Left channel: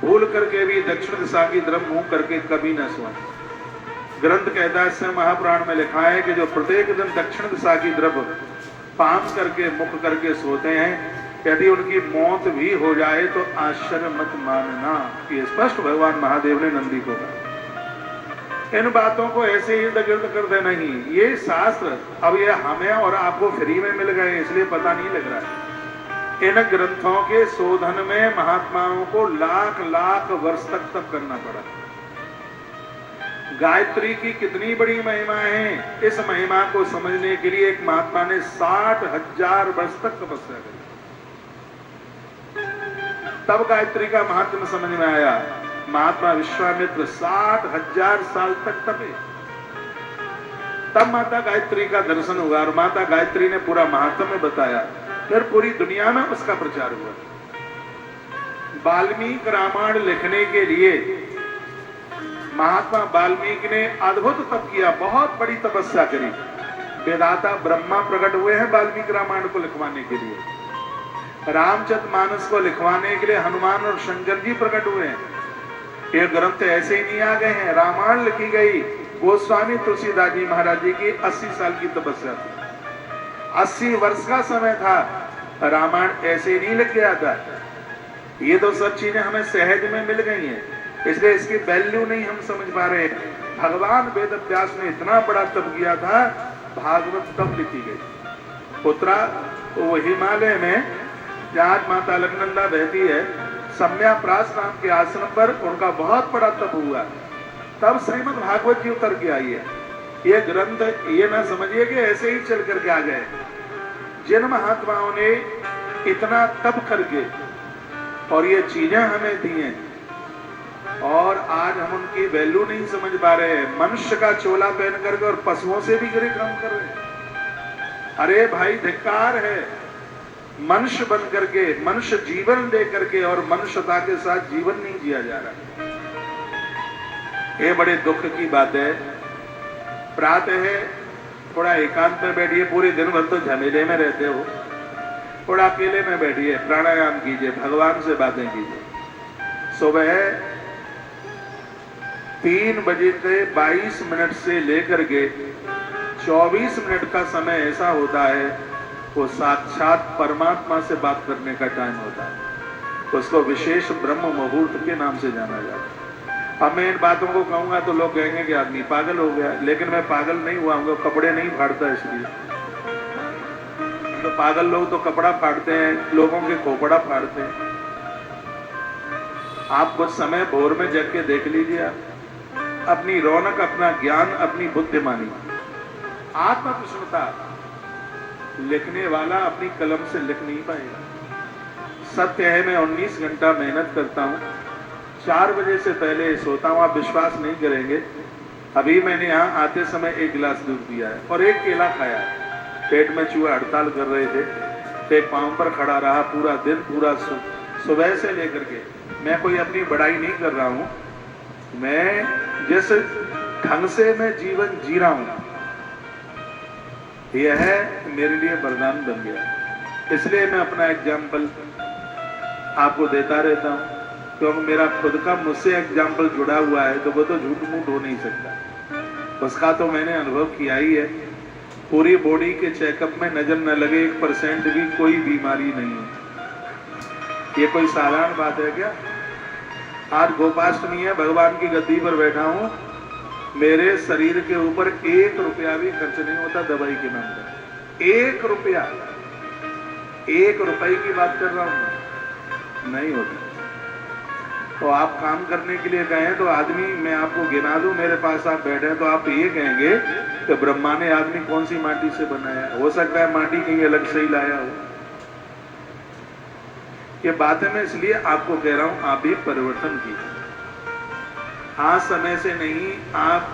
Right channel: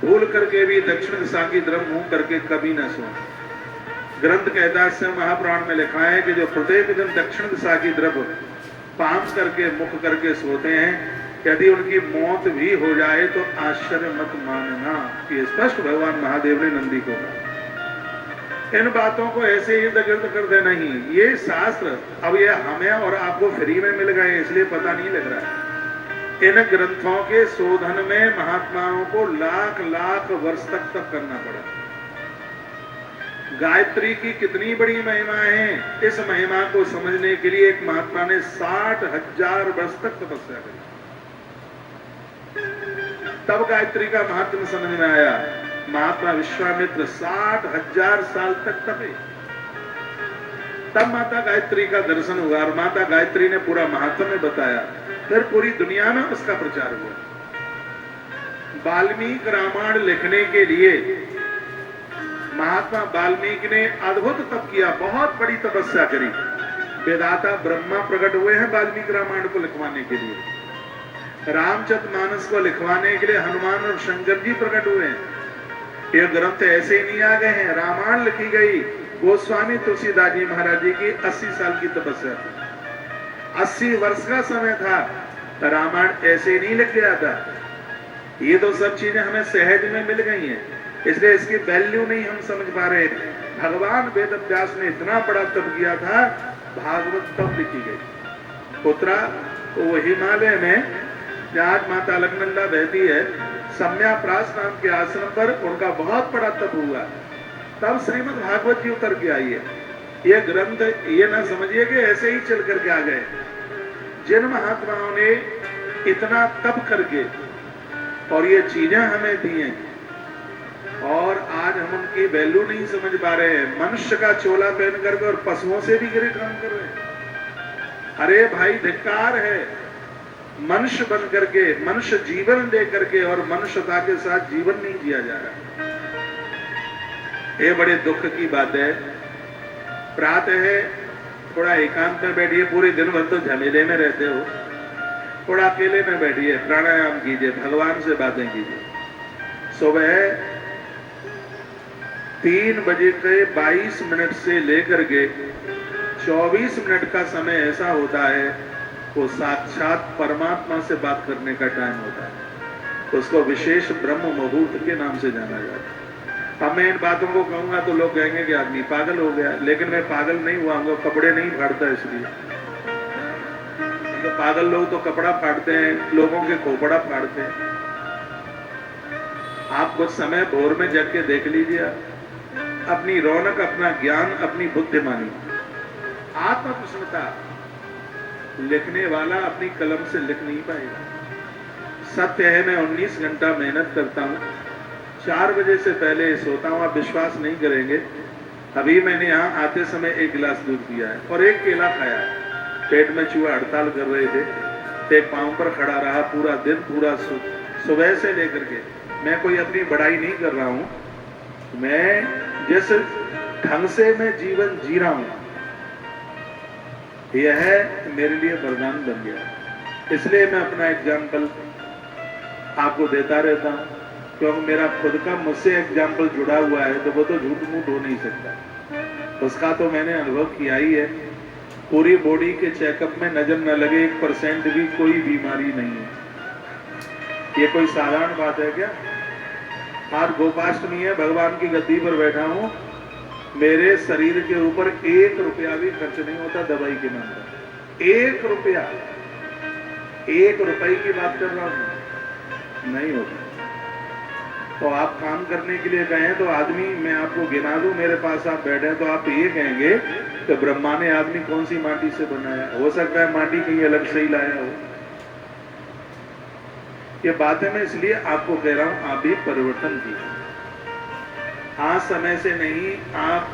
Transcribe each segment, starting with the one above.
भूल करके भी दक्षिण दिशा की तरफ मुंह करके कभी न सोए। ग्रंथ कहता है, इससे महापुराण में लिखा है कि जो प्रत्येक दिन दक्षिण दिशा की तरफ पांव करके मुख करके सोते हैं, यदि उनकी मौत भी हो जाए तो आश्चर्य मत मानना। ये स्पष्ट भगवान महादेव ने नंदी को कहा। इन बातों को ऐसे ही गिर्द कर दे नहीं, ये शास्त्र अब ये हमें और आपको फ्री में मिल गए, इसलिए पता नहीं लग रहा है। इन ग्रंथों के शोधन में महात्माओं को लाख लाख वर्ष तक तप करना पड़ा। गायत्री की कितनी बड़ी महिमा है, इस महिमा को समझने के लिए एक महात्मा ने 60,000 वर्ष तक तपस्या करी, तब गायत्री का महात्म्य समझ में आया। महात्मा विश्वामित्र 60,000 साल तक तपे, तब माता गायत्री का दर्शन हुआ और माता गायत्री ने पूरा महात्म्य बताया। फिर पूरी दुनिया में उसका प्रचार हुआ। वाल्मीकि रामायण लिखने के लिए महात्मा वाल्मीकि ने अद्भुत तप किया, बहुत बड़ी तपस्या करी। वेदाता ब्रह्मा प्रकट हुए हैं वाल्मीकि रामायण को लिखवाने के लिए, रामचरितमानस को लिखवाने के लिए हनुमान और शंकर जी प्रकट हुए हैं। ये ग्रंथ ऐसे ही नहीं आ गए हैं। रामायण लिखी गई गोस्वामी तुलसीदास जी महाराज जी की 80 साल की तपस्या थी, 80 वर्ष का समय था। रामायण ऐसे ही नहीं लिख गया था। ये तो सब चीजें हमें सहज में मिल गई हैं, इसलिए इसकी वैल्यू नहीं हम समझ पा रहे। भगवान वेद व्यास ने इतना बड़ा तप किया था, भागवत तब लिखी गई। उत्तरा वो हिमालय में जहां माता अलकनंदा बहती है, सम्याप्रास नाम के आश्रम पर उनका बहुत बड़ा तप हुआ, तब श्रीमद् भागवत जी उतर के आई है। ये ग्रंथ ये ना समझिए कि ऐसे ही चल करके आ गए। जिन महात्माओं ने इतना तप करके और ये चीजें हमें दी हैं, और आज हम उनकी वैल्यू नहीं समझ पा रहे हैं। मनुष्य का चोला पहन करके और पशुओं से भी गिरे काम कर रहे हैं। अरे भाई धिक्कार है, मनुष्य बन करके मनुष्य जीवन दे करके और मनुष्यता के साथ जीवन नहीं जिया जा रहा। ये बड़े दुख की बात है। प्रातः है थोड़ा एकांत में बैठिए, पूरे दिन भर तो झमेले में रहते हो, थोड़ा अकेले में बैठिए, प्राणायाम कीजिए, भगवान से बातें कीजिए। सुबह 3 बजे के 22 मिनट से लेकर के 24 मिनट का समय ऐसा होता है, वो साक्षात परमात्मा से बात करने का टाइम होता है। उसको विशेष ब्रह्म मुहूर्त के नाम से जाना जाता है। अब मैं इन बातों को कहूंगा तो लोग कहेंगे कि आदमी पागल हो गया, लेकिन मैं पागल नहीं हुआ हूँ, कपड़े नहीं फाड़ता इसलिए। तो पागल लोग तो कपड़ा फाड़ते हैं, लोगों के खोपड़ा फाड़ते हैं। आप कुछ समय भोर में जग के देख लीजिए, अपनी रौनक, अपना ज्ञान, अपनी बुद्धिमानी, आत्मप्रसन्नता। लिखने वाला अपनी कलम से लिख नहीं पाएगा। सत्य है, मैं 19 घंटा मेहनत करता हूँ, 4 बजे से पहले सोता हूँ। आप विश्वास नहीं करेंगे, अभी मैंने यहाँ आते समय 1 गिलास दूध पिया है और 1 केला खाया है। पेट में चूहे हड़ताल कर रहे थे, एक पांव पर खड़ा रहा पूरा दिन, पूरा सुबह से लेकर के। मैं कोई अपनी बड़ाई नहीं कर रहा हूँ, मैं जिस ढंग से मैं जीवन जी रहा हूँ, यह मेरे लिए वरदान बन गया। इसलिए मैं अपना एग्जाम्पल आपको देता रहता हूँ, क्योंकि मेरा खुद का मुझसे एग्जाम्पल जुड़ा हुआ है, तो वो तो झूठ मूठ हो नहीं सकता। उसका तो मैंने अनुभव किया ही है। पूरी बॉडी के चेकअप में नजर न लगे 1% भी कोई बीमारी नहीं है। ये कोई साधारण बात है क्या? आज गोपाष्टमी है, भगवान की गद्दी पर बैठा हूँ, मेरे शरीर के ऊपर 1 रुपया भी खर्च नहीं होता दवाई के नाम पर। 1 रुपया, 1 रुपए की बात कर रहा हूँ, नहीं होता। तो आप काम करने के लिए गए तो आदमी, मैं आपको गिना दूं, मेरे पास आप बैठे तो आप ये कहेंगे तो ब्रह्मा ने आदमी कौन सी माटी से बनाया? हो सकता है माटी कहीं अलग से ही लाया हो। ये बातें मैं इसलिए आपको कह रहा हूं, आप भी परिवर्तन कीजिए। आज समय से नहीं, आप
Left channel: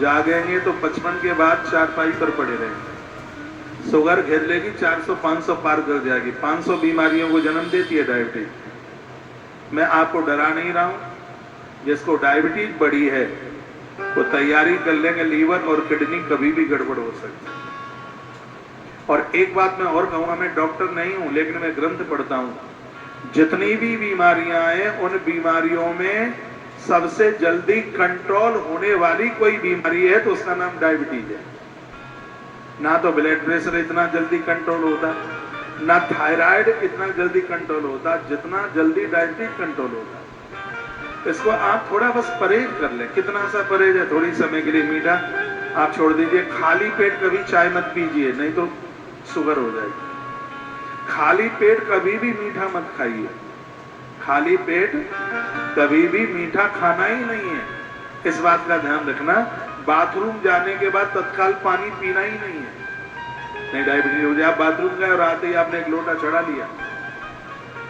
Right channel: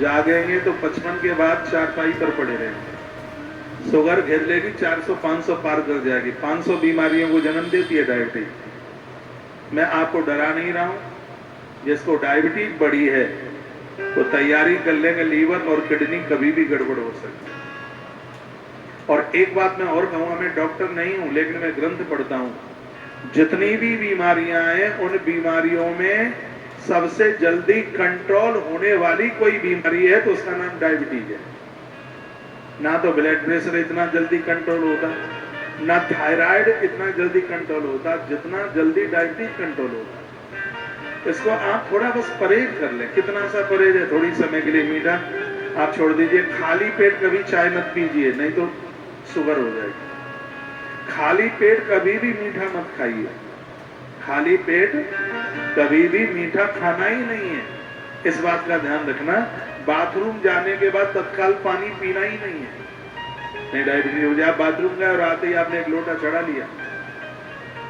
जागेंगे तो 55 के बाद चारपाई पर पड़े रहेंगे। शुगर घेर लेगी, 400-500 पार कर जाएगी, 500 बीमारियों को जन्म देती है डायबिटीज। मैं आपको डरा नहीं रहा हूं। जिसको डायबिटीज बढ़ी है वो तैयारी कर लेंगे, लीवर और किडनी कभी भी गड़बड़ हो सकती है। और एक बात मैं और कहूंगा, मैं डॉक्टर नहीं हूं, लेकिन मैं ग्रंथ पढ़ता हूं। जितनी भी बीमारियां हैं उन बीमारियों में सबसे जल्दी कंट्रोल होने वाली कोई बीमारी है तो उसका नाम डायबिटीज है। ना तो ब्लड प्रेशर इतना जल्दी कंट्रोल होता, ना थायराइड इतना जल्दी कंट्रोल होता जितना जल्दी डायबिटीज कंट्रोल होता। इसको आप थोड़ा बस परहेज कर लें। कितना सा परहेज है? थोड़ी समय के लिए मीठा आप छोड़ दीजिए। खाली पेट कभी चाय मत पीजिए, नहीं तो शुगर हो जाएगी। खाली पेट कभी भी मीठा मत खाइए। खाली पेट कभी भी मीठा खाना ही नहीं है। इस बात का ध्यान रखना। बाथरूम जाने के बाद तत्काल पानी पीना ही नहीं है, नहीं डायबिटीज हो जाए। आप बाथरूम गए और आते ही आपने एक लोटा चढ़ा लिया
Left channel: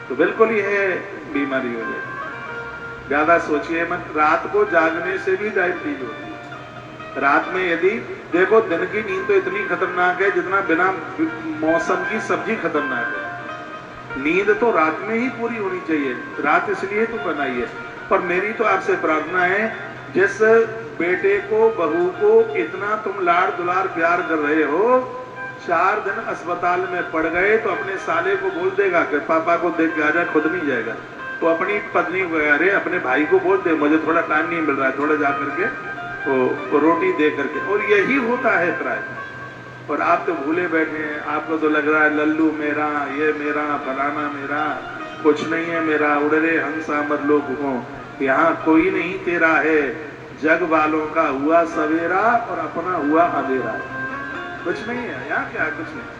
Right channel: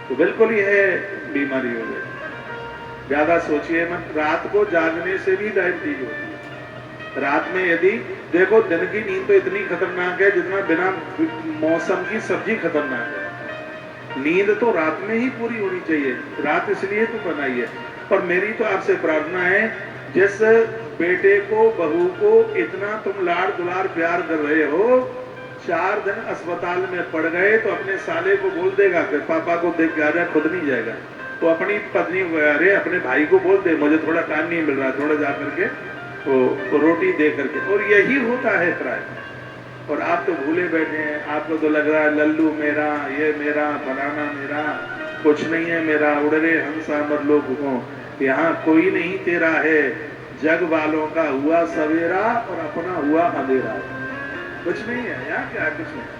तो बिल्कुल ही है बीमारी हो जाएगी। ज्यादा सोचिए मत। रात को जागने से भी डायबिटीज होती है। रात में यदि देखो, दिन की नींद तो इतनी खतरनाक है जितना बिना मौसम की सब्जी खतरनाक है। नींद तो रात में ही पूरी होनी चाहिए। रात इसलिए तो बनाई है। पर मेरी तो आपसे प्रार्थना है, जिस बेटे को बहू को इतना तुम लाड़ दुलार प्यार कर रहे हो, 4 दिन अस्पताल में पड़ गए तो अपने साले को बोल देगा कि पापा को देख के आजा, खुद नहीं जाएगा। वो अपनी पत्नी को, अरे अपने भाई को बोल दे मुझे थोड़ा टाइम नहीं मिल रहा है, थोड़ा जा करके वो रोटी दे करके। और यही होता है प्राय। और आप तो भूले बैठे हैं। आपको तो लग रहा है लल्लू मेरा, ये मेरा, फलाना मेरा, कुछ नहीं है मेरा। उड़ रे हंसा मत लोग हो, यहाँ कोई नहीं तेरा है। जग वालों का हुआ सवेरा और अपना हुआ अंधेरा है। कुछ नहीं है यहाँ, क्या कुछ नहीं।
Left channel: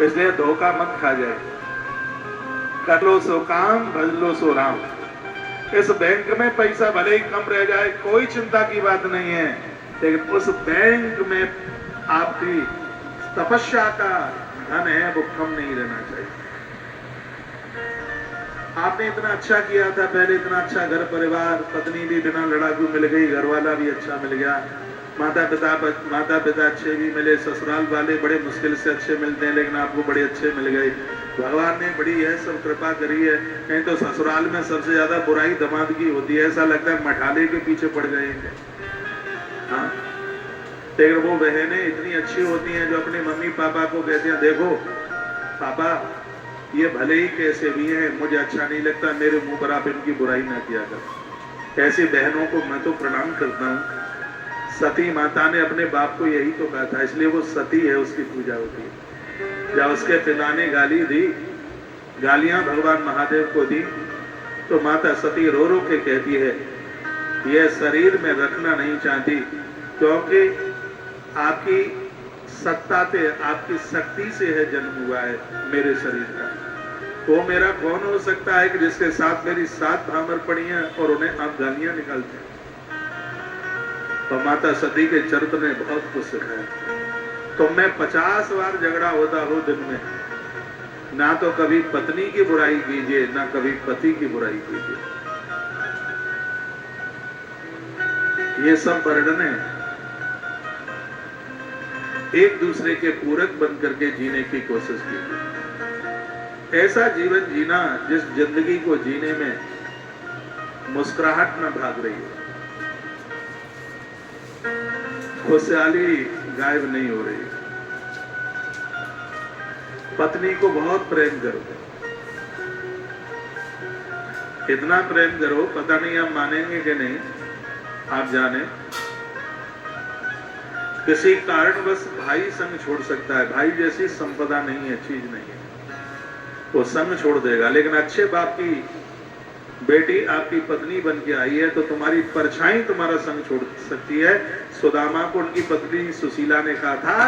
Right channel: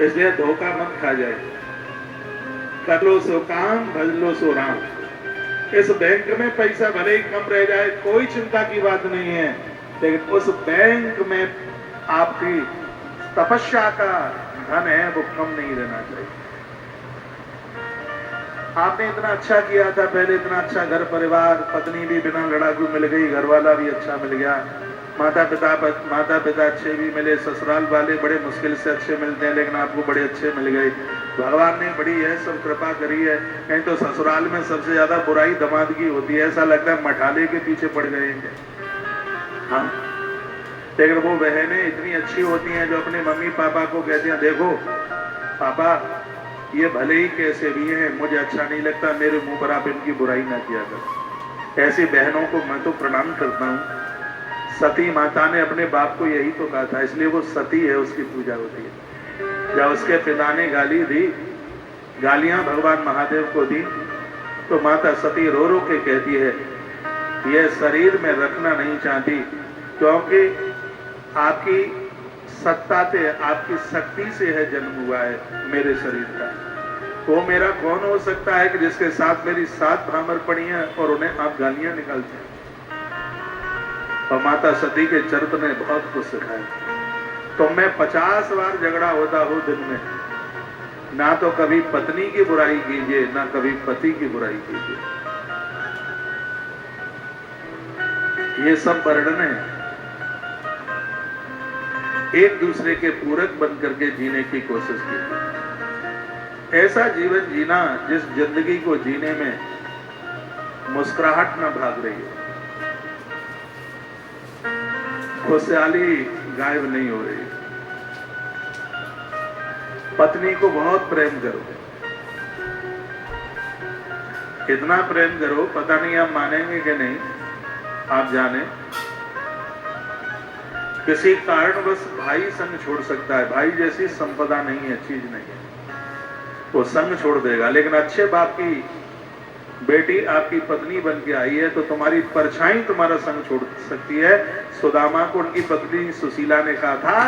इसलिए धोखा मत खा जाए। कर लो सो काम, भज लो सो राम। इस बैंक में पैसा भले ही कम रह जाए, कोई चिंता की बात नहीं है, लेकिन उस बैंक में आपकी तपस्या का धन है वो कम नहीं रहना चाहिए। आपने इतना अच्छा किया था पहले, इतना अच्छा घर परिवार, पत्नी भी बिना लड़ाकू मिल गई, घर वाला भी अच्छा मिल गया, माता पिता अच्छे भी मिले, ससुराल वाले बड़े मुश्किल से अच्छे मिलते हैं लेकिन आपको बड़े अच्छे मिल गए। भगवान ने बड़ी है सब कृपा करी है। नहीं तो ससुराल में सबसे ज्यादा बुराई दामाद की होती है। ऐसा लगता है मठाले के पीछे पड़ गए हैं। हाँ, लेकिन वो बहनें इतनी अच्छी होती हैं जो अपने मम्मी पापा को कहते हैं, देखो पापा ये भले ही कैसे भी हैं, मुझे अच्छा नहीं लगता, मेरे मुंह पर आप इनकी बुराई ना किया कर। ऐसी बहनों को मैं तो प्रणाम करता हूँ। सती माता ने अपने बाप को यही तो कहा था, इसलिए वो सती है, उसकी पूजा होती है। जब उसके पिता ने गाली दी, गालियां भगवान महादेव को दी, तो माता सती रो रो के कहती है यह शरीर में रखना नहीं चाहती, क्योंकि आपकी सत्ता से, आपकी शक्ति से है जन्म हुआ है मेरे शरीर का। वो मेरा कौन हो सकता है कि जिसके साथ मेरी 7 भ्रामर पड़ी हैं और उन्हें आप गालियां निकालते हैं। और माता सती के चरित्र ने बहुत कुछ सिखाया। तो मैं 50 बार झगड़ा होता हो दिन में, ना तो कभी पत्नी की बुराई कीजिए, ना कभी पति की बुराई कीजिए। ये सब वर्णन है। एक दूसरे के पूरक बन करके जीने की कोशिश कीजिए। ऐसा जीवन जीना जिस जिंदगी को जीने में मुस्कुराहट न भाग रही है, खुशहाली गायब नहीं हो रही। पत्नी को बहुत प्रेम करो, इतना प्रेम करो, पता नहीं आप मानेंगे कि नहीं, आप जाने। किसी कारणवश भाई संग छोड़ सकता है, भाई जैसी संपदा नहीं है, चीज नहीं है, वो संग छोड़ देगा। लेकिन अच्छे बाप की बेटी आपकी पत्नी बन के आई है तो तुम्हारी परछाई तुम्हारा संग छोड़ सकती है। सुदामा को उनकी पत्नी सुशीला ने कहा था,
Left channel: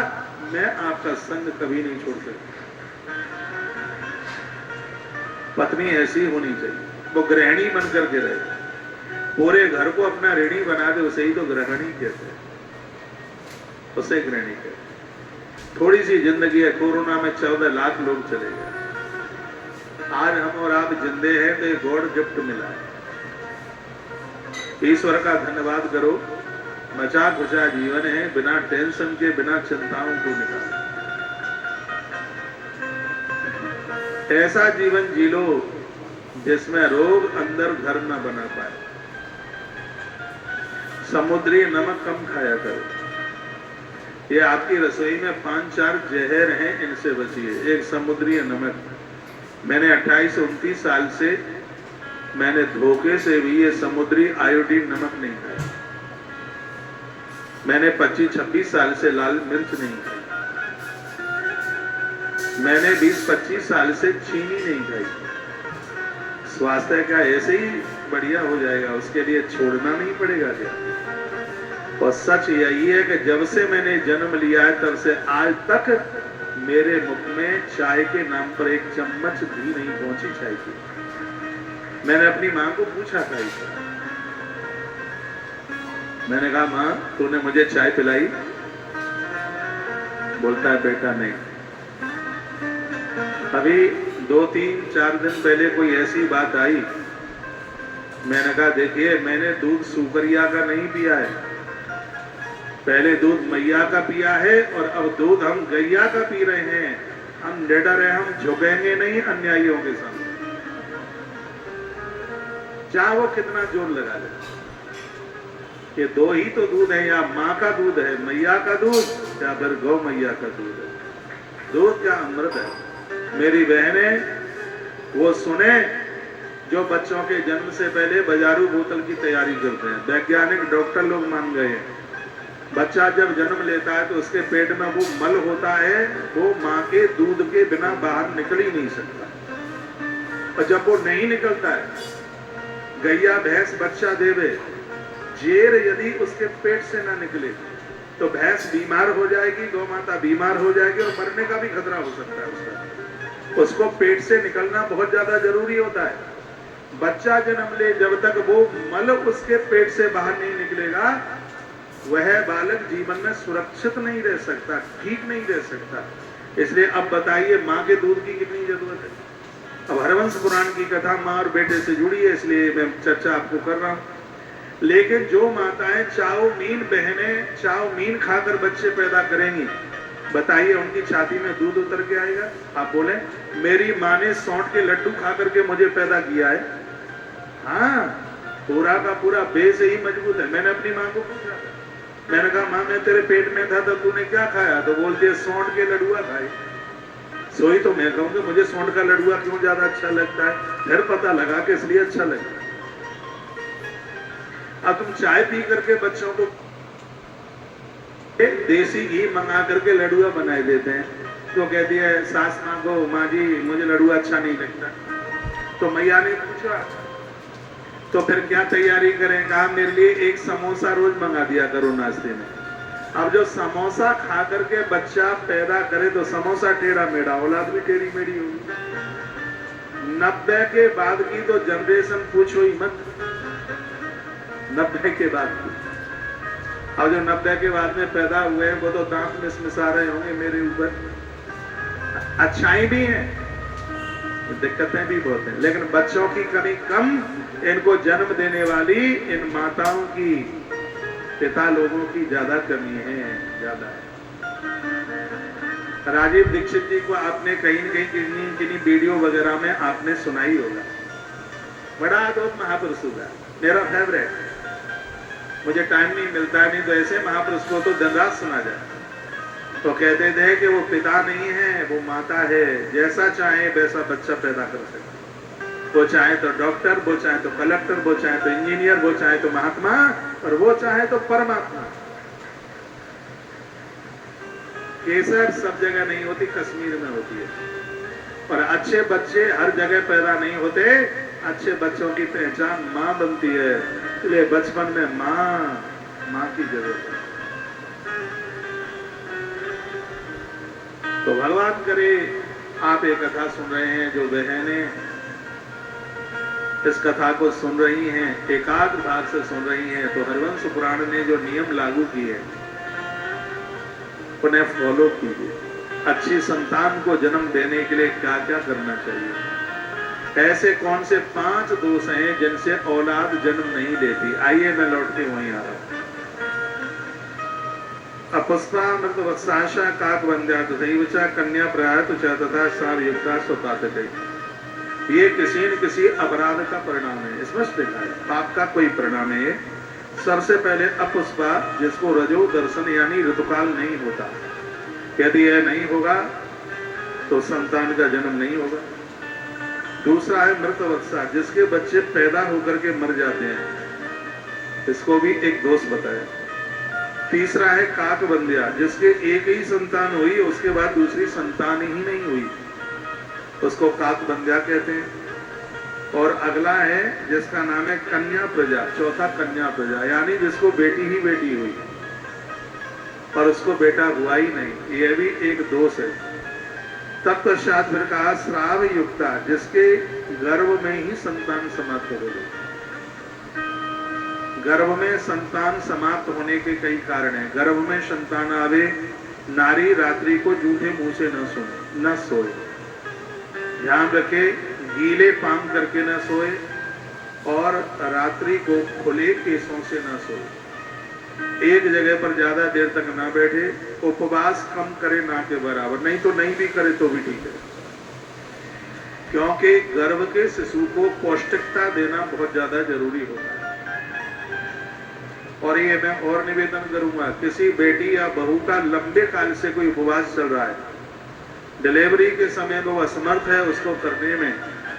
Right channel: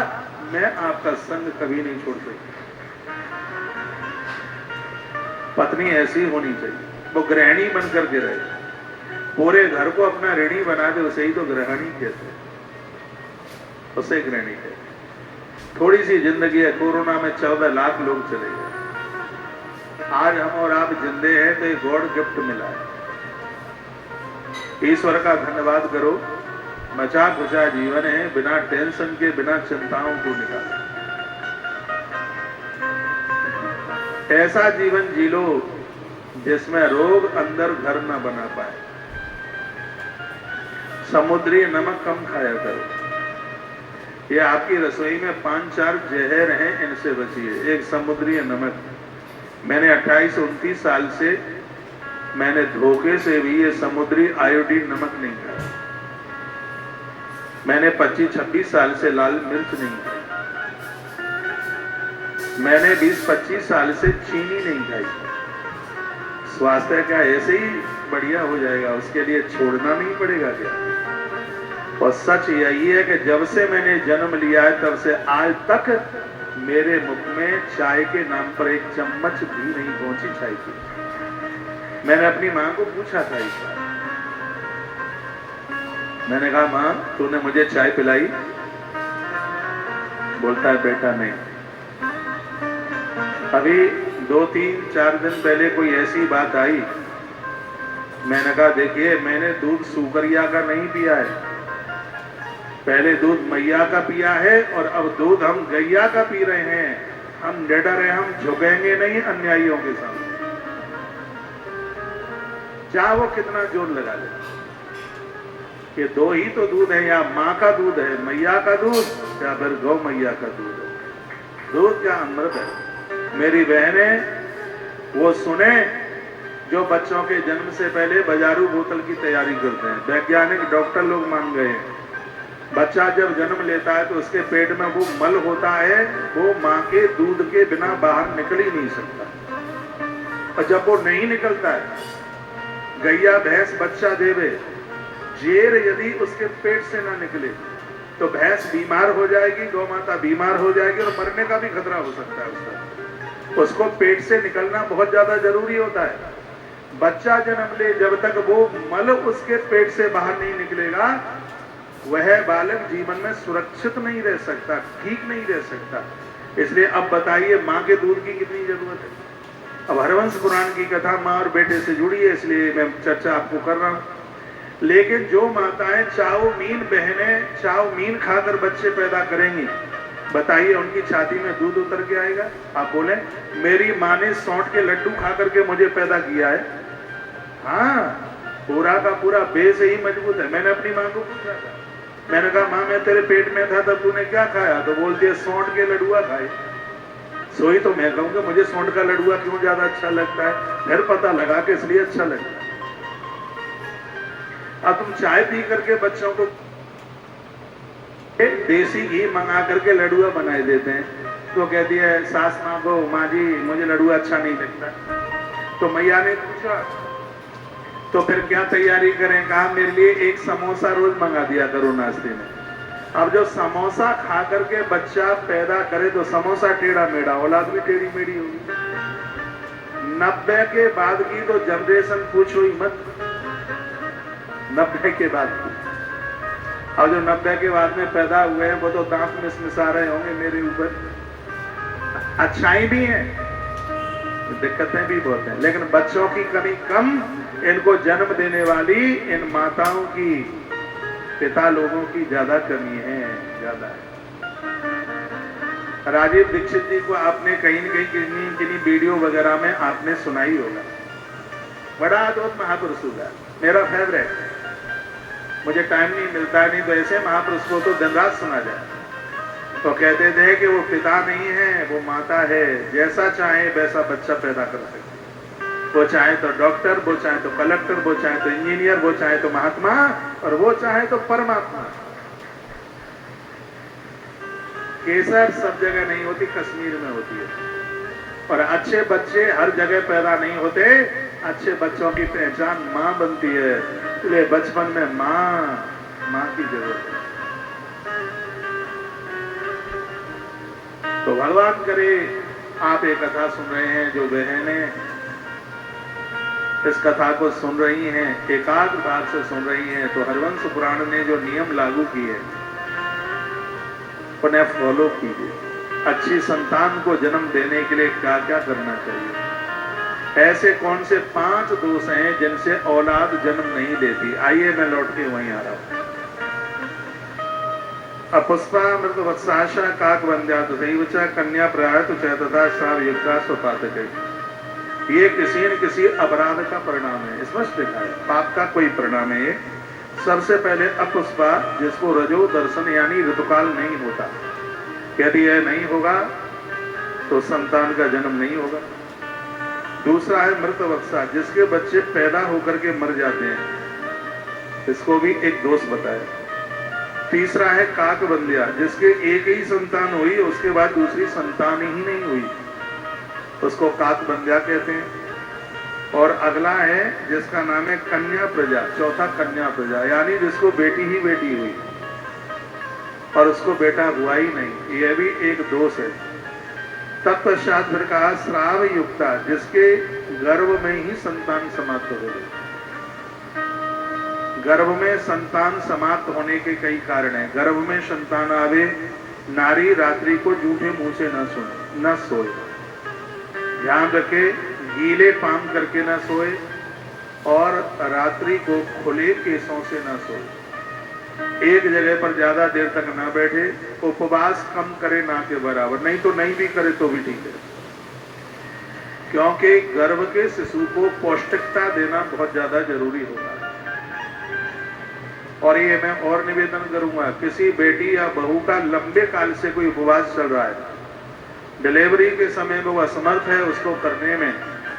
मैं आपका संग कभी नहीं छोड़ सकती। पत्नी ऐसी होनी चाहिए, वो गृहिणी बन करके रहे, पूरे घर को अपना ऋणी बना दे, उसे ही तो गृहिणी कहते हैं, उसे गृहिणी कहते। थोड़ी सी जिंदगी है, कोरोना में 14 लाख लोग चले गए, आज हम और आप जिंदे हैं तो एक गॉड गिफ्ट मिला है। ईश्वर का धन्यवाद करो। मचा खुचा जीवन है, बिना टेंशन के, बिना चिंताओं को निकालो। ऐसा जीवन जी लो जिसमें रोग अंदर घर न बना पाए। समुद्री नमक कम खाया करो, ये आपकी रसोई में 5-4 जहर हैं, इनसे बचिए। एक समुद्री नमक, मैंने 28-29 साल से मैंने धोखे से भी ये समुद्री आयोडीन नमक नहीं खाया। मैंने 25-26 साल से लाल मिर्च नहीं खाई। मैंने 20-25 साल से चीनी नहीं खाई। स्वास्थ्य का ऐसे ही बढ़िया हो जाएगा, उसके लिए छोड़ना नहीं पड़ेगा क्या? और सच यही है कि जब से मैंने जन्म लिया है तब से आज तक मेरे मुख में चाय के नाम पर एक चम्मच भी नहीं पहुंची चाय की। मैंने अपनी मां को पूछा था इस बार, मैंने कहा मां तूने मुझे चाय पिलाई? बोलता है बेटा नहीं। अभी 2-3-4 दिन पहले कोई ऐसी बात आई, मैंने कहा देखिए मैंने दूध सुकरिया का नहीं पिया है, पहले दूध मैया का पिया है और अब दूध हम गैया का पी रहे हैं। हम निडर हैं, हम झुकेंगे नहीं अन्यायियों के सामने, चाहे वो कितना जोर लगा ले। ये दो ही तो दूध है, या माँ का दूध है मैया का दूध, या फिर गौ मैया का दूध है। दूध क्या अमृत है। मेरी बहनें वो सुने जो बच्चों के जन्म से पहले बाजारू बोतल की तैयारी करते हैं। वैज्ञानिक डॉक्टर लोग मान गए हैं, बच्चा जब जन्म लेता है तो उसके पेट में वो मल होता है, वो माँ के दूध के बिना बाहर निकल ही नहीं सकता। और जब वो नहीं निकलता है, गैया भैंस बच्चा देवे, जेर यदि उसके पेट से ना निकले तो भैंस बीमार हो जाएगी, गौ माता बीमार हो जाएगी और मरने का भी खतरा हो सकता है उसको पेट से निकलना बहुत ज्यादा जरूरी होता है। बच्चा जन्म ले जब तक वो मल उसके पेट से बाहर नहीं निकलेगा, वह बालक जीवन में सुरक्षित नहीं रह सकता, ठीक नहीं रह सकता। इसलिए अब बताइए माँ के दूध की कितनी जरूरत है। अब हरवंश पुराण की कथा माँ और बेटे से जुड़ी है, इसलिए मैं चर्चा आपको कर रहा हूँ। लेकिन जो माताएं चाउमीन बहनें चाउमीन खाकर बच्चे पैदा करेंगी, बताइए उनकी छाती में दूध उतर के आएगा? आप बोले मेरी माँ ने सौंठ के लड्डू खा करके मुझे पैदा किया है। हाँ, पूरा का पूरा बेस ही मजबूत है। मैंने अपनी माँ को पूछा था, मैंने कहा माँ मैं तेरे पेट में था तब तूने क्या खाया? तो बोलती है सौंठ के लड्डुआ खाई। सोई तो मैं कहूँगा मुझे सौंठ का लड्डुआ क्यों ज्यादा अच्छा लगता है, फिर पता लगा कि इसलिए अच्छा लगता है। अब तुम चाय पी करके बच्चों को देसी घी मंगा करके लड्डुआ बनाए देते हैं, तो कहती है सास माँ को, माँ जी मुझे लड्डुआ अच्छा नहीं लगता। तो मैया ने पूछा तो फिर क्या तैयारी करें? कहा मेरे लिए एक समोसा रोज मंगा दिया करो नाश्ते में। अब जो समोसा खा करके बच्चा पैदा करे तो समोसा टेढ़ा मेढ़ा, औलाद भी टेढ़ी मेढ़ी होगी। 90 के बाद की तो जनरेशन पूछो ही मत, 90 के बाद की। अब जो 90 के बाद में पैदा हुए हैं वो तो दांत मिसमिसा रहे होंगे मेरे ऊपर। अच्छाई भी है, दिक्कतें भी बहुत हैं, लेकिन बच्चों की कमी कम, इनको जन्म देने वाली इन माताओं की, पिता लोगों की ज्यादा कमी है, ज्यादा है। राजीव दीक्षित जी को आपने कहीं न कहीं किन्हीं वीडियो वगैरह में आपने सुनाई होगा। बड़ा अद्भुत महापुरुष है, मेरा फेवरेट। मुझे टाइम नहीं मिलता है, नहीं तो ऐसे महापुरुष को तो दिन रात सुना जाए। तो कहते थे कि वो पिता नहीं है, वो माता है, जैसा चाहे वैसा बच्चा पैदा कर सकते। वो चाहे तो डॉक्टर, वो चाहे तो कलेक्टर, वो चाहे तो इंजीनियर, वो चाहे तो महात्मा, और वो चाहे तो परमात्मा। केसर सब जगह नहीं होती, कश्मीर में होती है। और अच्छे बच्चे हर जगह पैदा नहीं होते, अच्छे बच्चों की पहचान माँ बनती है। इसलिए बचपन में माँ की जरूरत है। तो भगवान करे आप एक कथा सुन रहे हैं, जो बहनें इस कथा को सुन रही हैं, एकाग्र भाव से सुन रही हैं, तो हरवंश पुराण ने जो नियम लागू किए उन्हें फॉलो कीजिए। अच्छी संतान को जन्म देने के लिए क्या क्या करना चाहिए, ऐसे कौन से 5 दोष हैं जिनसे औलाद जन्म नहीं लेती। आइए मैं लौट के वहीं आ रहा हूं। अपुष्पामृत वत्साशा काकवंद्या तथैवच कन्या प्रयात च तथा सार युक्ता स्वपातके। ये किसी न किसी अपराध का परिणाम है, स्पष्ट लिखा है, पाप का कोई परिणाम है। सबसे पहले अपुष्पा, जिसको रजो दर्शन यानी ऋतुकाल नहीं होता, यदि यह नहीं होगा तो संतान का जन्म नहीं होगा। दूसरा है मृत अवस्था, जिसके बच्चे पैदा होकर के मर जाते हैं, इसको भी एक दोष बताया। तीसरा है काक बंदिया, जिसके एक ही संतान हुई, उसके बाद दूसरी संतान ही नहीं हुई, उसको काक बंदिया कहते हैं। और अगला है जिसका नाम है कन्या प्रजा, चौथा कन्या प्रजा, यानी जिसको बेटी ही बेटी हुई और उसको बेटा हुआ ही नहीं, यह भी एक दोष है। तत्पश्चात फिर कहा श्राव युक्ता, जिसके गर्भ में ही संतान समाप्त हो गई। गर्भ में संतान समाप्त होने के कई कारण हैं। गर्भ में संतान आवे, नारी रात्रि को जूठे मुंह से न सोए, ध्यान रखे, गीले पान करके न सोए और रात्रि को खुले केसों से न सोए, एक जगह पर ज्यादा देर तक न बैठे, उपवास कम करे ना के बराबर, नहीं तो नहीं भी करे तो भी ठीक है, क्योंकि गर्भ के शिशु को पौष्टिकता देना बहुत ज्यादा जरूरी होता है। और ये मैं और निवेदन करूंगा, किसी बेटी या बहू का लंबे काल से कोई उपवास चल रहा है, डिलीवरी के समय वो असमर्थ है उसको करने में,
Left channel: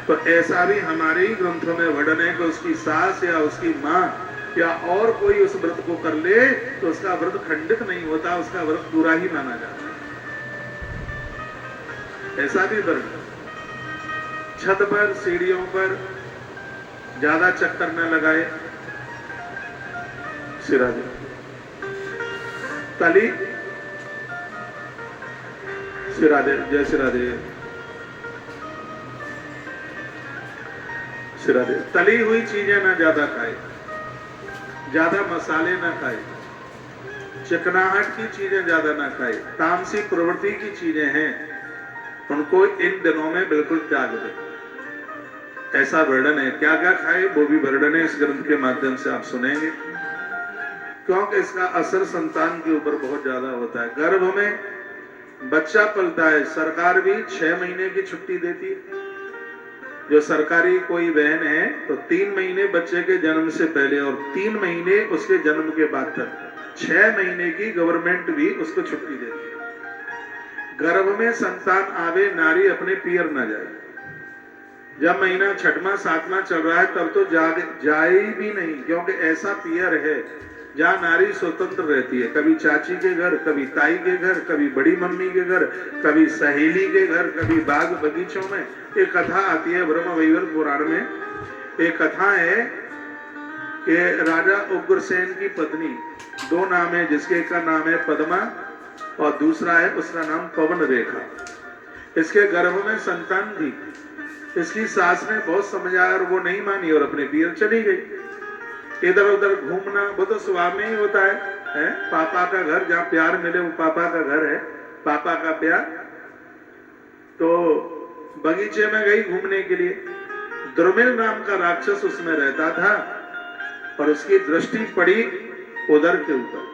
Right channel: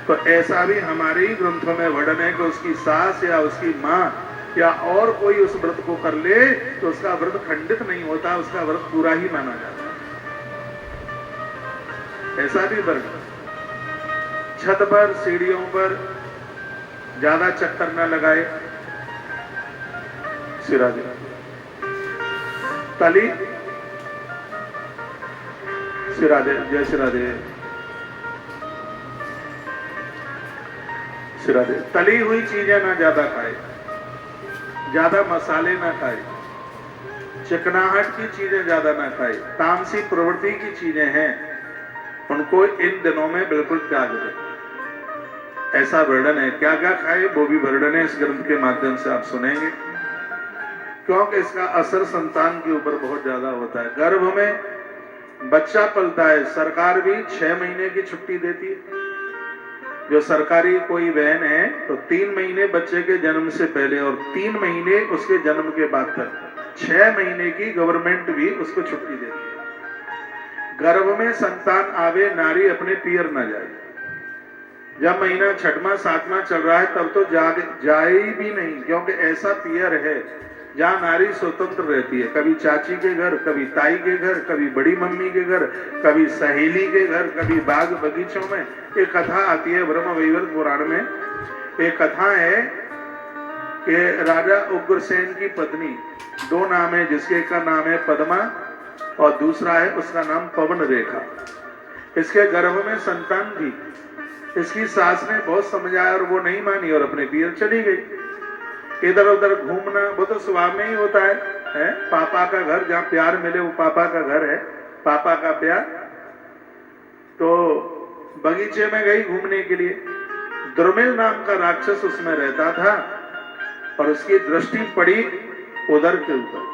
तो ऐसा भी हमारे ही ग्रंथों में वर्णन है कि उसकी सास या उसकी माँ या और कोई उस व्रत को कर ले तो उसका व्रत खंडित नहीं होता, उसका व्रत पूरा ही माना जाता है। ऐसा भी वर्णन। छत पर सीढ़ियों पर ज्यादा चक्कर न लगाए, सिरादे तली सिरादे, जय सिरादे, सिरादे। तली हुई चीजें ना ज्यादा खाए, ज्यादा मसाले ना खाए, चिकनाहट की चीजें ज्यादा ना खाए, तामसी प्रवृत्ति की चीजें हैं उनको इन दिनों में बिल्कुल त्याग दे, ऐसा वर्णन है। क्या क्या खाए वो भी वर्णन है इस ग्रंथ के माध्यम से आप सुनेंगे, क्योंकि इसका असर संतान के ऊपर बहुत ज्यादा होता है। गर्भ में बच्चा पलता है, सरकार भी 6 महीने की छुट्टी देती है। जो सरकारी कोई बहन है तो 3 महीने बच्चे के जन्म से पहले और 3 महीने उसके जन्म के बाद तक 6 महीने की गवर्नमेंट भी उसको छुट्टी देती है। गर्भ में संतान आवे, नारी अपने पियर न जाए। जब महीना 6वां 7वां चल रहा है तब तो जाए भी नहीं, क्योंकि ऐसा पियर है जहाँ नारी स्वतंत्र रहती है, कभी चाची के घर, कभी ताई के घर, कभी बड़ी मम्मी के घर, कभी सहेली के घर, कभी बाग बगीचों में। एक कथा आती है ब्रह्म वैवर्त पुराण में, एक कथा है कि राजा उग्रसेन की पत्नी, 2 नाम है, जिसके का नाम है पद्मा और दूसरा है उसका नाम पवन रेखा। इसके गर्भ में संतान थी, इसकी सास ने बहुत समझाया और वो नहीं मानी और अपने पियर चली गई। इधर उधर घूमना वो तो स्वभाव में ही होता है? पापा का घर, जहाँ प्यार मिले वो पापा का घर है, पापा का प्यार। तो बगीचे में गई घूमने के लिए, द्रुमिल नाम का राक्षस उसमें रहता था और उसकी दृष्टि पड़ी उदर के ऊपर।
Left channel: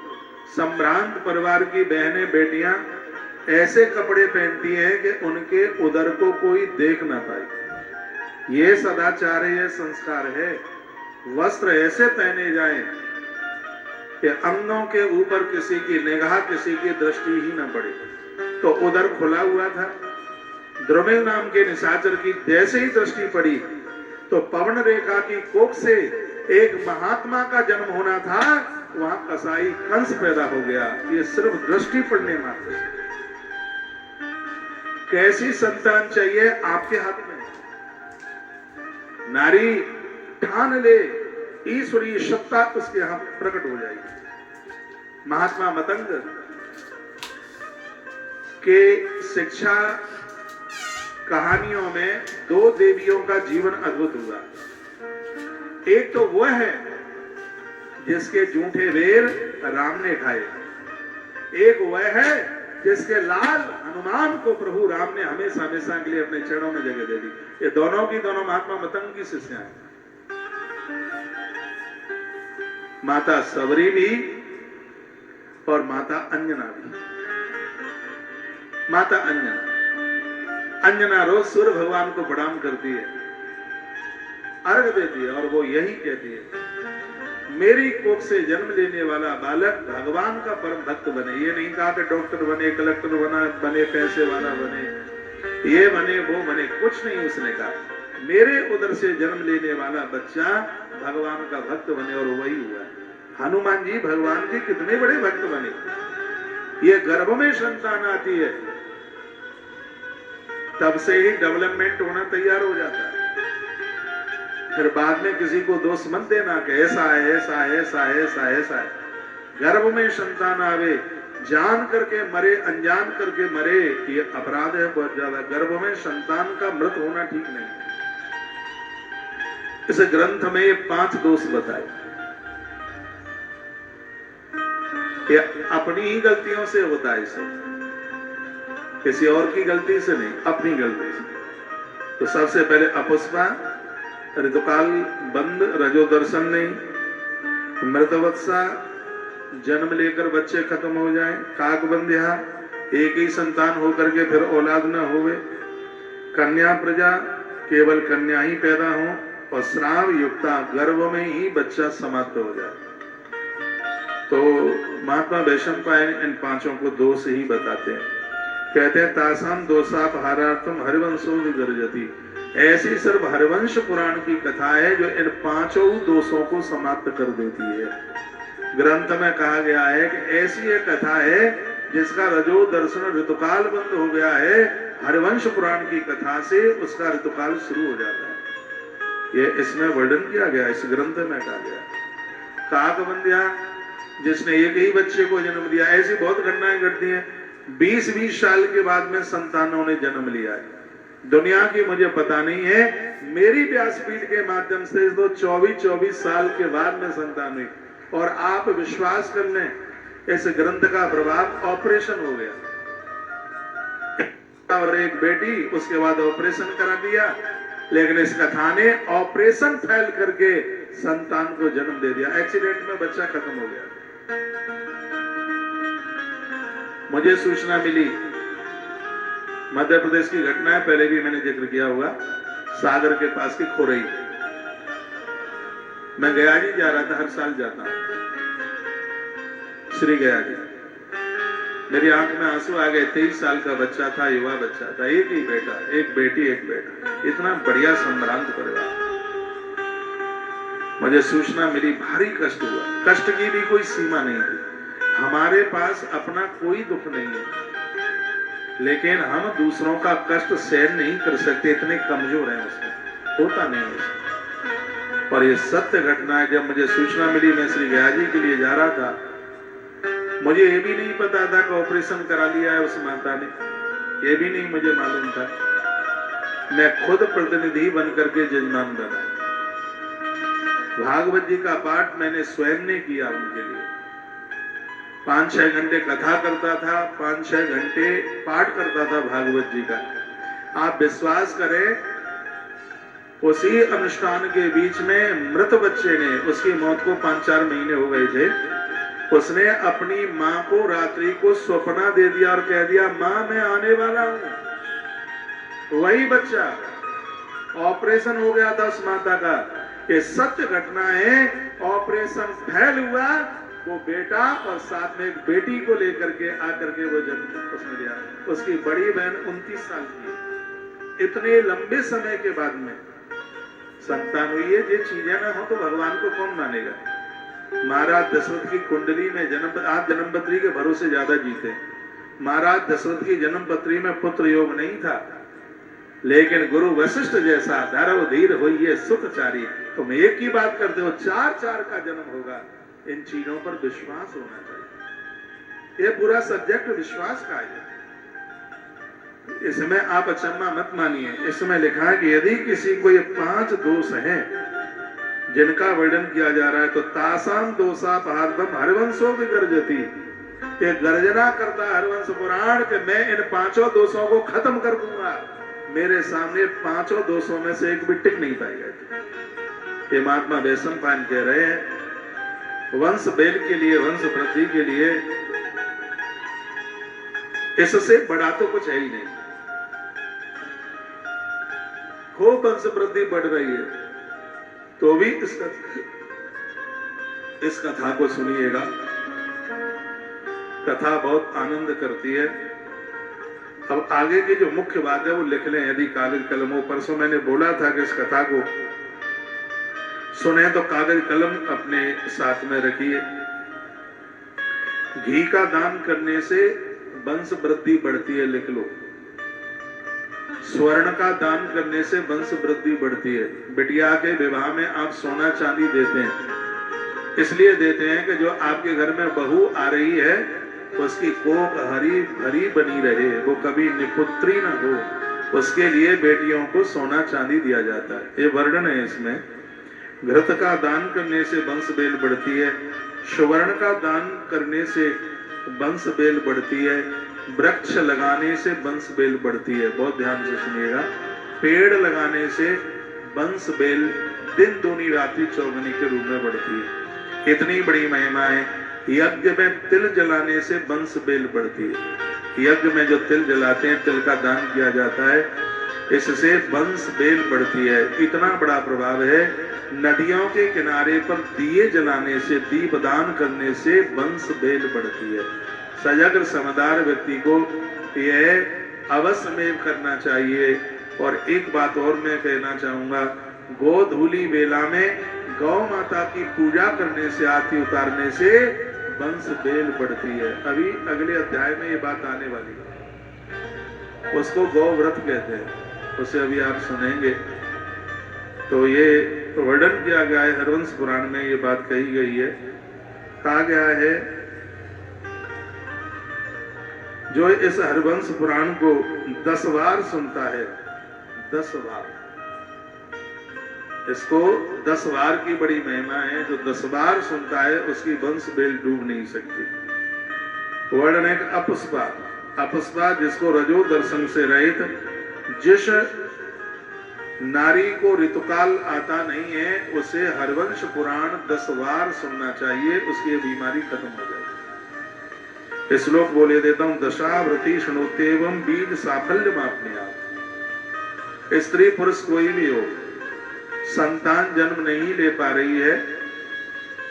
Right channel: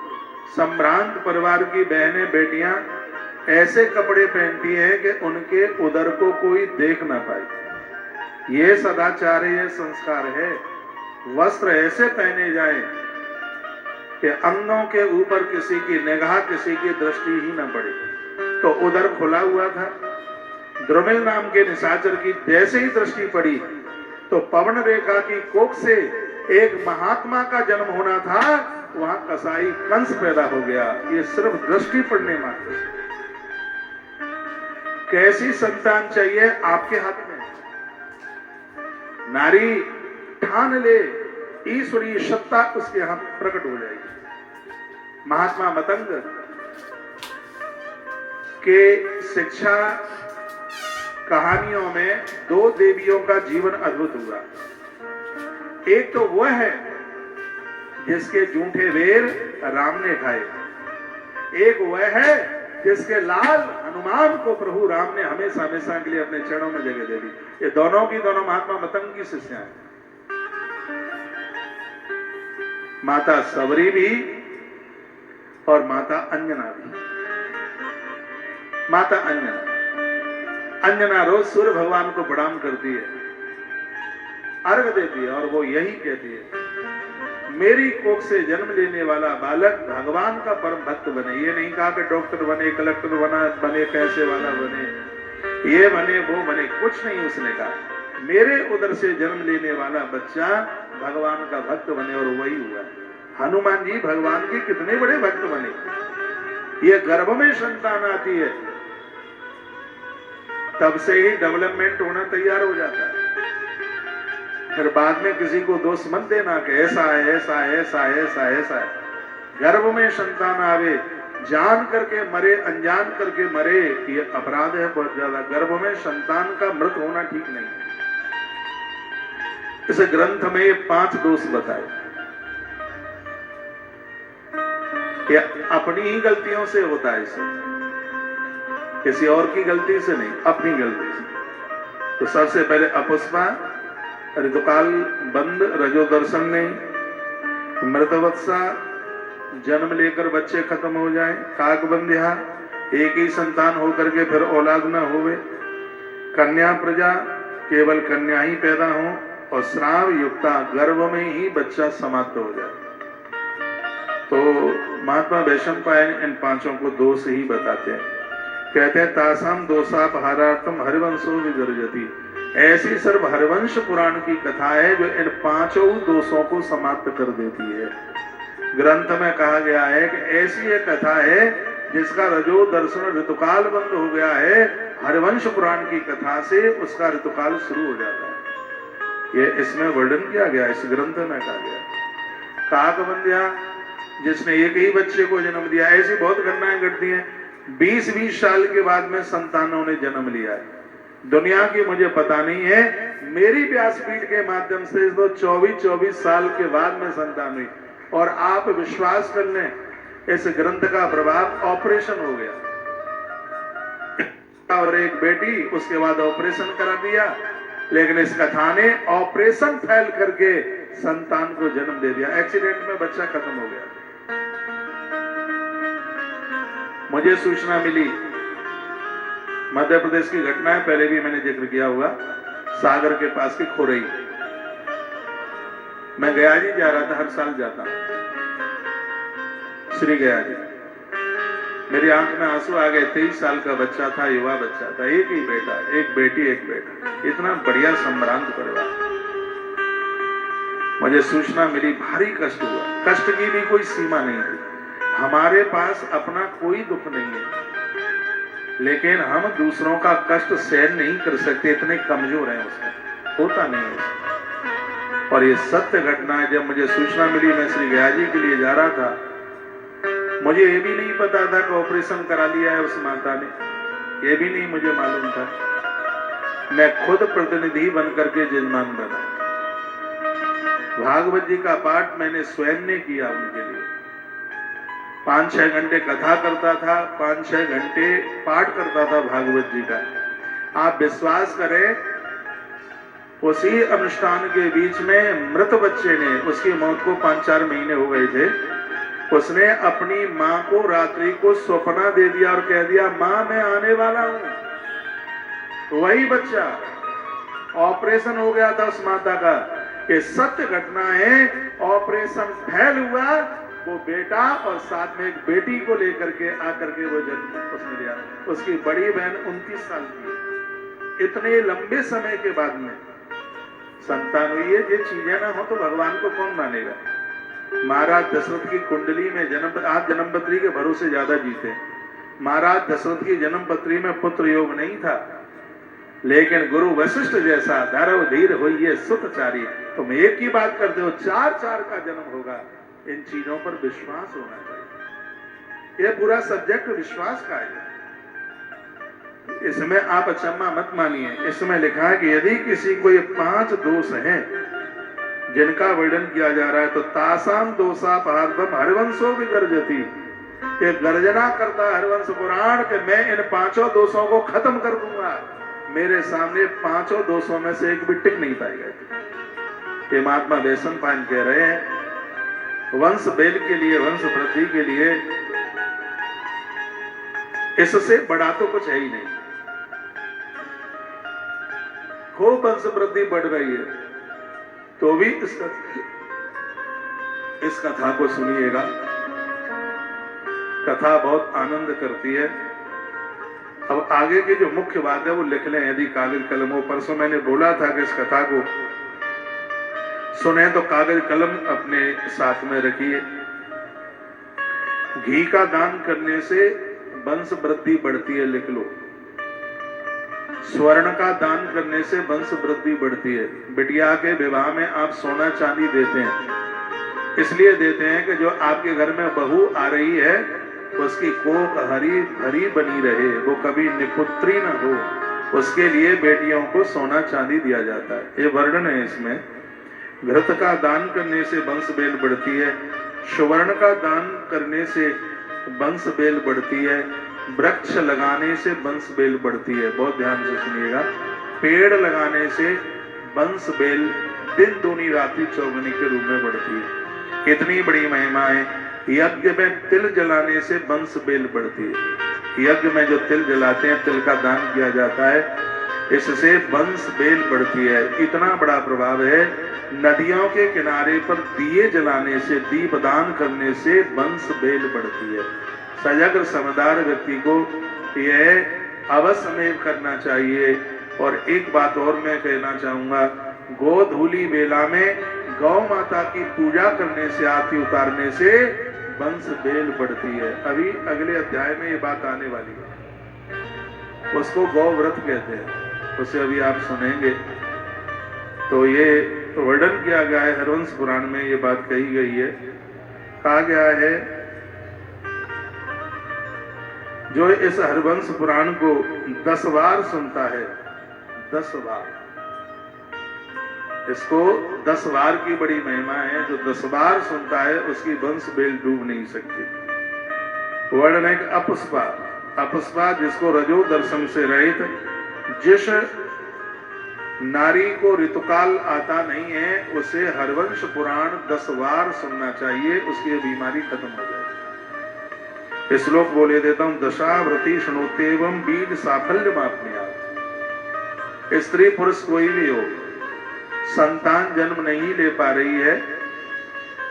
संभ्रांत परिवार की बहनें बेटियां ऐसे कपड़े पहनती हैं कि उनके उदर को कोई देख ना पाए। ये सदाचार है, ये संस्कार है। वस्त्र ऐसे पहने जाए कि अंगों के ऊपर किसी की निगाह, किसी की दृष्टि ही न पड़े। तो उदर खुला हुआ था। द्रुमिल नाम के निशाचर की जैसे ही दृष्टि पड़ी तो पवन रेखा की कोख से एक महात्मा का जन्म होना था, वहां कसाई कंस पैदा हो गया। ये सिर्फ दृष्टि पड़ने मात्र। कैसी संतान चाहिए आपके हाथ में। नारी ठान ले, ईश्वरीय सत्ता उसके यहां प्रकट हो जाएगी। महात्मा मतंग के शिक्षा कहानियों में 2 देवियों का जीवन अद्भुत हुआ। एक तो वह है जिसके जूठे बेर राम ने खाए, एक वह है जिसके लाल हनुमान को प्रभु राम ने हमेशा हमेशा के लिए अपने चरणों में जगह दे दी। ये दोनों की दोनों महात्मा मतंग की शिष्या हैं। माता सबरी भी और माता अंजना भी। माता अंजना रोज सूर्य भगवान को प्रणाम करती है, अर्घ देती है और वो यही कहती है, मेरी कोख से जन्म लेने वाला बालक भगवान का परम भक्त बने। ये नहीं कहा कि डॉक्टर बने, कलेक्टर बने, पैसे वाला बने, ये बने, वो बने, कुछ नहीं उसने कहा। मेरे उदर से जन्म लेने वाला बच्चा भगवान का भक्त बने, और वही हुआ। हनुमान जी भगवान के कितने बड़े भक्त बने। ये गर्भ में संतान आती है तब से ही डेवलपमेंट होना तैयार हो जाता है। फिर बाद में किसी को दोष मत देना कि ऐसा है, ऐसा है, ऐसा है, ऐसा है, ऐसा है। गर्भ में संतान आवे, जान करके मरे, अनजान करके मरे, ये अपराध है बहुत ज्यादा। गर्भ में संतान का मृत होना ठीक नहीं। इस ग्रंथ में ये 5 दोष बताए। ये अपनी ही गलतियों से होता है, इसे किसी और की गलती से नहीं, अपनी गलती से। तो सबसे पहले अपुष्पा, ऋतुकाल बंद, रजो दर्शन नहीं, मृतवत्सा, जन्म लेकर बच्चे खत्म हो जाए, काकबंध्या, एक ही संतान होकर के फिर औलाद न होवे, कन्या प्रजा, केवल कन्या ही पैदा हो, और श्राव युक्ता, गर्भ में ही बच्चा समाप्त हो जाए। तो महात्मा वैशंपायन इन 5 को दोष ही बताते हैं। कहते हैं तासाम दोषापहारार्थम हरिवंशो विगर्जति। ऐसी सर्व हरिवंश पुराण की कथा है जो इन 5 दोषों को समाप्त कर देती है। ग्रंथ में कहा गया है कि ऐसी एक कथा है जिसका रजो दर्शन ऋतुकाल बंद हो गया है, हरिवंश पुराण की कथा से उसका ऋतुकाल शुरू हो जाता है। ये इसमें वर्णन किया गया, इस ग्रंथ में कहा गया। काकबंध्या, जिसने एक ही बच्चे को जन्म दिया, ऐसी बहुत घटनाएं घटती हैं। 20-20 साल के बाद में संतानों ने जन्म लिया है। दुनिया की मुझे पता नहीं है, मेरी व्यासपीठ के माध्यम से तो 24-24 साल के बाद में संतान हुई। और आप विश्वास कर लें, इस ग्रंथ का प्रभाव ऑपरेशन हो गया, और एक बेटी, उसके बाद ऑपरेशन करा दिया, लेकिन इस कथा ने ऑपरेशन फेल करके संतान को जन्म दे दिया। एक्सीडेंट में बच्चा खत्म हो गया। मुझे सूचना मिली, मध्य प्रदेश की घटना है, पहले भी मैंने जिक्र किया हुआ, सागर के पास की खोरई। मैं गया जी जा रहा था, हर साल जाता श्री गया जी। मेरी आंख में आंसू आ गए। 23 साल का बच्चा था, युवा बच्चा था, एक ही बेटा, एक बेटी, एक बेटा, इतना बढ़िया संभ्रांत परिवार। मुझे सूचना मिली, भारी कष्ट हुआ। कष्ट की भी कोई सीमा नहीं थी। हमारे पास अपना कोई दुख नहीं है, लेकिन हम दूसरों का कष्ट सहन नहीं कर सकते, इतने कमजोर हैं, उसमें होता नहीं है। और ये सत्य घटना है। जब मुझे सूचना मिली, मैं श्री गया जी के लिए जा रहा था, मुझे ये भी नहीं पता था कि ऑपरेशन करा लिया है उस माता ने, ये भी नहीं मुझे मालूम था। मैं खुद प्रतिनिधि बनकर के जजमान बना। भागवत जी का पाठ मैंने स्वयं ने किया उनके लिए। 5-6 घंटे कथा करता था, 5-6 घंटे पाठ करता था भागवत जी का। आप विश्वास करें, उसी अनुष्ठान के बीच में मृत बच्चे ने, उसकी मौत को 5-4 महीने हो गए थे, उसने अपनी मां को रात्रि को स्वप्ना दे दिया और कह दिया, मां मैं आने वाला हूं। वही बच्चा, ऑपरेशन हो गया था उस माता का। ये सत्य घटना है। ऑपरेशन फेल हुआ, वो बेटा और साथ में एक बेटी को लेकर के आकर के वो जन्म उसने दिया। उसकी बड़ी बहन 29 साल की। इतने लंबे समय के बाद में संतान हुई है। ये चीजें ना हो तो भगवान को कौन मानेगा। महाराज दशरथ की कुंडली में जन्म, आप जन्मपत्री के भरोसे ज्यादा जीते। महाराज दशरथ की जन्मपत्री में पुत्र योग नहीं था, लेकिन गुरु वशिष्ठ जैसा गर्भ धीर हुई है सुतचारी। तुम एक की बात करते हो, 4-4 का जन्म होगा। इन चीजों पर विश्वास होना चाहिए। ये पूरा सब्जेक्ट विश्वास का है। इसमें आप अचम्मा मत मानिए। इसमें लिखा है कि यदि किसी को ये 5 दोष हैं जिनका वर्णन किया जा रहा है, तो तासाम दोषापहार्थम हरिवंशो विगर्जति। ये गर्जना करता है हरिवंश पुराण कि मैं इन 5 दोषों को खत्म कर दूंगा। मेरे सामने 5 दोषों में से एक भी टिक नहीं पाएगा। ये महात्मा वैशंपायन कह रहे हैं, वंश बेल के लिए, वंश वृद्धि के लिए इससे बड़ा तो कुछ है ही नहीं। खूब वंश वृद्धि बढ़ रही है, तो भी इसका इस कथा को सुनिएगा। कथा बहुत आनंद करती है। अब आगे की जो मुख्य बात है वो लिख लें यदि कागज कलम हो। परसों मैंने बोला था कि इस कथा को सुने तो कागज कलम अपने साथ में रखिए। घी का दान करने से वंश वृद्धि बढ़ती है, लिख लो। स्वर्ण का दान करने से वंश वृद्धि बढ़ती है। बिटिया के विवाह में आप सोना चांदी देते हैं, इसलिए देते हैं कि जो आपके घर में बहू आ रही है उसकी कोख हरी भरी बनी रहे, वो कभी निपुत्री न हो। उसके लिए बेटियों को सोना चांदी दिया जाता है। ये वर्णन है इसमें। घृत का दान करने से वंश बेल बढ़ती है। सुवर्ण का दान करने से वंश बेल बढ़ती है। वृक्ष लगाने से वंश बेल बढ़ती है। बहुत ध्यान से सुनिएगा। पेड़ लगाने से वंश बेल दिन दूनी रात्रि चौगुनी के रूप में बढ़ती है। इतनी बड़ी महिमा है। यज्ञ में तिल जलाने से वंश बेल बढ़ती है। यज्ञ में जो तिल जलाते हैं, तिल का दान किया जाता है, इससे वंश बेल बढ़ती है। इतना बड़ा प्रभाव है। नदियों के किनारे पर दिए जलाने से, दीपदान करने से वंश बेल बढ़ती है। सजग समझदार व्यक्ति को यह अवश्य में करना चाहिए। और एक बात और मैं कहना चाहूंगा, गोधूली बेला में गौ माता की पूजा करने से, आरती उतारने से वंश बेल बढ़ती है। अभी अगले अध्याय में ये बात आने वाली है, उसको गौ व्रत कहते हैं, उसे अभी आप सुनेंगे। तो ये वर्णन किया गया है हरवंश पुराण में, ये बात कही गई है। कहा गया है जो इस हरवंश पुराण को 10 बार सुनता है, 10 बार, इसको 10 बार की बड़ी महिमा है। जो 10 बार सुनता है उसकी वंश बेल डूब नहीं सकती। वर्णन है अपस्पा, अपस्पा जिसको रजो दर्शन से रहित, जिस नारी को ऋतुकाल आता नहीं है उसे हरवंश पुराण 10 बार सुनना चाहिए, उसकी बीमारी खत्म हो जाएगी। श्लोक बोले देता हूं। दशाव्रती शृणोत्येवं बीज साफल्य मापनीयात्। स्त्री पुरुष कोई भी हो, संतान जन्म नहीं ले पा रही है,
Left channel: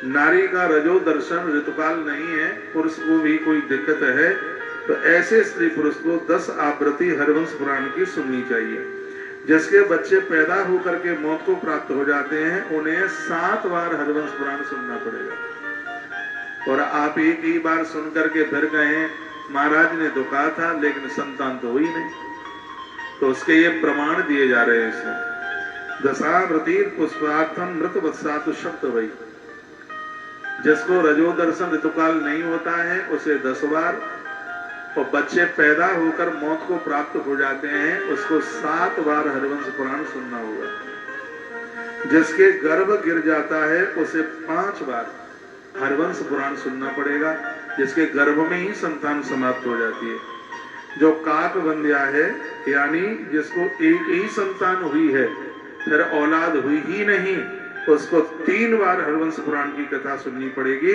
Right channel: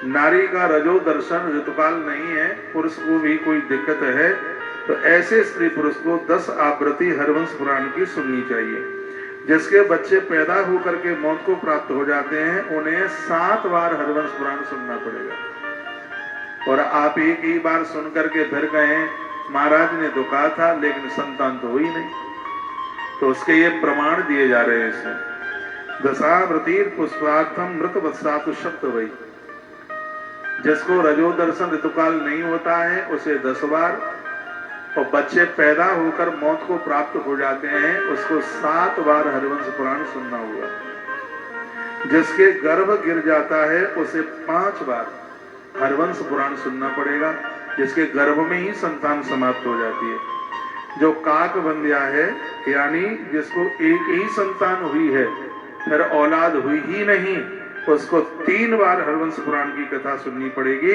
नारी का रजो दर्शन ऋतुकाल नहीं है, पुरुष को भी कोई दिक्कत है, तो ऐसे स्त्री पुरुष को 10 आवृत्ति हरवंश पुराण की सुननी चाहिए। जिसके बच्चे पैदा होकर के मौत को प्राप्त हो जाते हैं उन्हें 7 बार हरवंश पुराण सुनना पड़ेगा। और आप एक ही बार सुन करके फिर गए महाराज ने तो कहा था लेकिन संतान तो हुई नहीं, तो उसके ये प्रमाण दिए जा रहे हैं इसमें। दशाव्रती पुष्पार्थम मृत वत्सातु शब्द वही। जिसको रजो दर्शन ऋतुकाल नहीं होता है उसे 10 बार, और बच्चे पैदा होकर मौत को प्राप्त हो जाते हैं उसको 7 बार हरवंश पुराण सुनना होगा। जिसके गर्भ गिर जाता है उसे 5 बार हरवंश पुराण सुनना पड़ेगा, जिसके गर्भ में ही संतान समाप्त हो जाती है। जो काक बंध्या है यानी जिसको एक ही संतान हुई है फिर औलाद हुई ही नहीं, उसको 3 बार हरवंश पुराण की कथा सुननी पड़ेगी।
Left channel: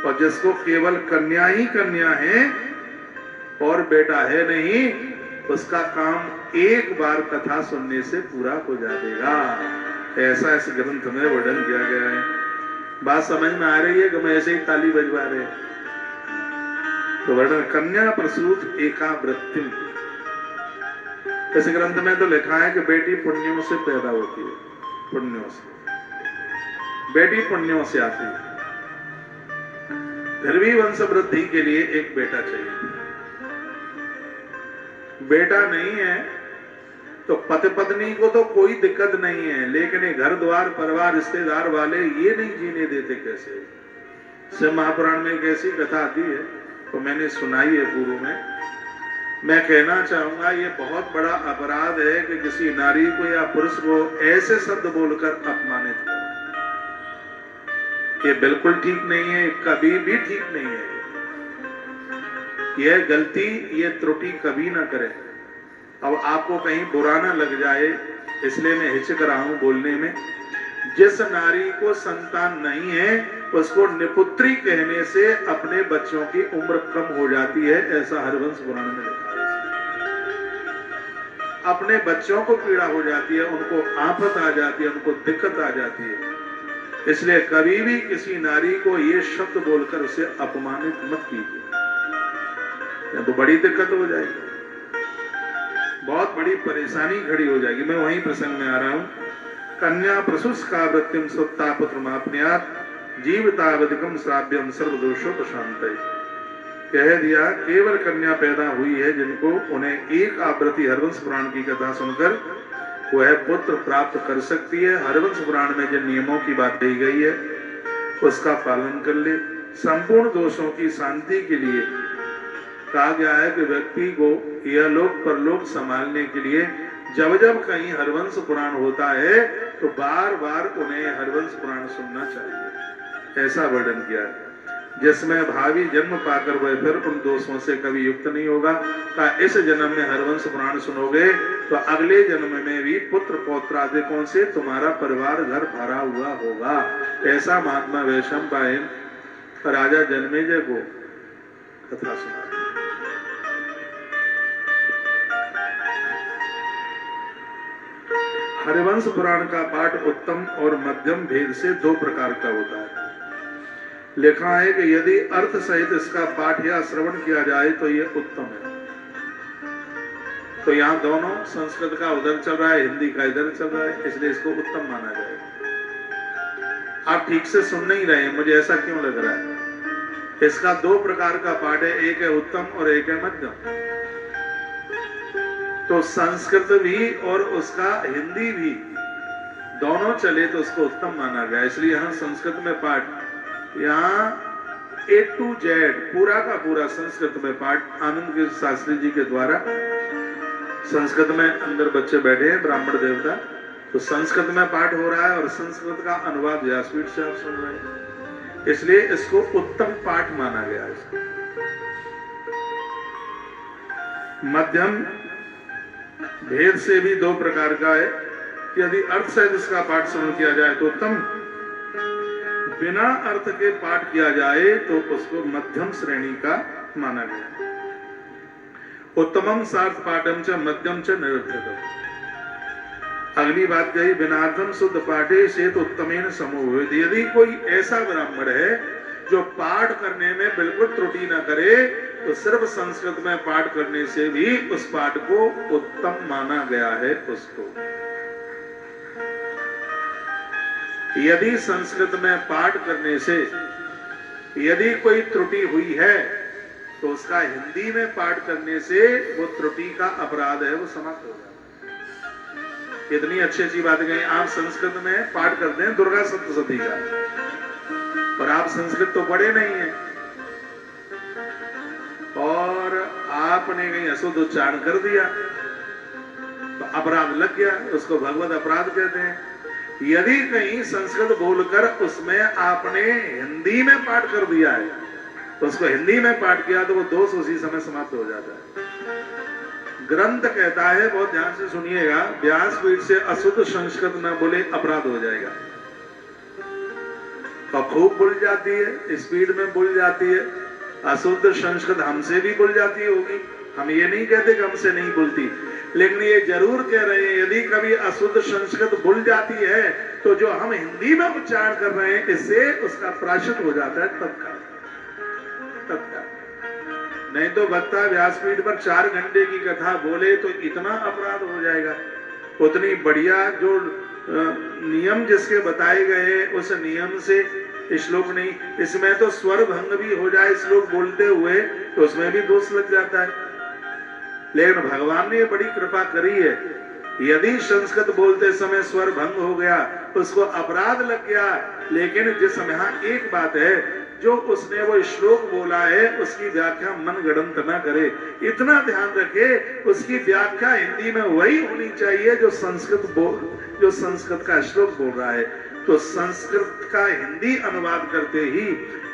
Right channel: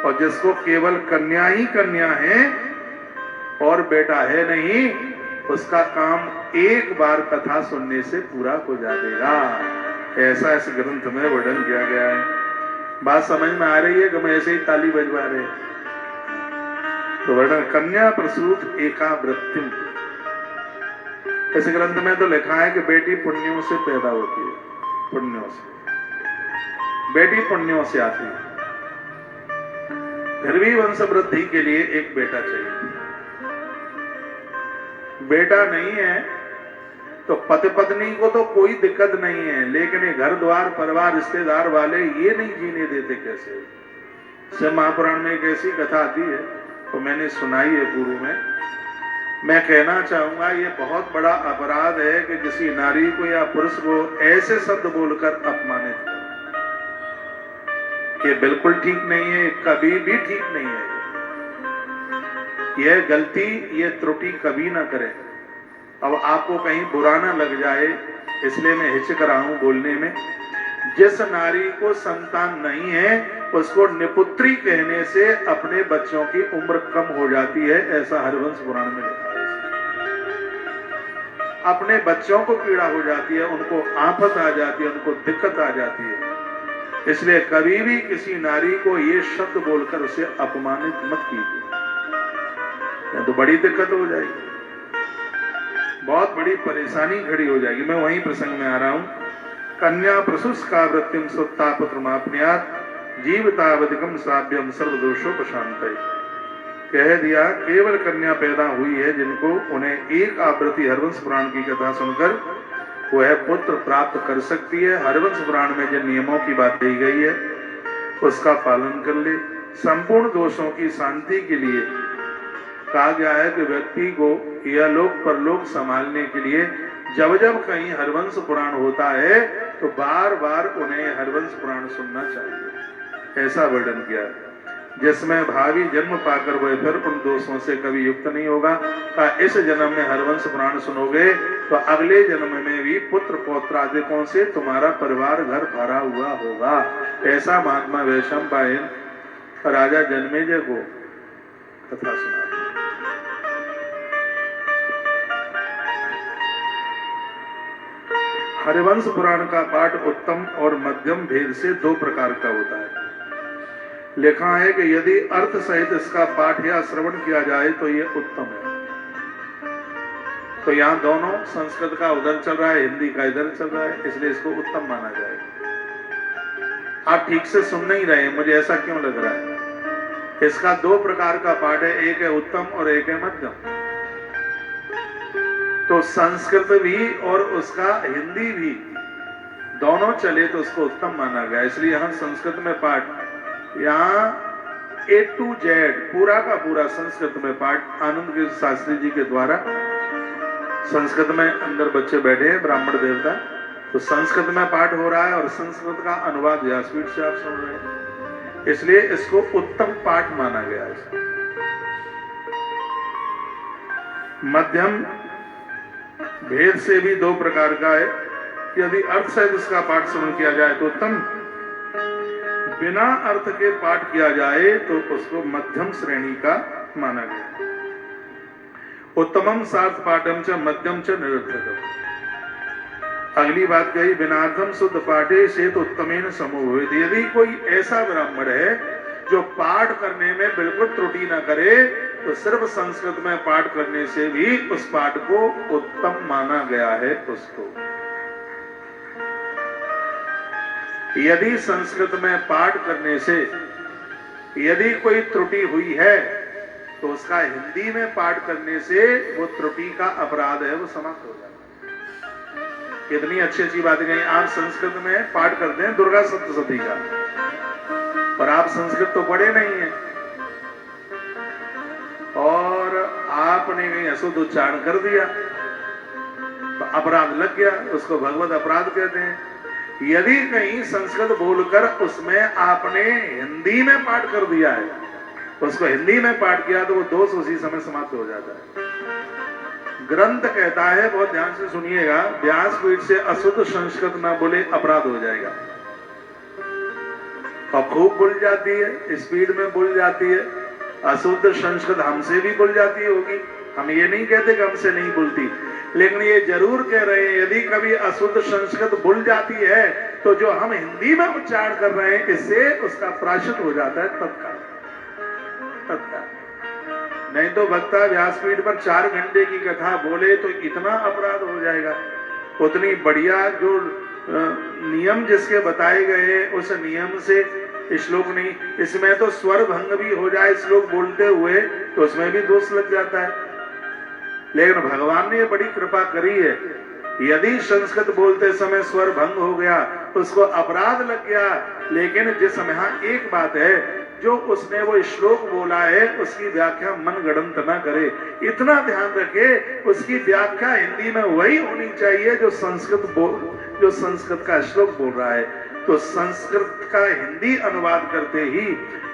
और जिसको केवल कन्या ही कन्या है और बेटा है नहीं, उसका काम 1 बार कथा सुनने से पूरा हो जाएगा। ऐसा इस ग्रंथ में वर्णन किया गया है। बात समझ में आ रही है कि मैं ऐसे ही ताली बजवा रहे? तो वर्णन कन्या प्रसूत एकाव्रतिम। इस ग्रंथ में तो लिखा है कि बेटी पुण्यों से पैदा होती है, पुण्यों से बेटी पुण्यों से आती है। फिर भी वंश वृद्धि के लिए एक बेटा चाहिए। बेटा नहीं है तो पति पत्नी को तो कोई दिक्कत नहीं है, लेकिन ये घर द्वार परिवार रिश्तेदार वाले ये नहीं जीने देते। कैसे से महापुराण में एक ऐसी कथा आती है तो मैंने सुनाई है पूर्व में। मैं कहना चाहूंगा ये बहुत बड़ा अपराध है कि किसी नारी को या पुरुष को ऐसे शब्द बोलकर अपमानित करो। ये बिल्कुल ठीक नहीं है, कभी भी ठीक नहीं है। यह गलती, ये त्रुटि कभी ना करें। अब आपको कहीं बुरा ना लग जाए इसलिए मैं हिचक रहा हूं बोलने में। जिस नारी को संतान नहीं है उसको निपुत्री कहने से अपने बच्चों की उम्र कम हो जाती है, ऐसा हरवंश पुराण में लिखा है। अपने बच्चों को पीड़ा हो जाती है, उनको आफत आ जाती है, उनको दिक्कत आ जाती है। इसलिए कभी भी किसी नारी को ये शब्द बोलकर उसे अपमानित मत कीजिए, नहीं तो बड़ी दिक्कत हो जाएगी, बहुत बड़ी परेशानी खड़ी हो जाएगी। मैं वहीं प्रसंग में आ रहा हूं। कन्या प्रसुस्का वृत्तिम सुत्ता पुत्र मापन्यात जीवतावधिकम श्राव्यम सर्वदोषोपशांतये। कह दिया केवल कन्या पैदा हुई है जिनको उन्हें एक आवृत्ति हरवंश पुराण की कथा सुनकर वह पुत्र प्राप्त कर सकती है। हरवंश पुराण में जिन नियमों की बात कही गई है उसका पालन कर ले। संपूर्ण दोषों की शांति के लिए कहा गया है कि व्यक्ति को यह लोक परलोक संभालने के लिए जब जब कहीं हरवंश पुराण होता है तो बार बार उन्हें हरवंश पुराण सुनना चाहिए, ऐसा वर्णन किया है, जिसमें भावी जन्म पाकर वह फिर उन दोषों से कभी युक्त नहीं होगा। इस जन्म में हरवंश पुराण सुनोगे तो अगले जन्म में भी पुत्र पौत्रादिकों से तुम्हारा परिवार घर भरा हुआ होगा। ऐसा महात्मा वैशंपायन राजा जन्मेजय को कथा सुना। हरिवंश पुराण का पाठ उत्तम और मध्यम भेद से दो प्रकार का होता है। लिखा है कि यदि अर्थ सहित इसका पाठ या श्रवण किया जाए तो यह उत्तम है। तो यहाँ दोनों, संस्कृत का उधर चल रहा है, हिंदी का इधर चल रहा है, इसलिए इसको उत्तम माना जाएगा। आप ठीक से सुन नहीं रहे, मुझे ऐसा क्यों लग रहा है? इसका दो प्रकार का पाठ है, एक है उत्तम और एक है मध्यम। तो संस्कृत भी और उसका हिंदी भी दोनों चले तो उसको उत्तम माना गया। इसलिए यहाँ संस्कृत में पाठ, यहाँ A to Z पूरा का पूरा संस्कृत में पाठ आनंद गिरि शास्त्री जी के द्वारा, संस्कृत में अंदर बच्चे बैठे हैं ब्राह्मण देवता, तो संस्कृत में पाठ हो रहा है और संस्कृत का अनुवाद व्यासपीठ से आप सुन रहे हैं, इसलिए इसको उत्तम पाठ माना गया है। मध्यम भेद से भी दो प्रकार का है कि यदि अर्थ सहित इसका पाठ श्रवण किया जाए तो उत्तम, बिना अर्थ के पाठ किया जाए तो उसको मध्यम श्रेणी का माना गया। उत्तमम सार्थ पाठम च मध्यम च निरर्थकम। अगली बात कही बिनार्थम शुद्ध पाठे से तो उत्तमेन समूह। यदि कोई ऐसा ब्राह्मण है जो पाठ करने में बिल्कुल त्रुटि न करे तो सिर्फ संस्कृत में पाठ करने से भी उस पाठ को उत्तम माना गया है। उसको यदि संस्कृत में पाठ करने से यदि कोई त्रुटि हुई है तो उसका हिंदी में पाठ करने से वो त्रुटि का अपराध है वो समाप्त हो जाए। इतनी अच्छी अच्छी बातें कही। आप संस्कृत में पाठ करते हैं दुर्गा सप्तशती का, और आप संस्कृत तो पढ़े नहीं है और आपने कहीं अशुद्ध उच्चारण कर दिया तो अपराध लग गया, उसको भगवत अपराध कहते हैं। यदि कहीं संस्कृत बोलकर उसमें आपने हिंदी में पाठ कर दिया है, उसको हिंदी में पाठ किया तो वो दोष उसी समय समाप्त हो जाता है। ग्रंथ कहता है, बहुत ध्यान से सुनिएगा, व्यासपीठ से अशुद्ध संस्कृत ना बोले अपराध हो जाएगा। और खूब बोल जाती है, स्पीड में बोल जाती है, अशुद्ध संस्कृत हमसे भी बोल जाती होगी, हम ये नहीं कहते कि हमसे नहीं बोलती, लेकिन ये जरूर कह रहे हैं यदि कभी अशुद्ध संस्कृत बोल जाती है तो जो हम हिंदी में उच्चारण कर रहे हैं इससे उसका प्रायश्चित हो जाता है तत्काल। नहीं तो वक्ता व्यासपीठ पर 4 घंटे की कथा बोले तो इतना अपराध हो जाएगा। उतनी बढ़िया जो नियम जिसके बताए गए उस नियम से श्लोक नहीं, इसमें तो स्वर भंग भी हो जाए श्लोक बोलते हुए तो उसमें भी दोष लग जाता है। लेकिन भगवान ने बड़ी कृपा करी है, यदि संस्कृत बोलते समय स्वर भंग हो गया उसको अपराध लग गया, लेकिन जिस यहाँ एक बात है, जो उसने वो श्लोक बोला है उसकी व्याख्या मनगढ़ंत ना करे, इतना ध्यान रखे उसकी व्याख्या हिंदी में वही होनी चाहिए जो संस्कृत का श्लोक बोल रहा है। तो संस्कृत का हिंदी अनुवाद करते ही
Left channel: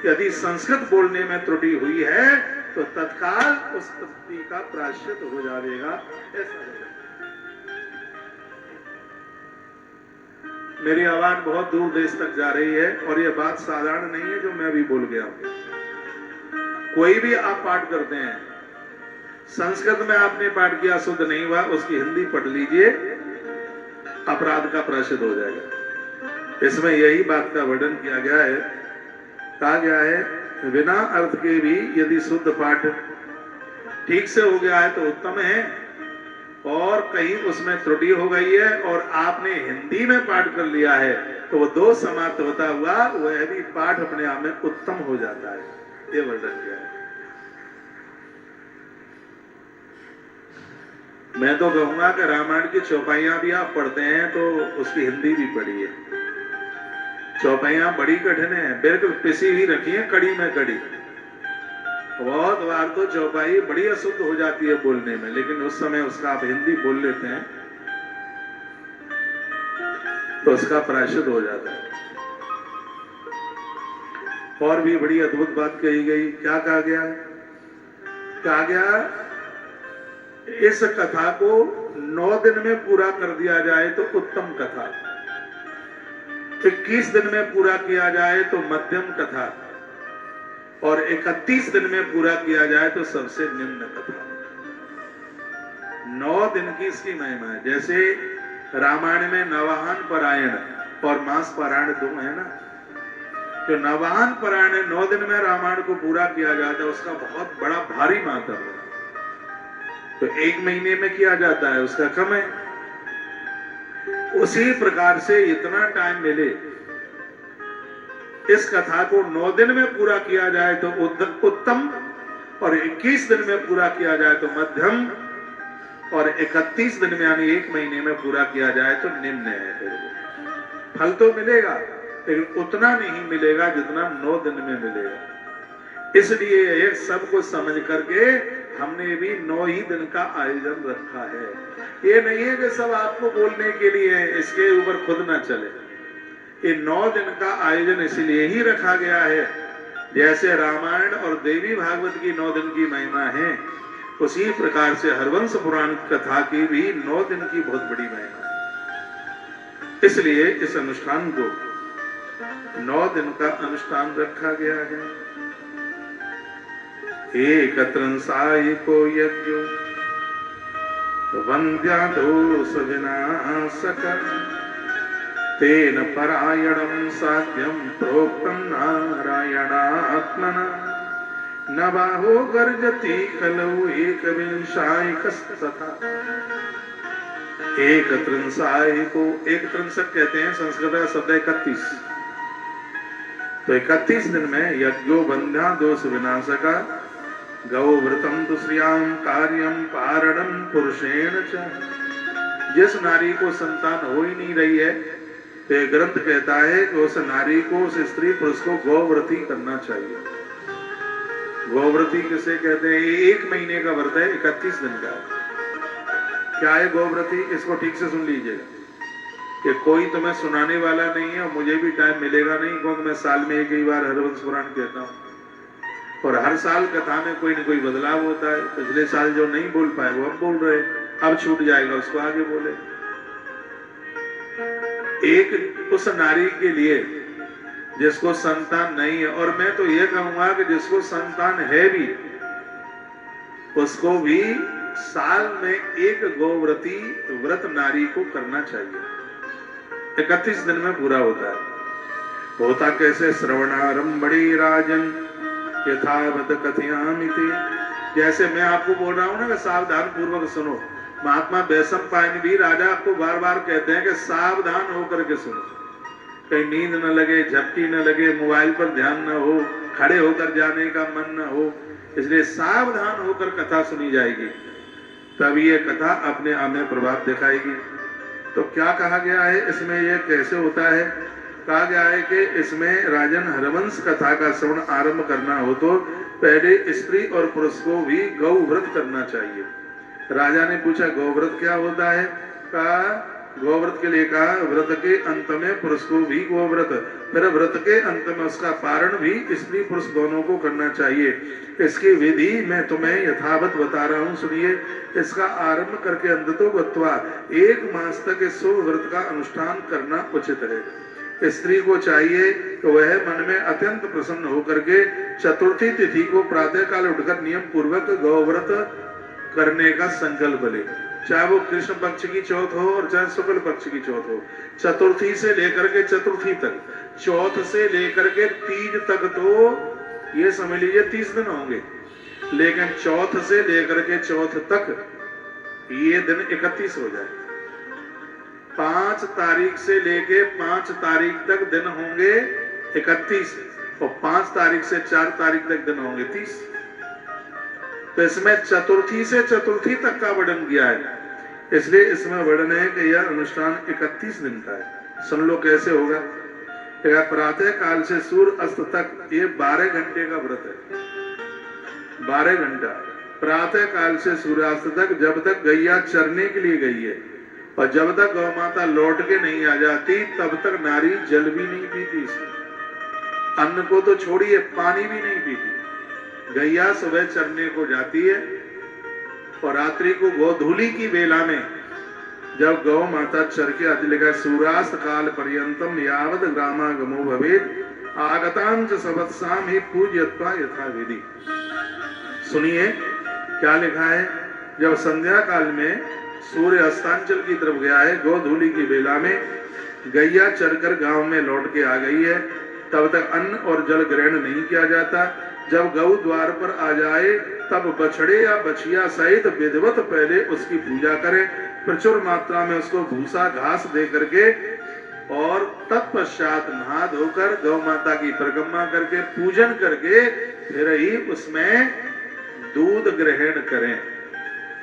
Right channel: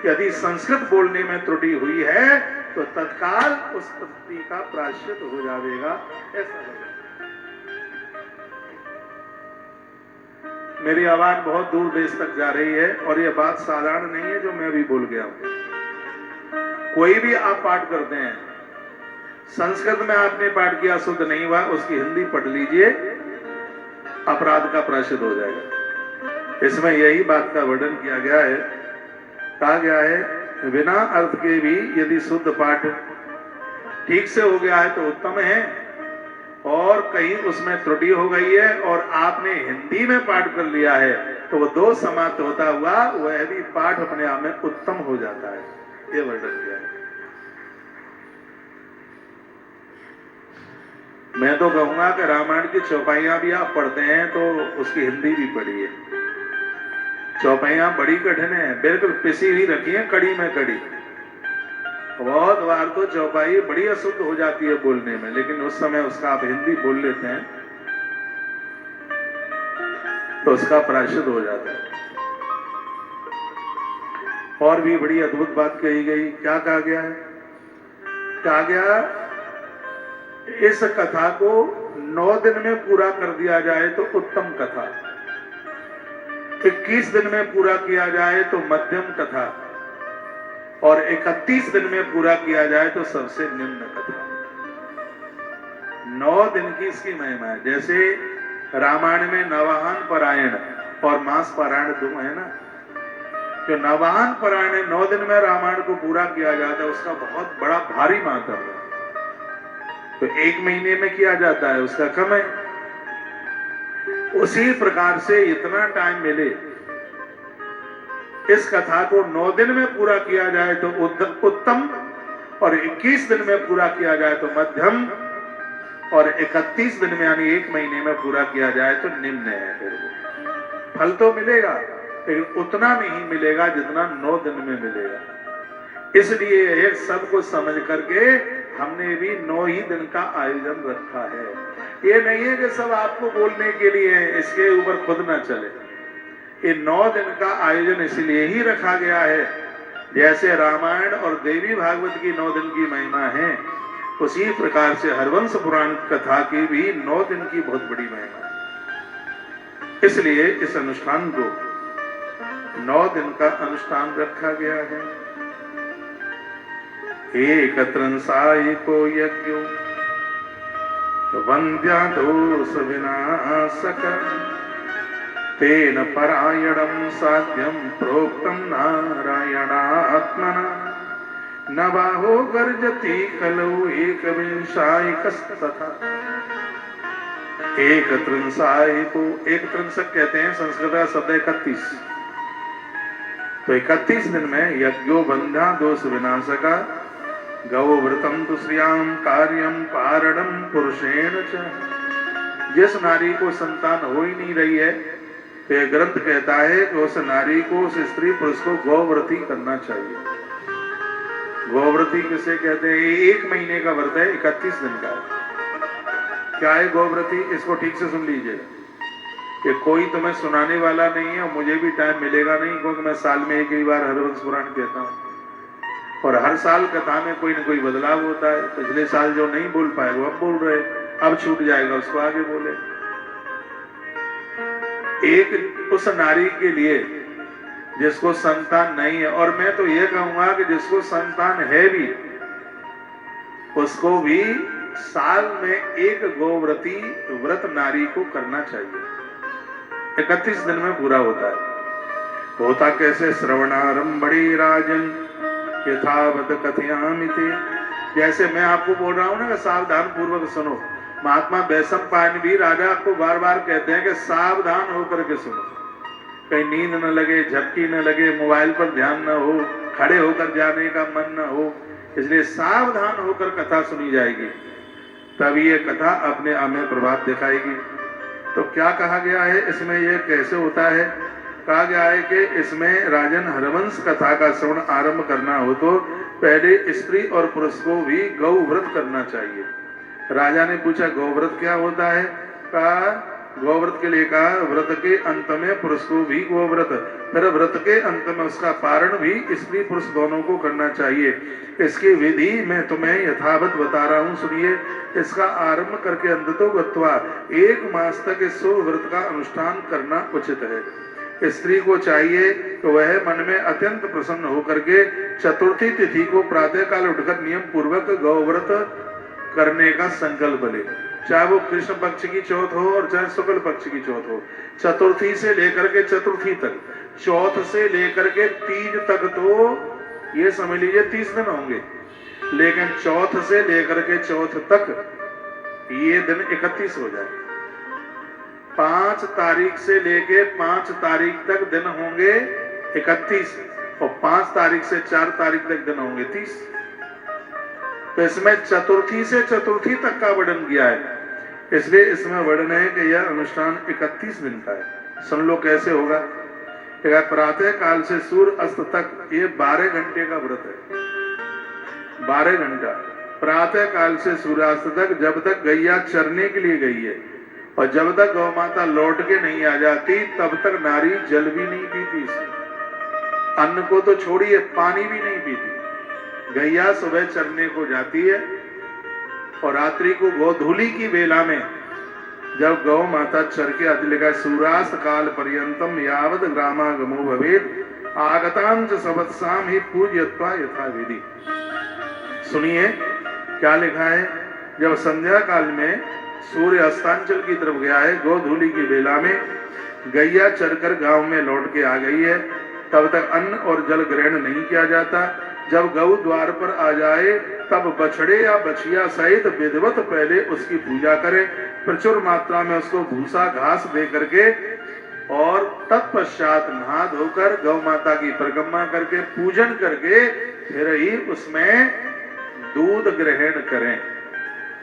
यदि संस्कृत बोलने में त्रुटि हुई है तो तत्काल उस त्रुटि का प्रायश्चित हो जाएगा। ऐसा लगेगा। मेरी आवाज बहुत दूर देश तक जा रही है और यह बात साधारण नहीं है जो मैं भी बोल गया हूं। कोई भी आप पाठ करते हैं, संस्कृत में आपने पाठ किया शुद्ध नहीं हुआ, उसकी हिंदी पढ़ लीजिए, अपराध का प्रायश्चित हो जाएगा। इसमें यही बात का वर्णन किया गया है, कहा गया है बिना अर्थ के भी यदि शुद्ध पाठ ठीक से हो गया है तो उत्तम है, और कहीं उसमें त्रुटि हो गई है और आपने हिंदी में पाठ कर लिया है तो वो दोष समाप्त होता हुआ वह भी पाठ अपने आप में उत्तम हो जाता है। ये वर्णन किया है। मैं तो कहूंगा कि रामायण की चौपाइयां भी आप पढ़ते हैं तो उसकी हिंदी भी पढ़िए। चौपाइयां बड़ी कठिन है, बिल्कुल पिसी हुई रखी है कड़ी में कड़ी। बहुत बार तो चौपाई बड़ी अशुद्ध हो जाती है बोलने में, लेकिन उस समय उसका आप हिंदी बोल लेते हैं तो उसका प्रायश्चित हो जाता है। और भी बड़ी अद्भुत बात कही गई। क्या कहा गया? कहा गया इस कथा को 9 दिन में पूरा कर दिया जाए तो उत्तम कथा, 21 दिन में पूरा किया जाए तो मध्यम कथा, और 31 दिन में पूरा किया जाए तो सबसे निम्न कथा। 9 दिन की इसकी महिमा है। जैसे रामायण में नवाहन पारायण और मास पारायण दो है ना, जो नवाहन पारायण 9 दिन में रामायण को पूरा किया जाता है उसका बहुत बड़ा भारी महत्व है, तो 1 महीने में किया जाता है उसका कम है। उसी प्रकार से इतना टाइम मिले इस कथा को 9 दिन में पूरा किया जाए तो उत्तम, और 21 दिन में पूरा किया जाए तो मध्यम, और 31 दिन में यानी 1 महीने में पूरा किया जाए तो निम्न है। फिर वो फल तो मिलेगा लेकिन उतना नहीं मिलेगा जितना 9 दिन में मिलेगा। इसलिए एक सब को समझ करके हमने भी 9 ही दिन का आयोजन रखा है। ये नहीं है कि सब आपको बोलने के लिए है, इसके ऊपर खुद ना चले। ये 9 दिन का आयोजन इसलिए ही रखा गया है, जैसे रामायण और देवी भागवत की 9 दिन की महिमा है, उसी प्रकार से हरवंश पुराण कथा की भी 9 दिन की बहुत बड़ी महिमा है। इसलिए इस अनुष्ठान को 9 दिन का अनुष्ठान रखा गया है। एक त्रंसाई को यज्ञो वंद्या दोष विनाशक तेन परायणं साध्यं प्रोक्तं नारायणात्मना न बाहो गर्जति खलु एकविंशायकस्तथा। एक त्रंसाई को एक त्रंसक कहते हैं, संस्कृत का शब्द 31। तो 31 दिन में यज्ञो बंध्या दोष विनाशका गौ व्रतम तो श्रियाम कार्यम पारणम पुरुषेण च। जिस नारी को संतान हो ही नहीं रही है तो ये ग्रंथ कहता है कि उस नारी को, उस स्त्री पुरुष को गौव्रती करना चाहिए। गौव्रती किसे कहते हैं? 1 महीने का व्रत है, 31 दिन का है। क्या है गौव्रती? इसको ठीक से सुन लीजिएगा। ये कोई तुम्हें सुनाने वाला नहीं है और मुझे भी टाइम मिलेगा नहीं, क्योंकि मैं साल में एक ही बार हरवंश पुराण कहता हूँ और हर साल कथा में कोई न कोई बदलाव होता है। पिछले साल जो नहीं बोल पाए वो अब बोल रहे, अब छूट जाएगा उसको आगे बोले। एक उस नारी के लिए जिसको संतान नहीं है, और मैं तो ये कहूंगा कि जिसको संतान है भी उसको भी साल में एक गौव्रती व्रत नारी को करना चाहिए। 31 दिन में पूरा होता है। होता कैसे? श्रवणारंभणे राजन यथावत कथयामिते। जैसे मैं आपको बोल रहा हूं ना कि सावधान पूर्वक सुनो, महात्मा वैशम पायन भी राजा आपको बार बार कहते हैं कि सावधान होकर के सुनो, कहीं नींद न लगे, झपकी न लगे, मोबाइल पर ध्यान न हो, खड़े होकर जाने का मन न हो। इसलिए सावधान होकर कथा सुनी जाएगी, तभी ये कथा अपने आप में प्रभाव दिखाएगी। तो क्या कहा गया है इसमें? ये कैसे होता है? कहा गया है कि इसमें राजन हरवंश कथा का श्रवण आरंभ करना हो तो पहले स्त्री और पुरुष को भी गौ व्रत करना चाहिए। राजा ने पूछा गौव्रत क्या होता है? कहा गौव्रत के लिए कहा व्रत के अंत में पुरुष को भी गौव्रत, फिर व्रत के अंत में उसका पारण भी स्त्री पुरुष दोनों को करना चाहिए। इसकी विधि मैं तुम्हें यथावत बता रहा हूँ, सुनिए। इसका आरंभ करके अंत तो गत्वा 1 मास तक इस शुभ व्रत का अनुष्ठान करना उचित है। स्त्री को चाहिए तो वह मन में अत्यंत प्रसन्न होकर के चतुर्थी तिथि को प्रातः काल उठकर नियम पूर्वक गौव्रत करने का संकल्प ले। चाहे वो कृष्ण पक्ष की चौथ हो और चाहे शुक्ल पक्ष की चौथ हो, चतुर्थी से लेकर के चतुर्थी तक, चौथ से लेकर के तीज तक तो ये समझ लीजिए 30 दिन होंगे, लेकिन चौथ से लेकर के चौथ तक ये दिन 31 हो जाए। 5 तारीख से लेके 5 तारीख तक दिन होंगे 31 और 5 तारीख से 4 तारीख तक दिन होंगे 30। तो इसमें चतुर्थी से चतुर्थी तक का वर्णन किया है, इसलिए इसमें वर्णन है कि यह अनुष्ठान 31 दिन का है। सुन लो कैसे होगा। प्रातः काल से सूर्य अस्त तक ये 12 घंटे का व्रत है। 12 घंटा प्रातः काल से सूर्यास्त तक, जब तक गैया चरने के लिए गई है और जब तक गौ माता लौट के नहीं आ जाती तब तक नारी जल भी नहीं पीती, अन्न को तो छोड़िए पानी भी नहीं पीती। गैया सुबह चरने को जाती है और रात्रि को गोधूली की बेला में जब गौ माता चर के आती, लिखा सूर्यास्त काल पर्यंतम यावद ग्रामागमो भवेत् आगतां च सवत्साम ही पूज्यत्वा यथा विधि। सुनिए क्या लिखा है। जब संध्या काल में सूर्य अस्तांचल की तरफ गया है, गोधूली की बेला में गैया चरकर गांव में लौट के आ गई है, तब तक अन्न और जल ग्रहण नहीं किया जाता। जब गौ द्वार पर आ जाए तब बछड़े या बछिया सहित विधिवत पहले उसकी पूजा करें, प्रचुर मात्रा में उसको भूसा घास दे करके और तत्पश्चात नहा धोकर गौ माता की परिक्रमा करके पूजन करके फिर ही उसमें दूध ग्रहण करें।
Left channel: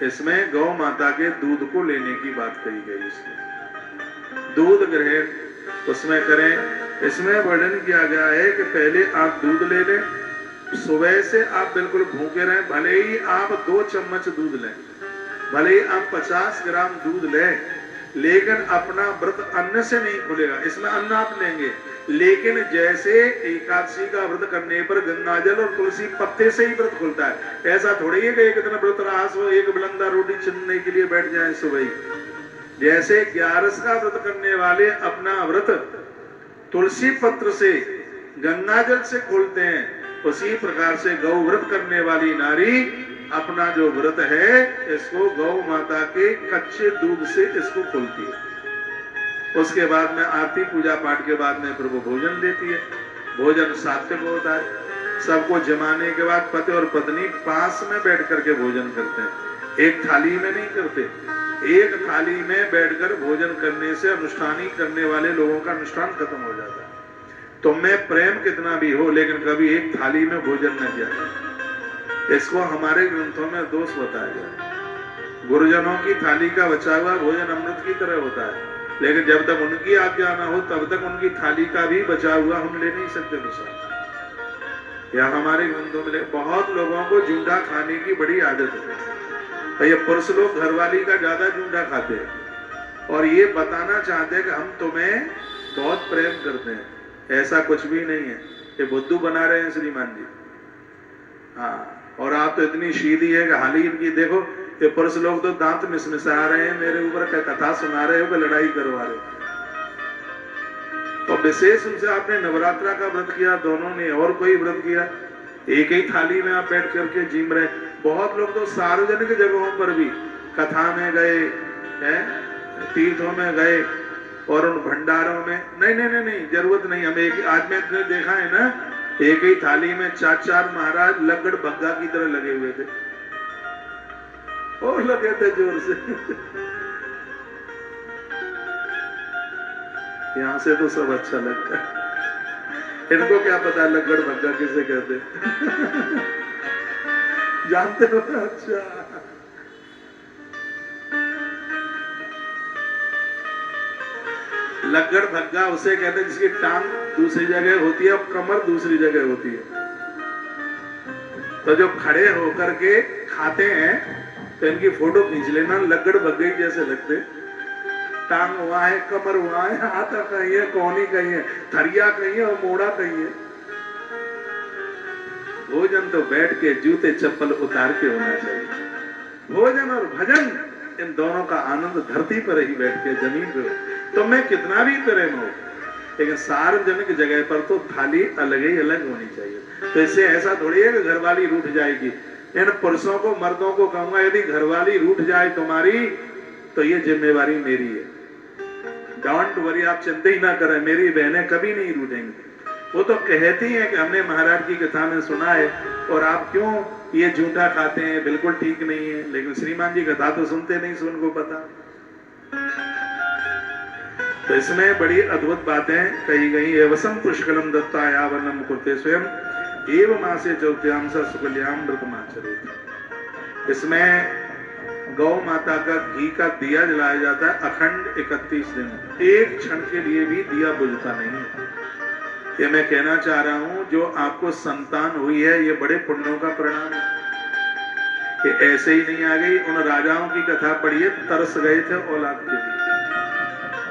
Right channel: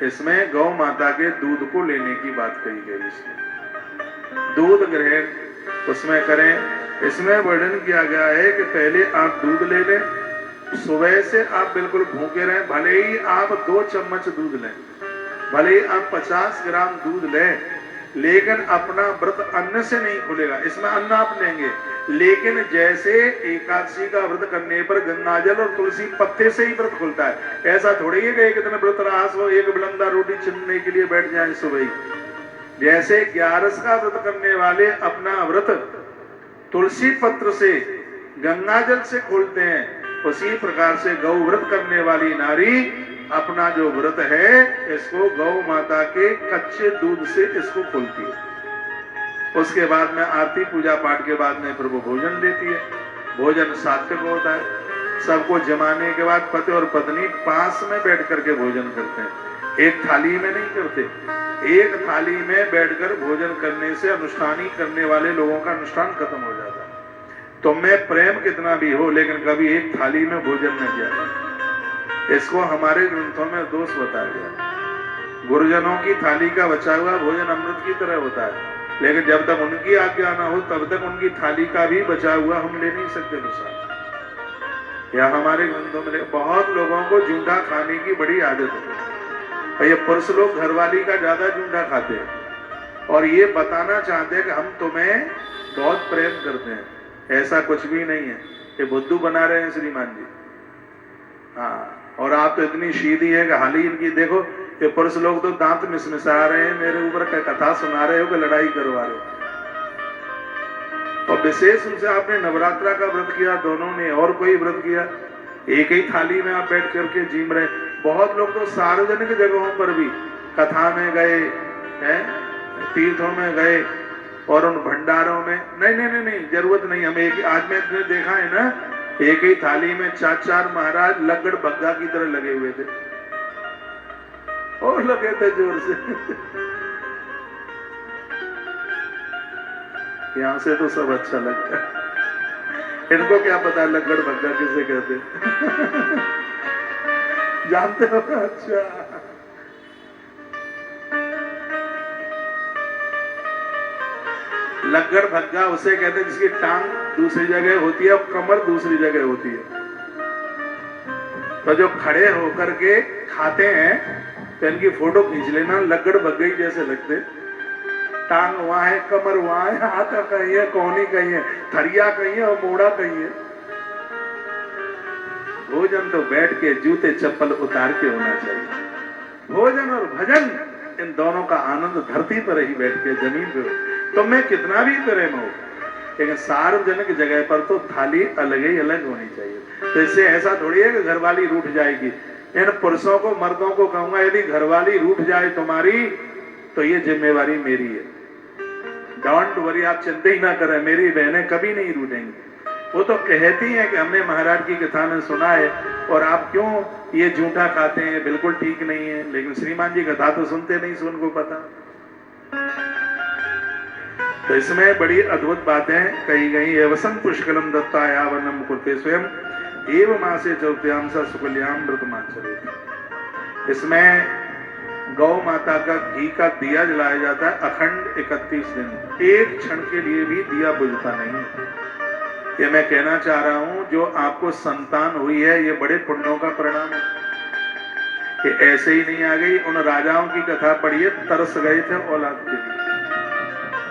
इसमें गौ माता के दूध को लेने की बात कही गई। इसमें दूध ग्रहण उसमें करें। इसमें वर्णन किया गया है कि पहले आप दूध ले लें, सुबह से आप बिल्कुल भूखे रहें, भले ही आप 2 चम्मच दूध लें, भले ही आप 50 ग्राम दूध लें, लेकिन अपना व्रत अन्न से नहीं खुलेगा। इसमें अन्न आप लेंगे, लेकिन जैसे एकादशी का व्रत करने पर गंगाजल और तुलसी पत्ते से ही व्रत खुलता है, ऐसा थोड़ी है कि एक दिन व्रत रास हो एक बिलंदा रोटी छिलने के लिए बैठ जाए सुबह ही। जैसे 11 का व्रत करने वाले अपना व्रत तुलसी पत्र से गंगाजल से खोलते हैं, उसी प्रकार से गौ व्रत करने वाली नारी अपना जो व्रत है इसको गौ माता के कच्चे दूध से इसको खोलती है। उसके बाद में आरती पूजा पाठ के बाद में फिर वो भोजन लेती है। भोजन सात्विक होता है। सबको जमाने के बाद पति और पत्नी पास में बैठ करके भोजन करते हैं, एक थाली में नहीं करते। एक थाली में बैठकर भोजन करने से अनुष्ठानी करने वाले लोगों का अनुष्ठान खत्म हो जाता है। तुम में प्रेम कितना भी हो लेकिन कभी एक थाली में भोजन न किया जाए। इसको हमारे ग्रंथों में दोष बताया गया। गुरुजनों की थाली का बचा हुआ भोजन अमृत की तरह होता है, लेकिन जब तक उनकी आज्ञा ना हो तब तक उनकी थाली का भी बचा हुआ हम ले नहीं सकते प्रसाद। या हमारे ग्रंथों में बहुत लोगों को जूठा खाने की बड़ी आदत है। ये पुरुष लोग घरवाली का ज्यादा जूठा खाते हैं और ये बताना चाहते हैं कि हम तुम्हें बहुत प्रेम करते हैं। ऐसा कुछ भी नहीं है, ये बुद्धू बना रहे हैं श्रीमान जी। हाँ, और आप तो इतनी सीधी है कि हाल ही इनकी देखो, ये पुरुष लोग तो दांत मिसमिसा रहे हैं, मेरे ऊपर कथा सुना रहे हो कि लड़ाई करवा रहे हो। और विशेष रूप से आपने नवरात्रा का व्रत किया, दोनों ने और कोई व्रत किया, एक ही थाली में आप बैठ करके जीम रहे। बहुत लोग तो सार्वजनिक जगहों पर भी कथा में गए हैं, तीर्थों में गए और उन भंडारों में नहीं नहीं नहीं नहीं जरूरत नहीं। हमें एक आज में देखा है ना, एक ही थाली में 4 महाराज लगड़ बग्गा की तरह लगे हुए थे और लगे थे जोर से। यहां से तो सब अच्छा लगता है, इनको क्या पता लगड़ बग्गा किसे कहते जानते हो? अच्छा, लगड़ भग्गा उसे कहते हैं जिसकी टांग दूसरी जगह होती है और कमर दूसरी जगह होती है। तो जो खड़े होकर के खाते हैं तो इनकी फोटो खींच लेना, लगड़ भग्गे जैसे लगते। टांग वहां है, कमर वहां है, हाथ कहीं है, कोहनी कहीं है, थरिया कहीं है और मोड़ा कहीं है। भोजन तो बैठ के जूते चप्पल उतार के होना चाहिए। भोजन और भजन इन दोनों का आनंद धरती पर ही बैठ के, जमीन पर। तो मैं कितना भी प्रेम हो, लेकिन सार्वजनिक जगह पर तो थाली अलग ही अलग होनी चाहिए। तो इससे ऐसा थोड़ी है कि घरवाली रूठ जाएगी। इन पुरुषों को, मर्दों को कहूंगा, यदि घरवाली रूठ जाए तुम्हारी तो ये जिम्मेवारी मेरी है। डोंट वरी, आप चिंता ही ना करें, मेरी बहनें कभी नहीं रूठेंगी। वो तो कहती हैं कि हमने महाराज की कथा में सुना है और आप क्यों ये झूठा खाते हैं, बिल्कुल ठीक नहीं है। लेकिन श्रीमान जी कथा तो सुनते नहीं, सुन को पता। तो इसमें बड़ी अद्भुत बातें कही गई है। वसम पुष्कलम दत्ताया वनम कुर्ते स्वयं एव मासे चौथ्याम सा सुकल्याम व्रतमाचरेत। इसमें गौ माता का घी का दिया जलाया जाता है अखंड 31 दिन, एक क्षण के लिए भी दिया बुझता नहीं। ये मैं कहना चाह रहा हूं, जो आपको संतान हुई है ये बड़े पुण्यों का परिणाम है। कि ऐसे ही नहीं आ गई। उन राजाओं की कथा पढ़िए, तरस गए थे औलाद के लिए।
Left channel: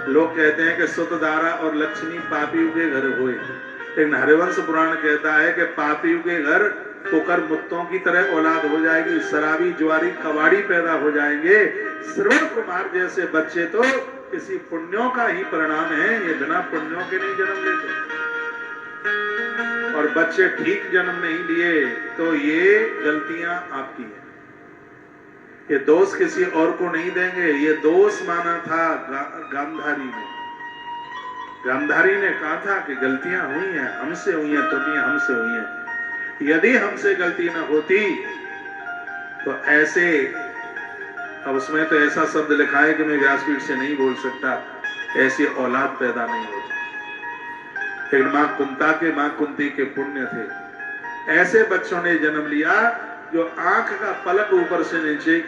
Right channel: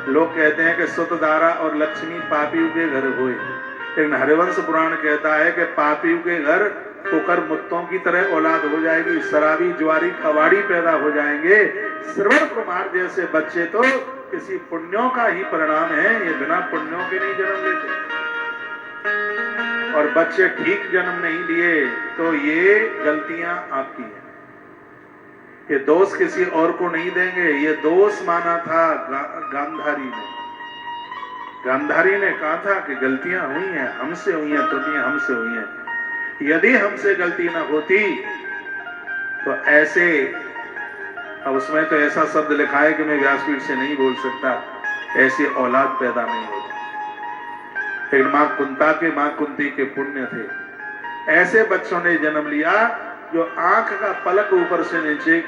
लोग कहते हैं कि सुतदारा और लक्ष्मी पापियों के घर हुए, लेकिन हरिवंश पुराण कहता है कि पापियों के घर कुकर मुत्तों की तरह औलाद हो जाएगी, शराबी ज्वारी कबाड़ी पैदा हो जाएंगे। श्रवण कुमार जैसे बच्चे तो किसी पुण्यों का ही परिणाम है, ये बिना पुण्यों के नहीं जन्म लेते। और बच्चे ठीक जन्म नहीं लिए तो ये गलतियां आपकी हैं। ये दोष किसी और को नहीं देंगे। ये दोष माना था गांधारी ने। गांधारी ने कहा था कि गलतियां हुई हैं, हमसे हुई हैं, त्रुटियां हमसे हुई हैं। यदि हमसे गलती न होती तो ऐसे, अब उसमें तो ऐसा शब्द लिखा है कि मैं व्यासपीठ से नहीं बोल सकता, ऐसी औलाद पैदा नहीं होती। लेकिन मां कुंता के, मां कुंती के पुण्य थे। ऐसे बच्चों ने जन्म लिया जो आंख का पलक ऊपर से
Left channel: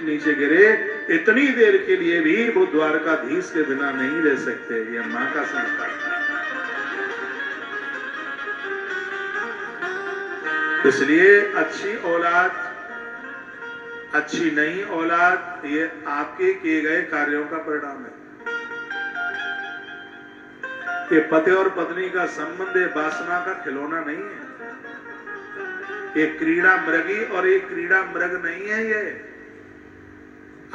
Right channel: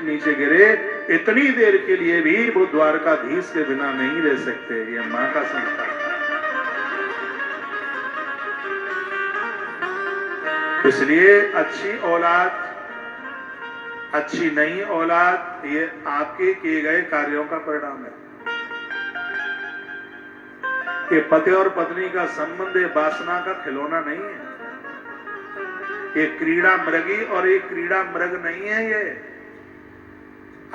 नीचे गिरे, इतनी देर के लिए भी वो द्वारकाधीश के बिना नहीं रह सकते। ये मां का संस्कार। इसलिए अच्छी औलाद, अच्छी नहीं औलाद, ये आपके किए गए कार्यों का परिणाम है। ये पति और पत्नी का संबंध ये वासना का खिलौना नहीं है। ये क्रीड़ा मृगी और ये क्रीड़ा मृग नहीं है। ये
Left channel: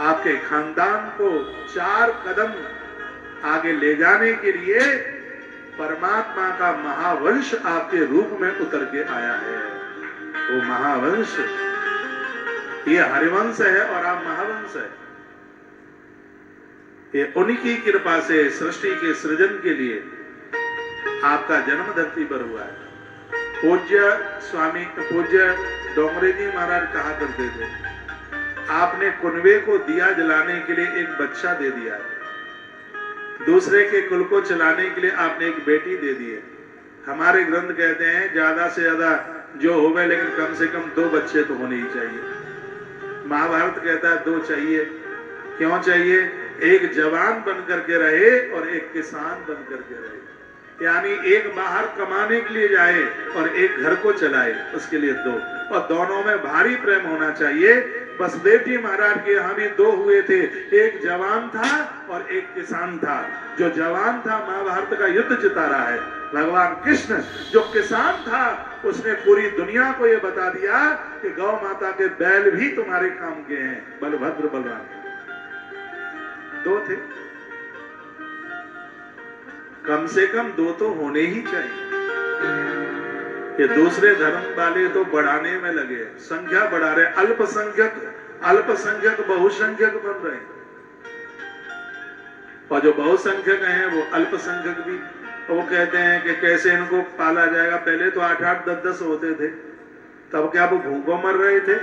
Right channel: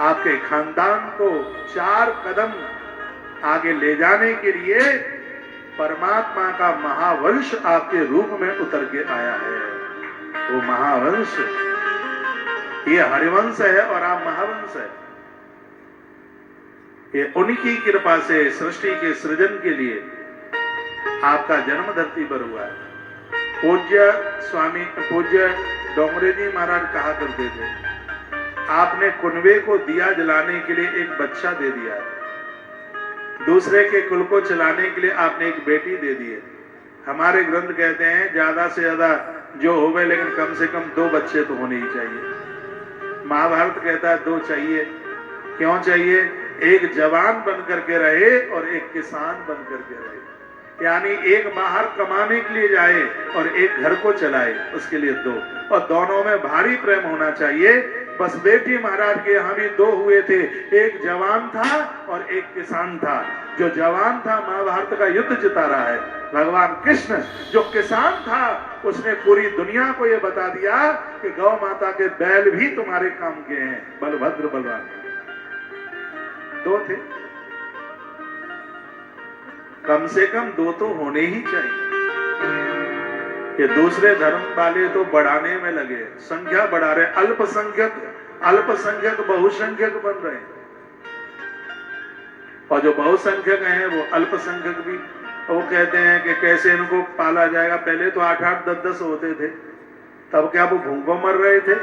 आपके खानदान को 4 कदम आगे ले जाने के लिए परमात्मा का महावंश आपके रूप में उतर के आया है। वो महावंश, ये हरिवंश है और आप महावंश है। ये उनकी कृपा से सृष्टि के सृजन के लिए आपका जन्म धरती पर हुआ है। पूज्य डोंगरे जी महाराज कहा करते थे, आपने कुनबे को दिया जलाने के लिए एक बच्चा दे दिया, दूसरे के कुल को चलाने के लिए आपने एक बेटी दे दी है। हमारे ग्रंथ कहते हैं ज्यादा से ज्यादा जो हो गए, लेकिन कम से कम 2 बच्चे तो होने ही चाहिए। महाभारत कहता है 2 चाहिए। क्यों चाहिए? एक जवान बन करके रहे और एक किसान बन करके रहे। यानी एक बाहर कमाने के लिए जाए और एक घर को चलाए, उसके लिए 2। और दोनों में भारी प्रेम होना चाहिए। बस बेटी महाराज के यहाँ भी 2 हुए थे, एक जवान था और एक किसान था। जो जवान था महाभारत का युद्ध जिता रहा है। भगवान कृष्ण जो किसान था उसने पूरी दुनिया को ये बता दिया कि गौ माता के बैल भी तुम्हारे काम के हैं। बलभद्र बलवान 2 थे। कम से कम 2 तो होने ही चाहिए। ये दूसरे धर्म वाले तो बढ़ाने में लगे, संख्या बढ़ा रहे, अल्पसंख्यक बहुसंख्यक बन रहे हैं। और जो बहुसंख्यक हैं वो अल्पसंख्यक भी। वो कहते हैं कि कैसे इनको पाला जाएगा। पहले तो 8-8, 10-10 होते थे, तब क्या वो भूखों मर रहे थे?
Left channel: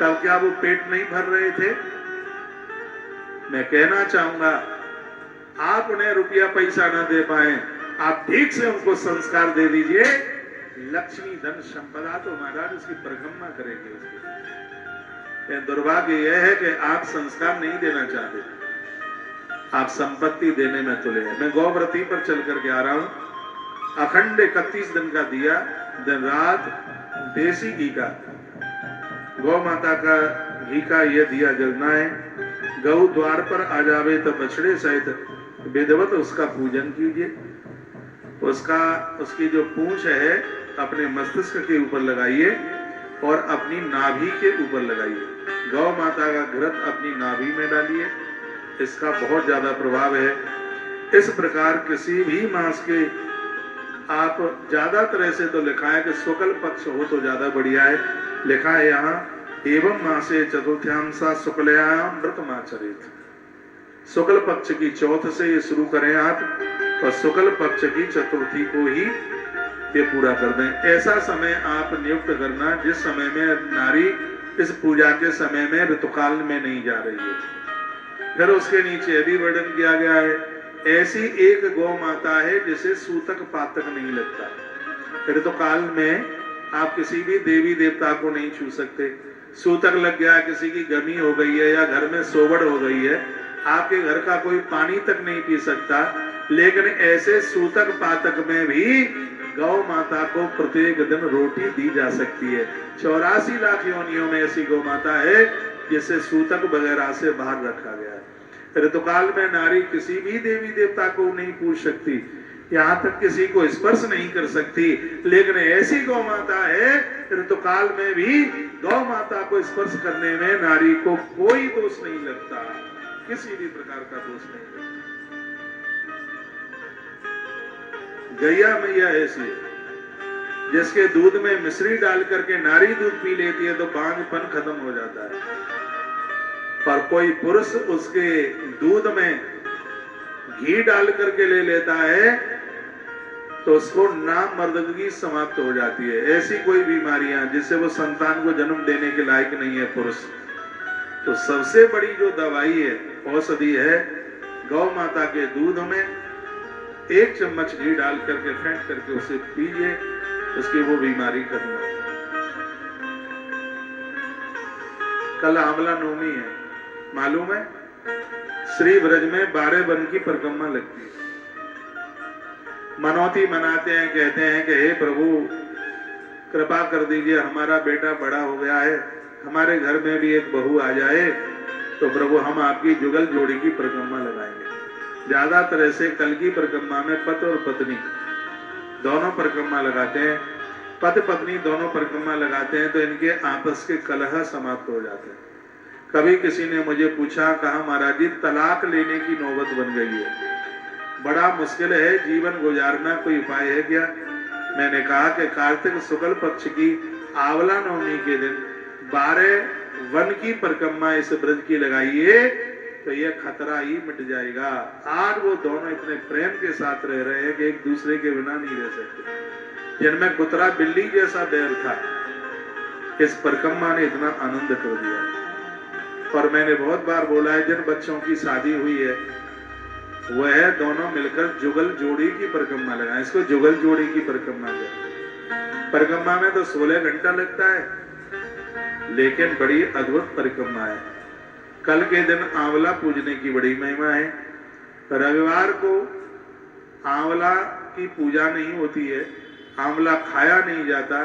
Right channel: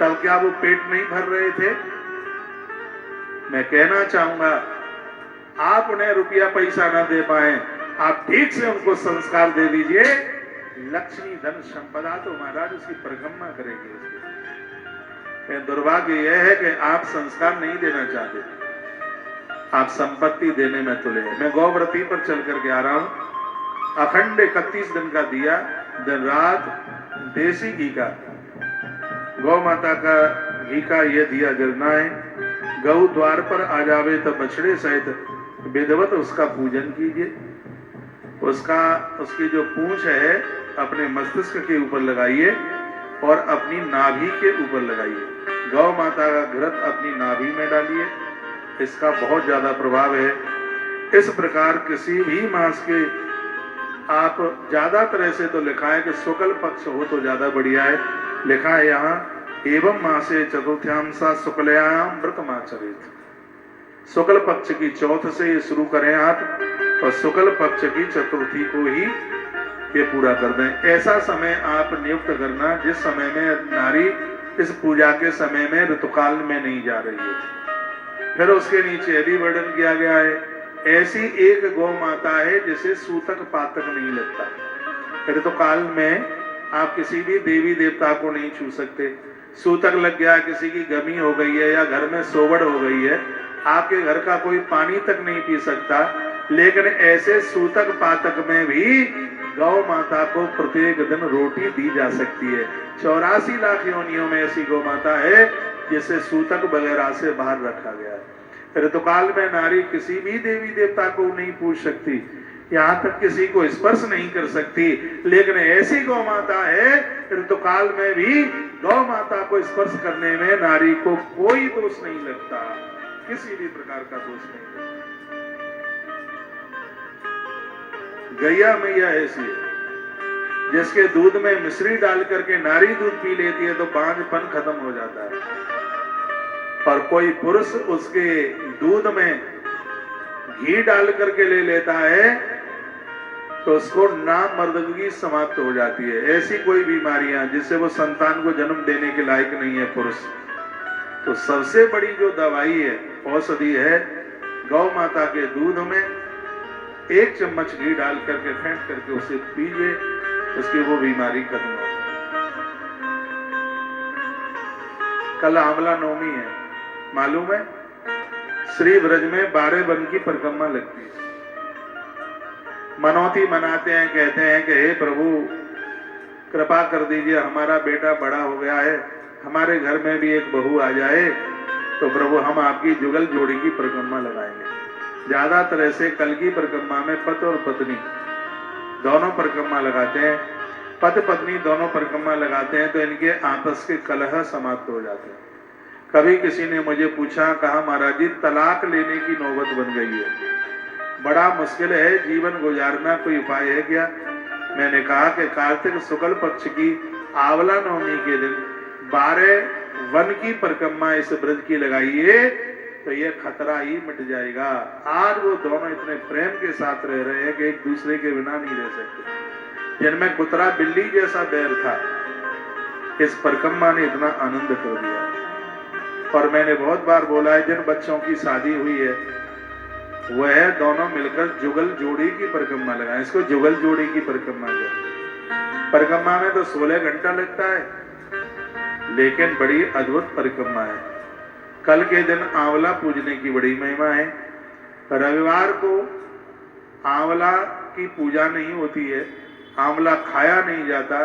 तब क्या वो पेट नहीं भर रहे थे? मैं कहना चाहूंगा, आप उन्हें रुपया पैसा न दे पाए, आप ठीक से उनको संस्कार दे दीजिए। लक्ष्मी धन संपदा तो महाराज उसकी परिक्रमा करेंगे। दुर्भाग्य यह है कि आप संस्कार नहीं देना चाहते, आप संपत्ति देने में तुले हैं। मैं गौव्रती पर चल करके आ रहा हूं। अखंड 31 दिन का दिया, दिन रात देसी घी का, गौ माता का घी का यह दिया जलना है। गौ द्वार पर आ जावे तो बछड़े सहित विधिवत उसका पूजन कीजिए। उसकी जो पूंछ है अपने मस्तिष्क के ऊपर लगाइए और अपनी नाभि के ऊपर लगाइए। गौ माता का घृत अपनी नाभि में डालिए, इसका बहुत ज्यादा प्रभाव है। इस प्रकार किसी भी मास के, आप ज्यादातर ऐसे तो लिखा है कि शुक्ल पक्ष हो तो ज्यादा बढ़िया है। लिखा है यहाँ एवं मासे चतुर्थ्याम सा शुक्लयाम व्रतमाचरेत। शुक्ल पक्ष की चौथ से ये शुरू करें आप और शुक्ल पक्ष की चतुर्थी को ही ये पूरा कर दें। ऐसा समय आप नियुक्त करना जिस समय में नारी इस पूजा के समय में ऋतुकाल में नहीं जा रही है। फिर उसके नीचे भी वर्णन किया गया है, ऐसी एक गौ माता है जिसे सूतक पातक नहीं लगता। ऋतुकाल में आप किसी भी देवी देवता को नहीं छू सकते। सूतक लग गया, किसी की गमी हो गई है या घर में सोवड़ हो गई है, आपके घर का कोई पानी तक नहीं पी सकता। लेकिन ऐसे सूतक पातक में भी गौ माता को प्रत्येक दिन रोटी दी जा सकती है। 84 लाख योनियों में ऐसी गौ माता है जिसे सूतक वगैरह से बाहर रखा गया है। ऋतुकाल में नारी किसी भी देवी देवता को नहीं पूछ सकती, यहाँ तक किसी को स्पर्श नहीं कर सकती। लेकिन ऐसी गौ माता है ऋतुकाल में भी गौ माता को स्पर्श करने में नारी को कोई दोष नहीं लगता, किसी भी प्रकार का दोष नहीं लगता। गैया मैया ऐसी है जिसके दूध में मिश्री डाल करके नारी दूध पी लेती है तो बांझपन खत्म हो जाता है। और कोई पुरुष उसके दूध में घी डाल करके ले लेता है तो उसको नामर्दगी समाप्त हो जाती है। ऐसी कोई बीमारियां जिससे वो संतान को जन्म देने के लायक नहीं है पुरुष। तो सबसे बड़ी जो दवाई है, औषधि है, गौ माता के दूध में 1 चम्मच घी डाल करके फेंट करके उसे पीजिए, उसकी वो बीमारी खत्म हो। कल आंवला नवमी है, मालूम है? श्री ब्रज में 12 वन की परिक्रमा लगती है। मनौती मनाते हैं, कहते हैं कि हे प्रभु कृपा कर दीजिए, हमारा बेटा बड़ा हो गया है, हमारे घर में भी एक बहू आ जाए तो प्रभु हम आपकी जुगल जोड़ी की परिक्रमा लगाएंगे। ज्यादातर ऐसे कल की परिक्रमा में पति और पत्नी दोनों परिक्रमा लगाते हैं। पति पत्नी दोनों परिक्रमा लगाते हैं तो इनके आपस के कलह समाप्त हो जाते हैं। कभी किसी ने मुझे पूछा, कहा महाराज जी तलाक लेने की नौबत बन गई है, बड़ा मुश्किल है, जीवन गुजारना, कोई उपाय है क्या? मैंने कहा कि कार्तिक शुक्ल पक्ष की आंवला नवमी के दिन 12 वन की परिक्रमा इस व्रत की लगाइए तो ये खतरा ही मिट जाएगा। आज वो दोनों इतने प्रेम के साथ रह रहे हैं कि एक दूसरे के बिना नहीं रह सकते। जिनमें कुतरा बिल्ली जैसा बैर था, इस परिक्रमा ने इतना आनंद कर दिया। और मैंने बहुत बार बोला है, जिन बच्चों की शादी हुई है वह दोनों मिलकर जुगल जोड़ी की परिक्रमा लगाएं। इसको जुगल जोड़ी की परिक्रमा कहते। परिक्रमा में तो 16 घंटा लगता है, लेकिन बड़ी अद्भुत परिक्रमा है। कल के दिन आंवला पूजने की बड़ी महिमा है। रविवार को आंवला की पूजा नहीं होती है, आंवला खाया नहीं जाता,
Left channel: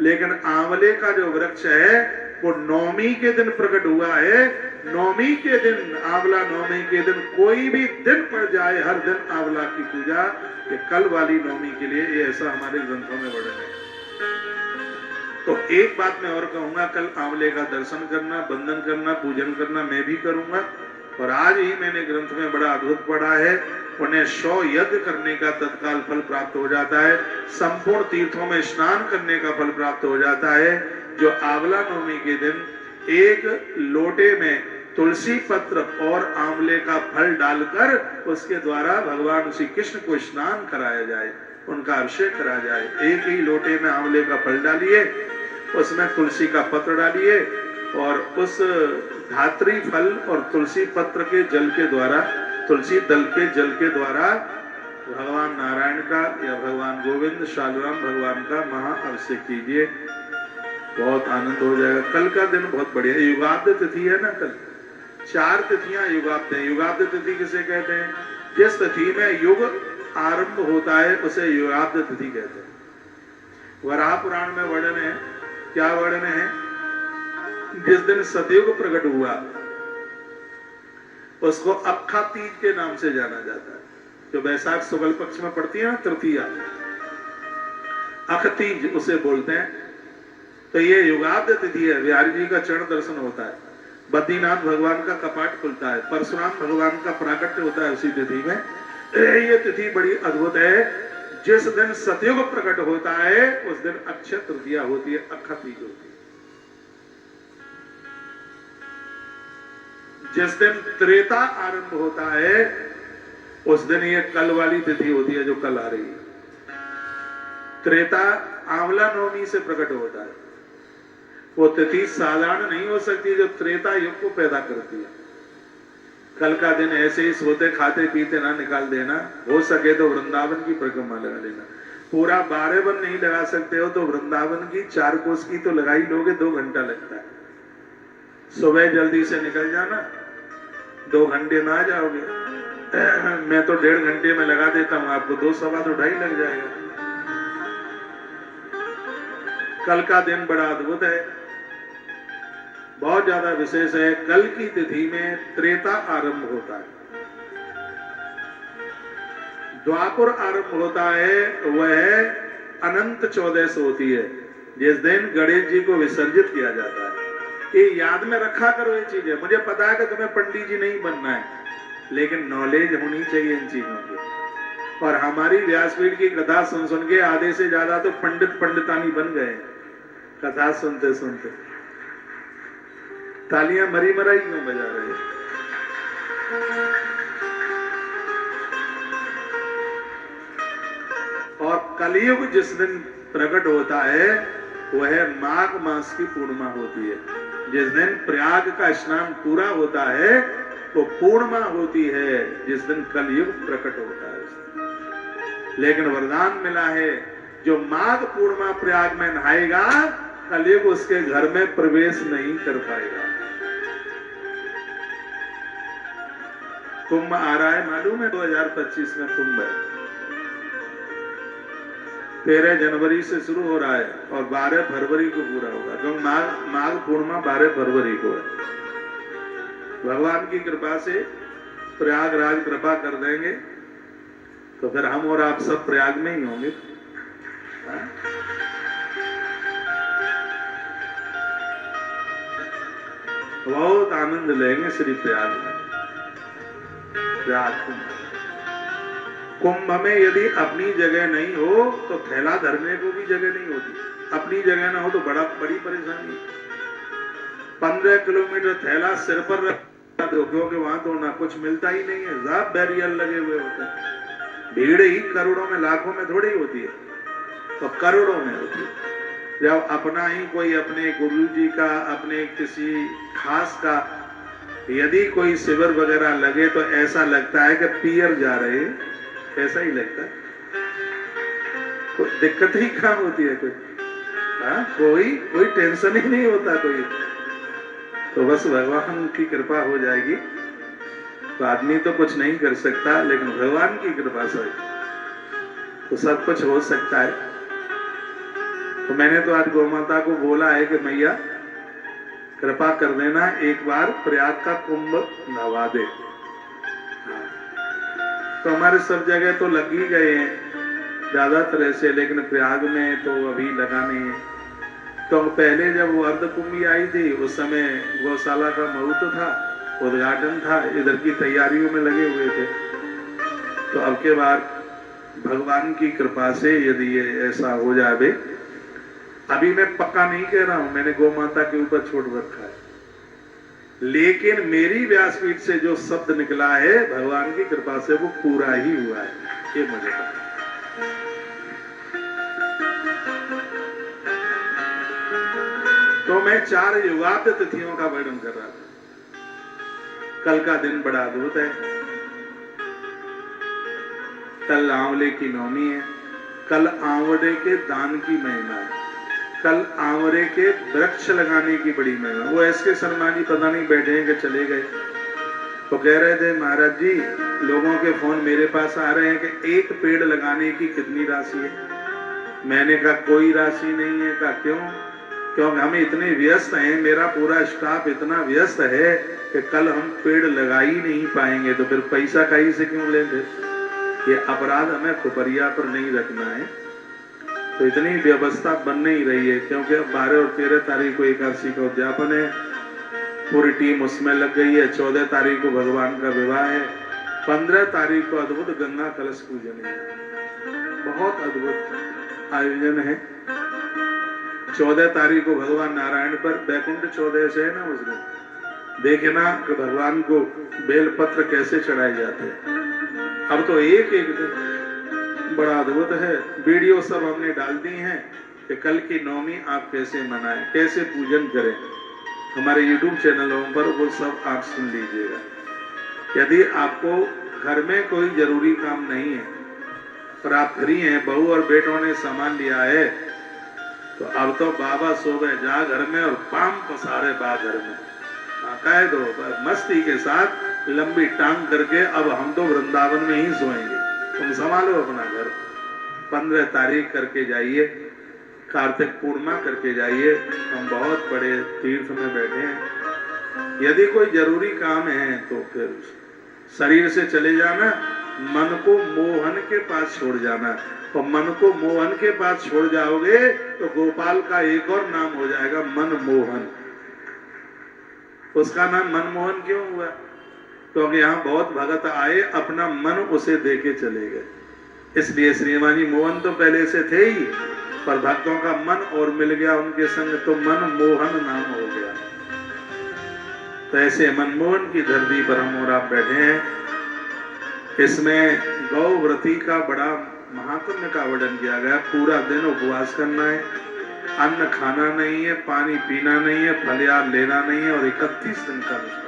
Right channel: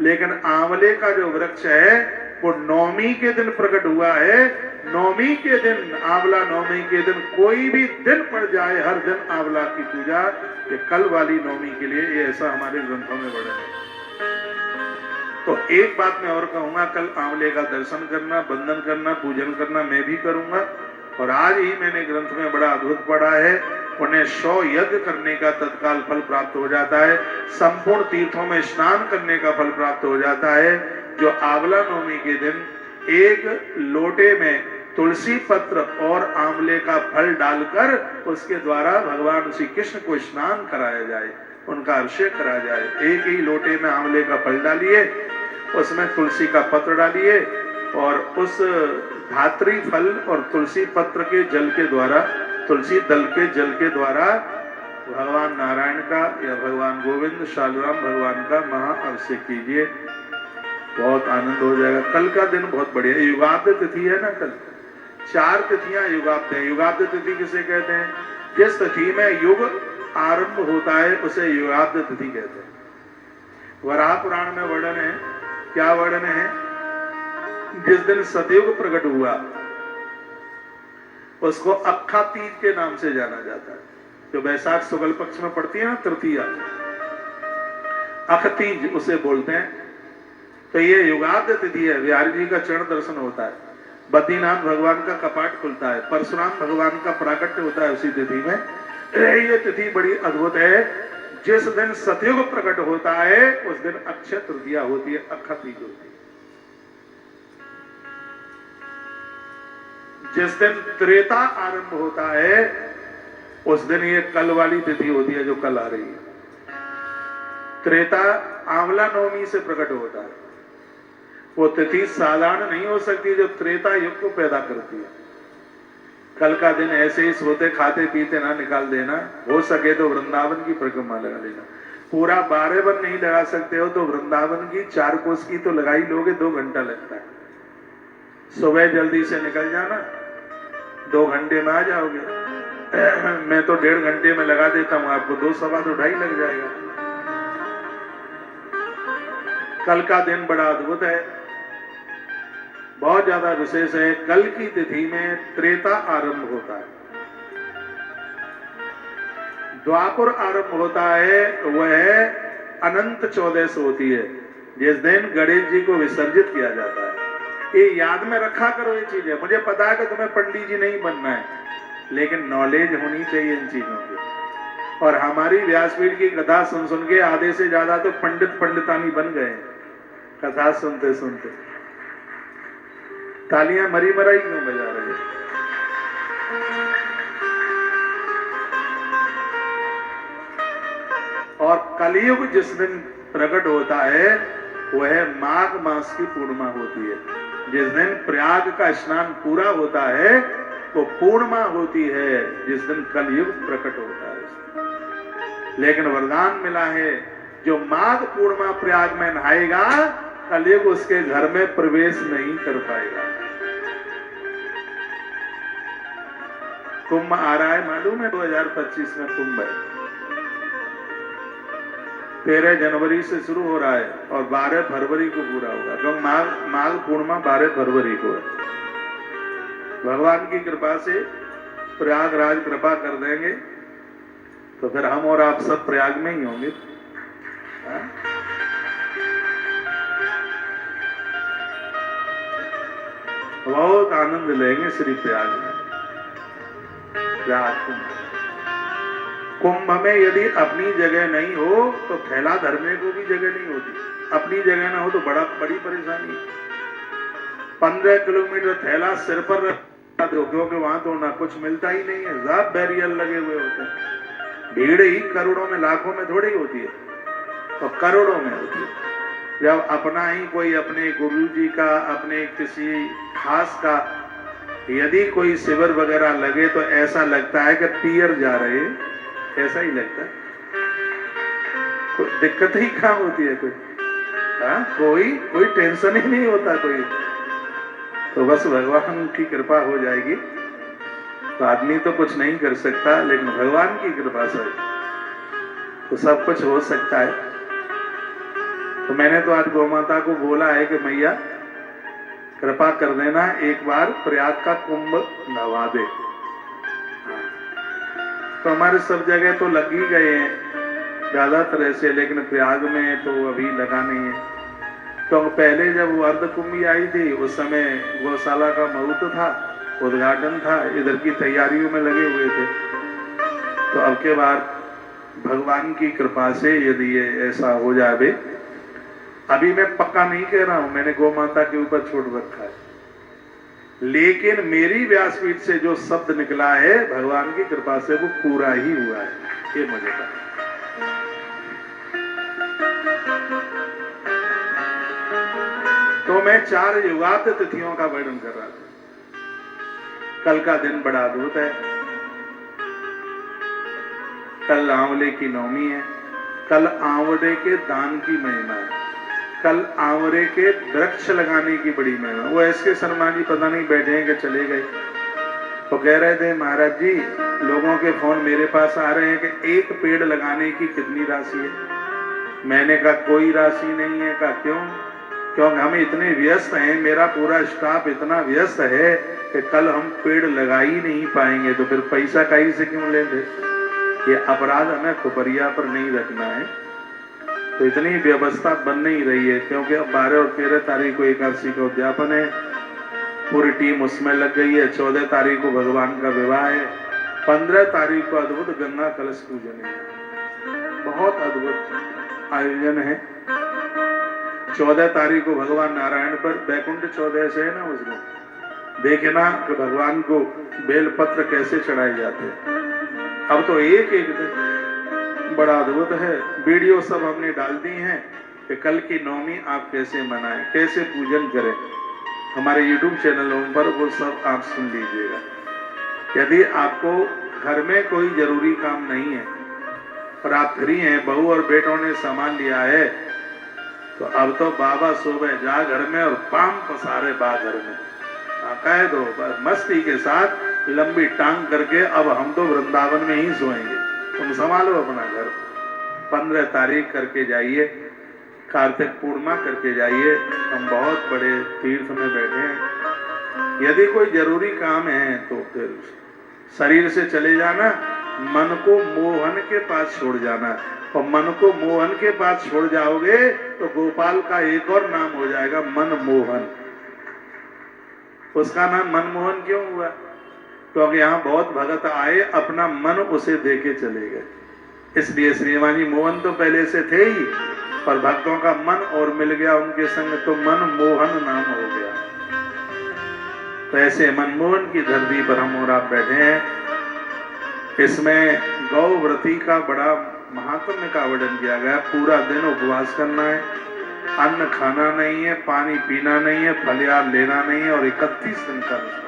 लेकिन आंवले का जो वृक्ष है वो नवमी के दिन प्रकट हुआ है। नवमी के दिन, आंवला नवमी के दिन कोई भी दिन पड़ जाए, हर दिन आंवला की पूजा, ये कल वाली नवमी के लिए, ये ऐसा हमारे ग्रंथों में वर्णन है। तो एक बात मैं और कहूंगा, कल आंवले का दर्शन करना, बंदन करना, पूजन करना मैं भी करूंगा। और आज ही मैंने ग्रंथ में बड़ा अद्भुत पढ़ा है, उन्हें 100 यज्ञ करने का तत्काल फल प्राप्त हो जाता है, संपूर्ण तीर्थों में स्नान करने का फल प्राप्त हो जाता है। जो आंवला नवमी के दिन एक लोटे में तुलसी पत्र और आंवले का फल डालकर उसके द्वारा भगवान श्री कृष्ण को स्नान कराया जाए, उनका अभिषेक कराया जाए। एक ही लोटे में आंवले का फल डालिए, उसमें तुलसी का पत्र डालिए और उस धात्री फल और तुलसी पत्र के जल के द्वारा, तुलसी दल के जल के द्वारा भगवान नारायण का या भगवान गोविंद शालराम भगवान का महाअभिषेक कीजिए, बहुत आनंद हो जाएगा। कल का दिन बहुत बढ़िया है, युगाब्द तिथि है ना। कल 4 तिथियां युगाब्द है। युगाब्द तिथि किसे कहते हैं? जिस तिथि में युग आरंभ होता है उसे युगाब्द तिथि कहते हैं। वराह पुराण में वर्णन है, क्या वर्णन है? जिस दिन सतयुग प्रकट हुआ उसको अक्खा तीज के नाम से जाना जाता है, जो वैशाख शुक्ल पक्ष में पड़ती है ना, तृतीया, अख तीज उसे बोलते हैं। तो ये युगाब्द तिथि है। बिहारी जी का चरण दर्शन होता है, बद्रीनाथ भगवान का कपाट खुलता है, परशुराम भगवान का प्राकट्य होता है उसी तिथि में। ये तिथि बड़ी अद्भुत है। जिस दिन सतयुग प्रकट होता है उस दिन अक्षय तृतीया होती है, अक्खा तीज होती है। जिस दिन त्रेता आरंभ होता है उस दिन ये कल वाली तिथि होती है जो कल आ रही है। त्रेता आंवला नवमी से प्रकट होता है। वो तिथि साधारण नहीं हो सकती जो त्रेता युग को पैदा करती है। कल का दिन ऐसे ही सोते खाते पीते ना निकाल देना, हो सके तो वृंदावन की परिक्रमा लगा लेना। पूरा 12 वन नहीं लगा सकते हो तो वृंदावन की 4 कोस की तो लगा ही लोगे, 2 घंटा लगता है। सुबह जल्दी से निकल जाना, 2 घंटे में आ जाओगे। मैं तो 1.5 घंटे में लगा देता हूं, आपको 2 सवा 2.5 लग जाएगा। कल का दिन बड़ा अद्भुत है, बहुत ज्यादा विशेष है। कल की तिथि में त्रेता आरंभ होता है, द्वापर आरंभ होता है, वह अनंत 14 से होती है, जिस दिन गणेश जी को विसर्जित किया जाता है। ये याद में रखा करो ये चीजें। मुझे पता है कि तुम्हें पंडित जी नहीं बनना है, लेकिन नॉलेज होनी चाहिए इन चीजों की। और हमारी व्यासपीठ की कथा सुन सुन के आधे से ज्यादा तो पंडित पंडितानी बन गए कथा सुनते सुनते। तालियां मरी मराई क्यों बजा रहे हैं? और कलयुग जिस दिन प्रकट होता है वह माघ मास की पूर्णिमा होती है। जिस दिन प्रयाग का स्नान पूरा होता है तो पूर्णिमा होती है, जिस दिन कलयुग प्रकट होता है। लेकिन वरदान मिला है, जो माघ पूर्णिमा प्रयाग में नहाएगा कलयुग उसके घर में प्रवेश नहीं कर पाएगा। कुंभ आ रहा है, मालूम है 2025 में कुंभ है। 13 जनवरी से शुरू हो रहा है और 12 फरवरी को पूरा होगा, क्योंकि माघ पूर्णिमा 12 फरवरी को है। भगवान की कृपा से प्रयागराज कृपा कर देंगे तो फिर हम और आप सब प्रयाग में ही होंगे। बहुत आनंद लेंगे श्री प्रयाग में। कुंभ में यदि अपनी जगह नहीं हो तो थैला धरने को भी जगह नहीं होती। अपनी जगह ना हो तो बड़ी परेशानी। 15 किलोमीटर थैला सिर पर रख दो, क्योंकि वहां तो ना कुछ मिलता ही नहीं है, सब बैरियर लगे हुए होते हैं। भीड़ ही करोड़ों में लाखों में थोड़ी होती है, तो करोड़ों में होती है। जब अपना ही कोई अपने गुरु जी का, अपने किसी खास का यदि कोई शिविर वगैरह लगे तो ऐसा लगता है कि पियर जा रहे हैं, ऐसा ही लगता है। कोई दिक्कत ही कहाँ होती है, कोई टेंशन ही नहीं होता कोई। तो बस भगवान की कृपा हो जाएगी तो आदमी तो कुछ नहीं कर सकता, लेकिन भगवान की कृपा से तो सब कुछ हो सकता है। तो मैंने तो आज गौ माता को बोला है कि मैया कृपा कर देना, एक बार प्रयाग का कुंभ नवा दे। तो हमारे सब जगह तो लग ही गए हैं ज्यादातर ऐसे, लेकिन प्रयाग में तो अभी लगा नहीं है। तो पहले जब वो अर्ध कुंभी आई थी उस समय गौशाला का मुहूर्त था, उद्घाटन था, इधर की तैयारियों में लगे हुए थे। तो अब के बाद भगवान की कृपा से यदि ये ऐसा हो जाए, अभी मैं पक्का नहीं कह रहा हूं, मैंने गौ माता के ऊपर छोड़ रखा है, लेकिन मेरी व्यासपीठ से जो शब्द निकला है भगवान की कृपा से वो पूरा ही हुआ है, ये मुझे पता। तो मैं 4 युगांत तिथियों का वर्णन कर रहा था। कल का दिन बड़ा अद्भुत है। कल आंवले की नवमी है। कल आंवले के दान की महिमा है। कल आंवले के वृक्ष लगाने की बड़ी महिमा। वो एसके शर्मा जी पता नहीं बैठे हैं कि चले गए, तो कह रहे थे महाराज जी लोगों के फोन मेरे पास आ रहे हैं कि एक पेड़ लगाने की कितनी राशि है। मैंने कहा कोई राशि नहीं है। कहा क्यों? क्योंकि हम इतने व्यस्त हैं, मेरा पूरा स्टाफ इतना व्यस्त है कि कल हम पेड़ लगा ही नहीं पाएंगे, तो फिर पैसा कहीं से क्यों लेंगे। ये अपराध हमें खुपरिया पर नहीं रखना है। तो इतनी व्यवस्था बन नहीं रही है, क्योंकि अब 12 और 13 तारीख को एकादशी का उद्यापन है, पूरी टीम उसमें लग गई है। 14 तारीख को भगवान का विवाह है। 15 तारीख को अद्भुत गंगा कलश पूजन है, बहुत अद्भुत आयोजन है। 14 तारीख को भगवान नारायण पर बैकुंठ 14 से है ना, उस दिन देखे ना कि भगवान को बेलपत्र कैसे चढ़ाए जाते हैं। अब तो एक एक दिन बड़ा अद्भुत है। वीडियो सब हमने डाल दी हैं कि कल की नवमी आप कैसे मनाएं, कैसे पूजन करें। हमारे YouTube चैनलों पर वो सब आप सुन लीजिएगा। यदि आपको घर में कोई जरूरी काम नहीं है और आप फ्री हैं, बहू और बेटों ने सामान लिया है, तो अब तो बाबा सोवे जा घर में और पाम पसारे बा घर में, कह दो मस्ती के साथ लंबी टांग करके अब हम तो वृंदावन में ही सोएंगे, तुम संभालो अपना घर। 15 तारीख करके जाइए, कार्तिक पूर्णिमा करके जाइए। हम बहुत बड़े तीर्थ में बैठे हैं। यदि कोई जरूरी काम है तो फिर शरीर से चले जाना, मन को मोहन के पास छोड़ जाना। और मन को मोहन के पास छोड़ जाओगे तो गोपाल का एक और नाम हो जाएगा मनमोहन। उसका नाम मनमोहन क्यों हुआ? क्योंकि यहाँ बहुत भगत आए, अपना मन उसे देके चले गए, इसलिए श्रीवाणी मोहन तो पहले से थे ही, पर भक्तों का मन और मिल गया उनके संग तो मनमोहन नाम हो गया। तो ऐसे मनमोहन की धरती पर हम और आप बैठे हैं। इसमें गौव्रती का बड़ा महात्म्य का वर्णन किया गया। पूरा दिन उपवास करना है, अन्न खाना नहीं है, पानी पीना नहीं है, फलियार लेना नहीं है और 31 दिन का अनुष्ठान।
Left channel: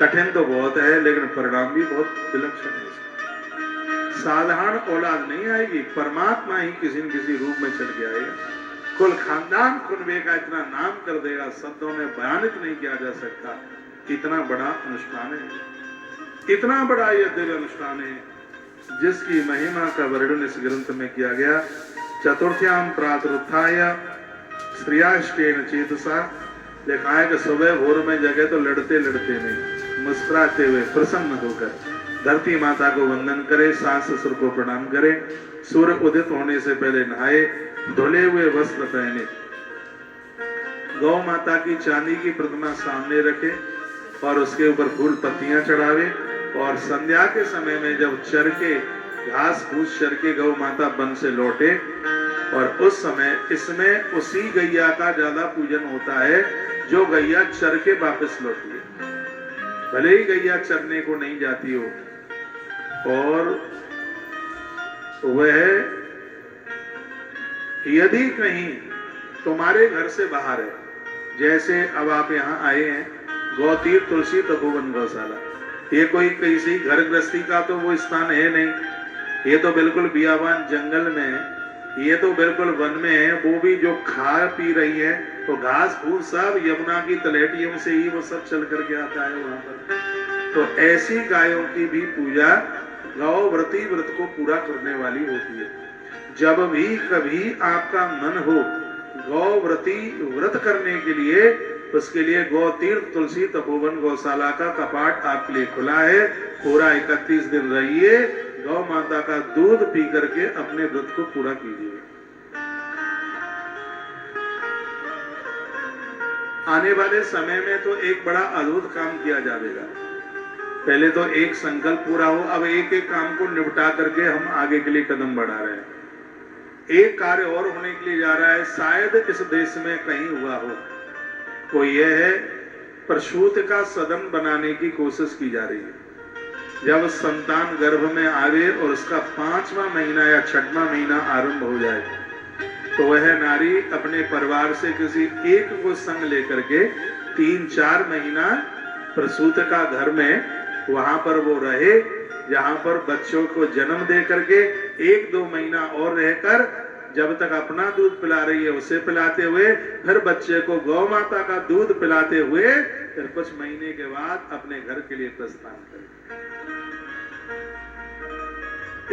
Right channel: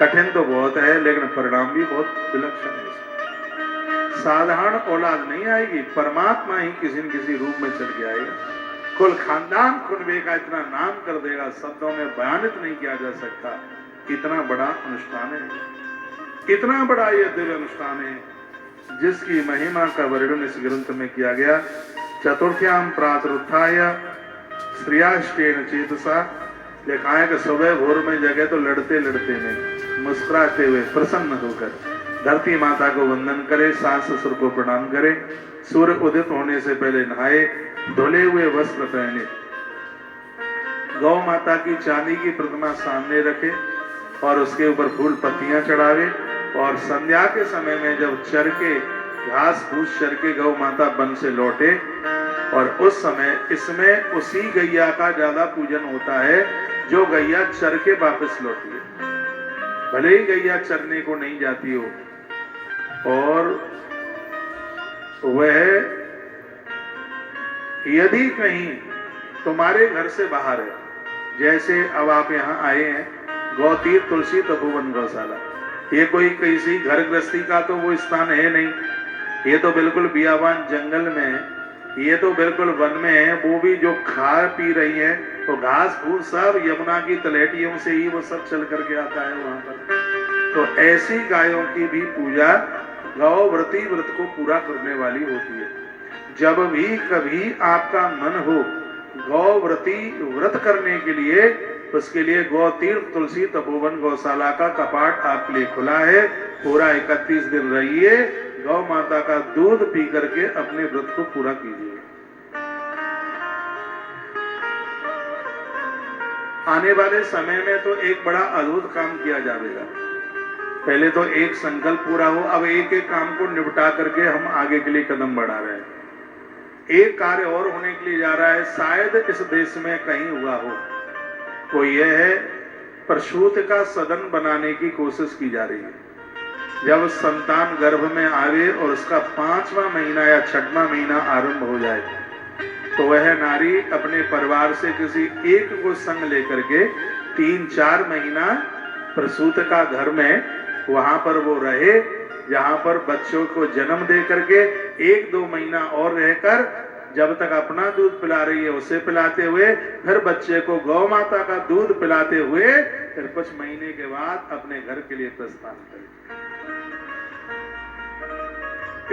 कठिन तो बहुत है लेकिन परिणाम भी बहुत विलक्षण है। साधारण औलाद नहीं आएगी, परमात्मा ही किसी न किसी रूप में चल के आएगा। कुल खानदान कुनबे का इतना नाम कर देगा, शब्दों में बयानित नहीं किया जा सकता। इतना बड़ा अनुष्ठान है, इतना बड़ा यह दिव्य अनुष्ठान है जिसकी महिमा का वर्णन इस ग्रंथ में किया गया। चतुर्थ्याम प्रातरुत्थाय श्रियाष्टेन चेतसा, लिखा है कि सुबह भोर में जगे तो लड़ते लड़ते नहीं, मुस्कुराते हुए प्रसन्न होकर धरती माता को वंदन करे, सास ससुर को प्रणाम करे, सूर्य उदित होने से पहले नहाए, धुले हुए वस्त्र पहने, गौ माता की चांदी की प्रतिमा सामने रखे और उसके ऊपर फूल पत्तियां चढ़ावे। और संध्या के समय में जब चर के घास फूस चर के गौ माता वन से लौटे, और उस समय इसमें उसी गैया का ज्यादा पूजन होता है जो गैया चर के वापस लौटी है, भले ही गैया चरने को नहीं जाती हो। और वह यदि कहीं तुम्हारे घर से बाहर है, जैसे अब आप यहाँ आए हैं गौतीर्थ तुलसी तपोवन गौशाला, ये कोई किसी घर गृहस्थी का तो वो स्थान है नहीं, ये तो बिल्कुल बियाबान जंगल में है, ये तो बिल्कुल वन में है। वो भी जो खा पी रही है तो घास फूस सब यमुना की तलहटियों से ही वो सब चल करके आता है वहां पर। तो ऐसी गायों की भी पूजा गौव्रती व्रत को पूरा करने वाली होती है। जब भी कभी आपका मन हो गौव्रती व्रत करने के लिए, उसके लिए गौतीर्थ तुलसी तपोवन गौशाला का कपाट आपके लिए खुला है। पूरा 31 दिन रहिए, गौ माता का दूध पी करके अपने व्रत को पूरा कीजिए। आने वाले समय में तो एक बड़ा अद्भुत काम किया जाएगा। पहले तो एक संकल्प पूरा हो, अब एक एक काम को निपटा करके हम आगे के लिए कदम बढ़ा रहे हैं। एक कार्य और होने के लिए जा रहा है, शायद इस देश में कहीं हुआ हो, वो यह है प्रसूति का सदन बनाने की कोशिश की जा रही है। जब संतान गर्भ में आवे और उसका 5वां महीना या 6वां महीना आरंभ हो जाए, तो वह नारी अपने परिवार से किसी एक को संग लेकर के 3-4 महीना प्रसूति का घर में वहां पर वो रहे, जहां पर बच्चों को जन्म दे करके 1-2 महीना और रहकर जब तक अपना दूध पिला रही है उसे पिलाते हुए, फिर बच्चे को गौ माता का दूध पिलाते हुए, फिर कुछ महीने के बाद अपने घर के लिए प्रस्थान करें।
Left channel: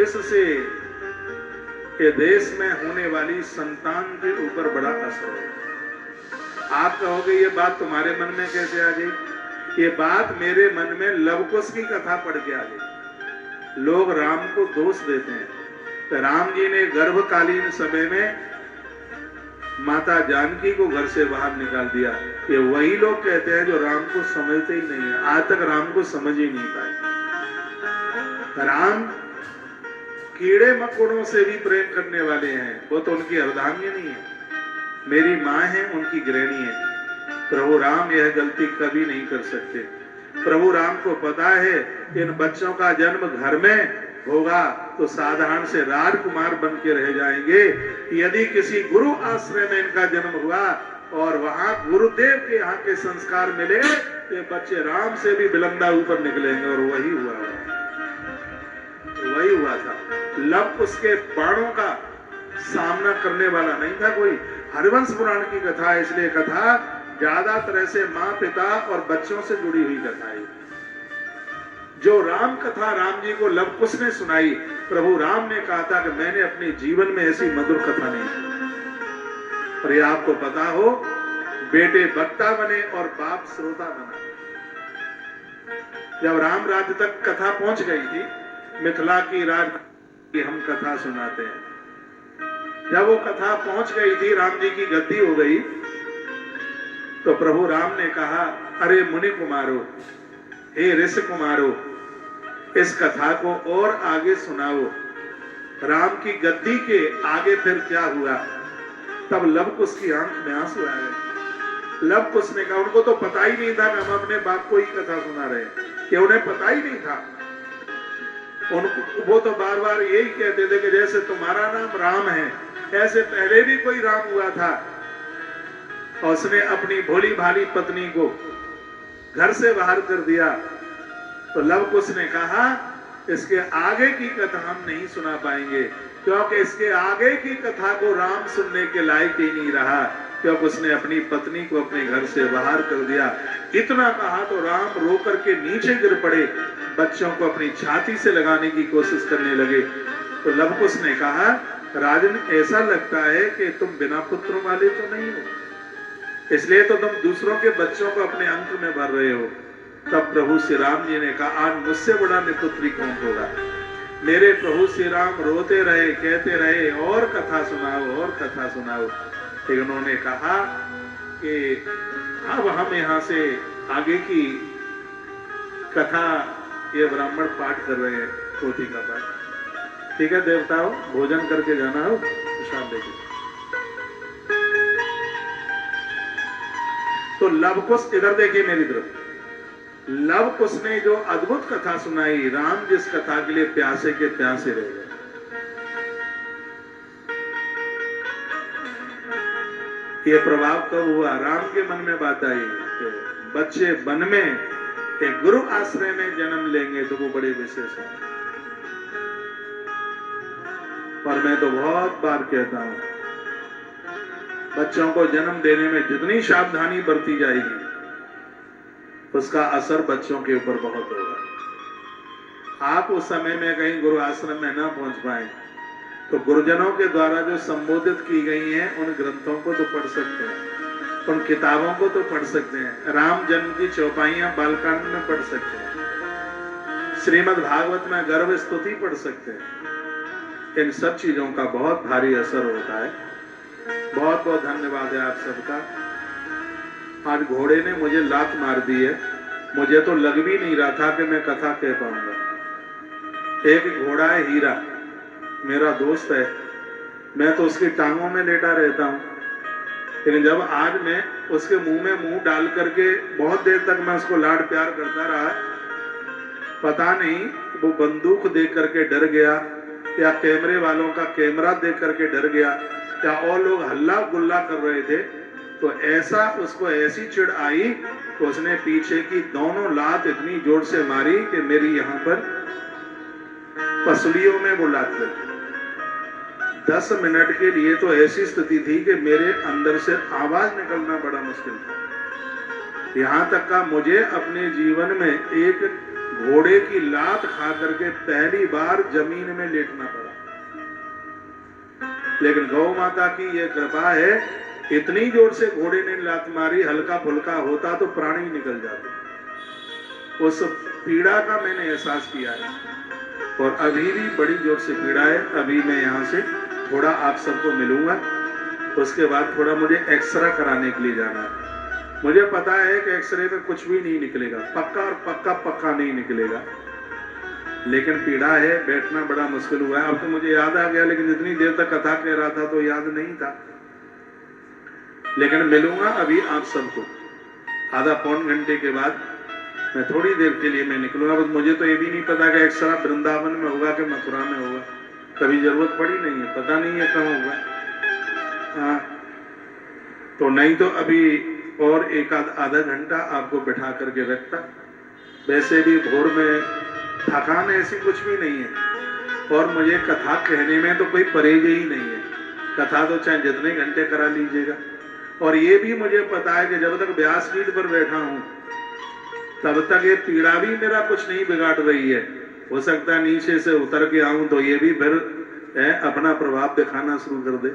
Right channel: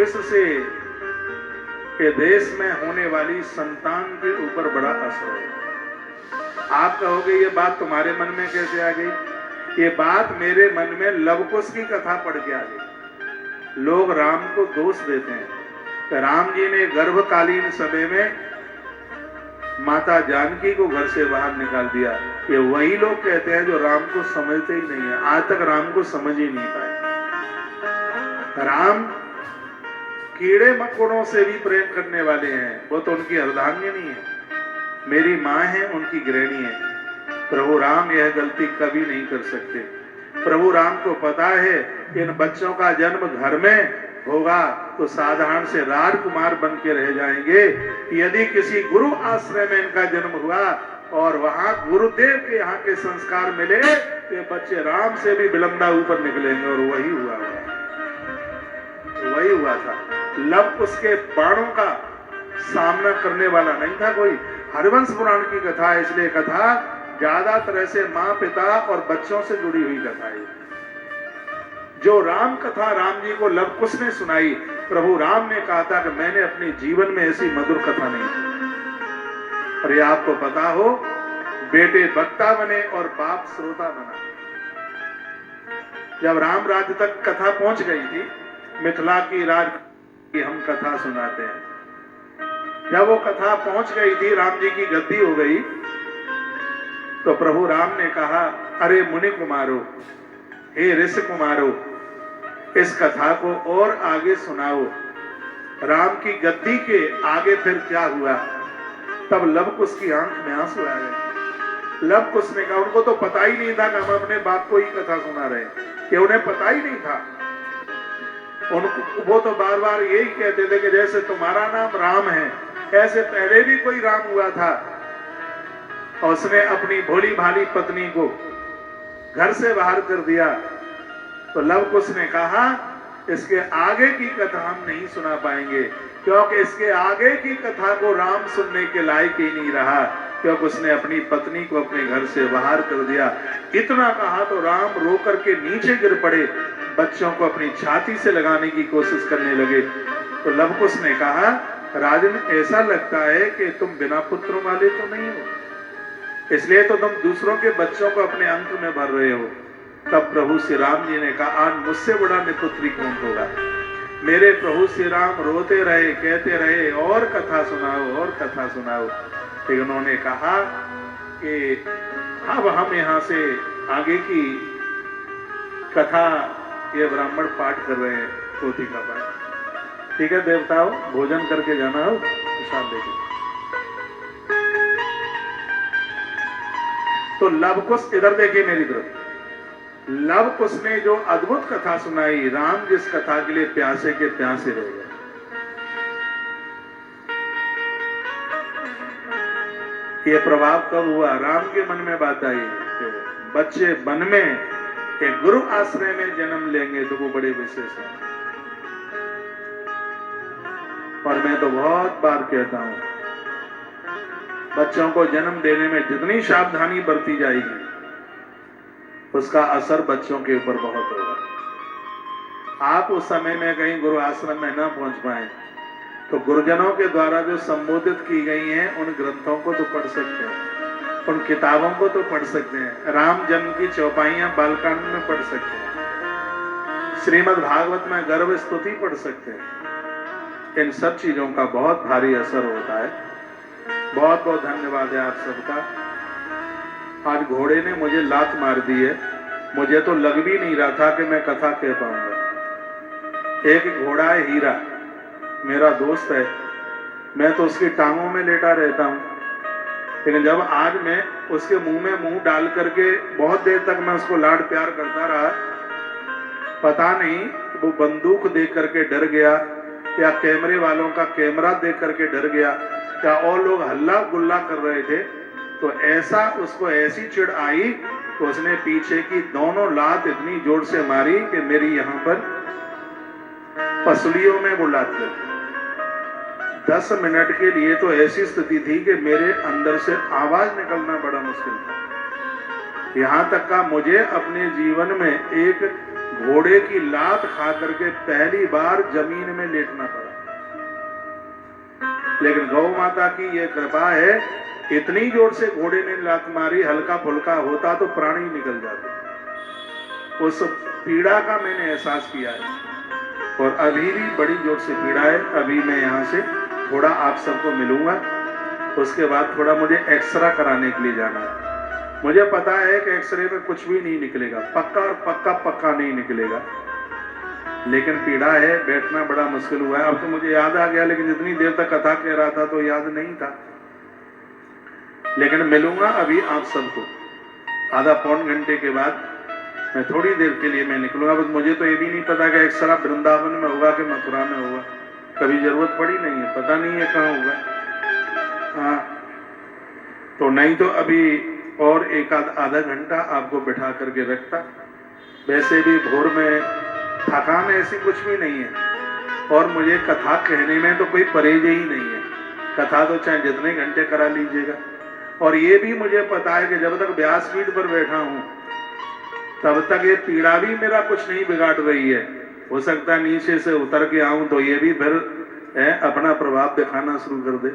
इससे के देश में होने वाली संतान के ऊपर बड़ा असर है। आप कहोगे ये बात तुम्हारे मन में कैसे आ गई? ये बात मेरे मन में लवकुश की कथा पढ़ के आ गई। लोग राम को दोष देते हैं, तो राम जी ने गर्भकालीन समय में माता जानकी को घर से बाहर निकाल दिया। ये वही लोग कहते हैं जो राम को समझते ही नहीं है, आज तक राम को समझ ही नहीं पाए। राम कीड़े मकोड़ों से भी प्रेम करने वाले हैं, वो तो उनकी अर्धांगिनी है, मेरी माँ है, उनकी गृहिणी है। प्रभु राम यह गलती कभी नहीं कर सकते। प्रभु राम को पता है इन बच्चों का जन्म घर में होगा तो साधारण से राजकुमार बन के रह जाएंगे। यदि किसी गुरु आश्रय में इनका जन्म हुआ और वहां गुरुदेव के यहाँ के संस्कार मिले तो बच्चे राम से भी बुलंदा ऊपर निकलेंगे। और वही हुआ था। लव उसके बाणों का सामना करने वाला नहीं था कोई। हरिवंश पुराण की कथा, इसलिए कथा ज्यादातर से माँ पिता और बच्चों से जुड़ी हुई कथा है। जो राम कथा राम जी को लव कुश ने सुनाई, प्रभु राम ने कहा था कि मैंने अपने जीवन में ऐसी मधुर कथा नहीं सुनी। और ये आपको पता हो, बेटे वक्ता बने और बाप श्रोता बना। जब राम राज्य तक कथा पहुंच गई थी, मिथिला की राज की हम कथा सुनाते हैं, जब वो कथा पहुंच गई थी, राम जी की गद्दी हो गई, तो प्रभु राम ने कहा, अरे मुनि कुमारो, हे ऋषि कुमारो, इस कथा को और आगे सुनाओ। राम की गद्दी के आगे फिर क्या हुआ? तब लव कुश की आंख में आंसू आ गए। लव कुश ने कहा, उनको तो पता ही नहीं था कि हम अपने बाप को ही कथा सुना रहे हैं, कि उन्हें पता ही नहीं था। उनको वो तो बार बार यही कहते थे कि जैसे तुम्हारा नाम राम है, ऐसे पहले भी कोई राम हुआ था और उसने अपनी भोली भाली पत्नी को घर से बाहर कर दिया। तो लव कुश ने कहा, इसके आगे की कथा हम नहीं सुना पाएंगे, क्योंकि इसके आगे की कथा को राम सुनने के लायक ही नहीं रहा, क्योंकि उसने अपनी पत्नी को अपने घर से बाहर कर दिया। इतना कहा तो राम रो करके नीचे गिर पड़े, बच्चों को अपनी छाती से लगाने की कोशिश करने लगे। तो लव कुश ने कहा, राजन, ऐसा लगता है कि तुम बिना पुत्रों वाले तो नहीं हो, इसलिए तो तुम दूसरों के बच्चों को अपने अंक में भर रहे हो। तब प्रभु श्री राम जी ने कहा, आज मुझसे बड़ा निपुत्री कौन होगा। मेरे प्रभु श्री राम रोते रहे, कहते रहे, और कथा सुनाओ, और कथा सुनाओ। फिर उन्होंने कहा कि अब हम यहाँ से आगे की कथा ये ब्राह्मण पाठ कर रहे हैं, पोथी का पाठ। ठीक है देवताओं, भोजन करके जाना हो, प्रसाद लेके। तो लव कुश, इधर देखिए मेरी तरफ, लव कुश ने जो अद्भुत कथा सुनाई, राम जिस कथा के लिए प्यासे के प्यासे रह गए। ये प्रभाव कब हुआ? राम के मन में बात आई कि बच्चे वन में एक गुरु आश्रय में जन्म लेंगे तो वो बड़े विशेष हैं। और मैं तो बहुत बार कहता हूं, बच्चों को जन्म देने में जितनी सावधानी बरती जाएगी, उसका असर बच्चों के ऊपर बहुत होगा। आप उस समय में कहीं गुरु आश्रम में ना पहुंच पाए तो गुरुजनों के द्वारा जो संबोधित की गई हैं, उन ग्रंथों को तो पढ़ सकते हैं, उन किताबों को तो पढ़ सकते हैं। राम जन्म की चौपाइयां बालकांड में पढ़ सकते हैं, श्रीमद् भागवत में गर्भ स्तुति पढ़ सकते हैं। इन सब चीजों का बहुत भारी असर होता है। बहुत बहुत धन्यवाद है आप सबका। आज घोड़े ने मुझे लात मार दी है, मुझे तो लग भी नहीं रहा था कि मैं कथा कह पाऊंगा। एक घोड़ा है हीरा, मेरा दोस्त है, मैं तो उसकी टांगों में लेटा रहता हूं, लेकिन जब आज मैं उसके मुंह में मुंह डाल करके बहुत देर तक मैं उसको लाड प्यार करता रहा, पता नहीं वो बंदूक देख करके डर गया या कैमरे वालों का कैमरा देख करके डर गया या और लोग हल्ला गुल्ला कर रहे थे, तो ऐसा उसको ऐसी चिढ़ आई तो उसने पीछे की दोनों लात इतनी जोर से मारी कि मेरी यहाँ पर पसलियों में वो लात लगी। 10 मिनट के लिए तो ऐसी स्थिति थी कि मेरे अंदर से आवाज निकलना बड़ा मुश्किल था। यहाँ तक का मुझे अपने जीवन में एक घोड़े की लात खा करके पहली बार जमीन में लेटना पड़ा। लेकिन गौ माता की यह कृपा है, इतनी जोर से घोड़े ने लात मारी, हल्का फुल्का होता तो प्राण ही निकल जाते। उस पीड़ा का मैंने एहसास किया है और अभी भी बड़ी जोर से पीड़ा है। अभी मैं यहाँ से थोड़ा आप सबको मिलूंगा, उसके बाद थोड़ा मुझे एक्सरे कराने के लिए जाना है। मुझे पता है कि एक्सरे में कुछ भी नहीं निकलेगा, पक्का और पक्का नहीं निकलेगा, लेकिन पीड़ा है, बैठना बड़ा मुश्किल हुआ है। अब तो मुझे याद आ गया, लेकिन जितनी देर तक कथा कह रहा था तो याद नहीं था। लेकिन मिलूंगा अभी आप सबको। आधा पौन घंटे के बाद मैं थोड़ी देर के लिए मैं निकलूंगा। बस मुझे तो ये भी नहीं पता कि एक्सरा वृंदावन में होगा कि मथुरा में होगा, कभी जरूरत पड़ी नहीं है, पता नहीं है कहाँ होगा। हाँ, तो नहीं तो अभी और एक आधा घंटा आपको बिठा करके रखता। वैसे भी भोर में थकान ऐसी कुछ भी नहीं है, और मुझे कथा कहने में तो कोई परहेज ही नहीं है। कथा तो चाहे जितने घंटे करा लीजिएगा। और ये भी मुझे पता है कि जब तक व्यासपीठ पर बैठा हूं तब तक ये पीड़ा भी मेरा कुछ नहीं बिगाड़ रही है। हो सकता नीचे से उतर के आऊं तो ये भी फिर अपना प्रभाव दिखाना शुरू कर दे।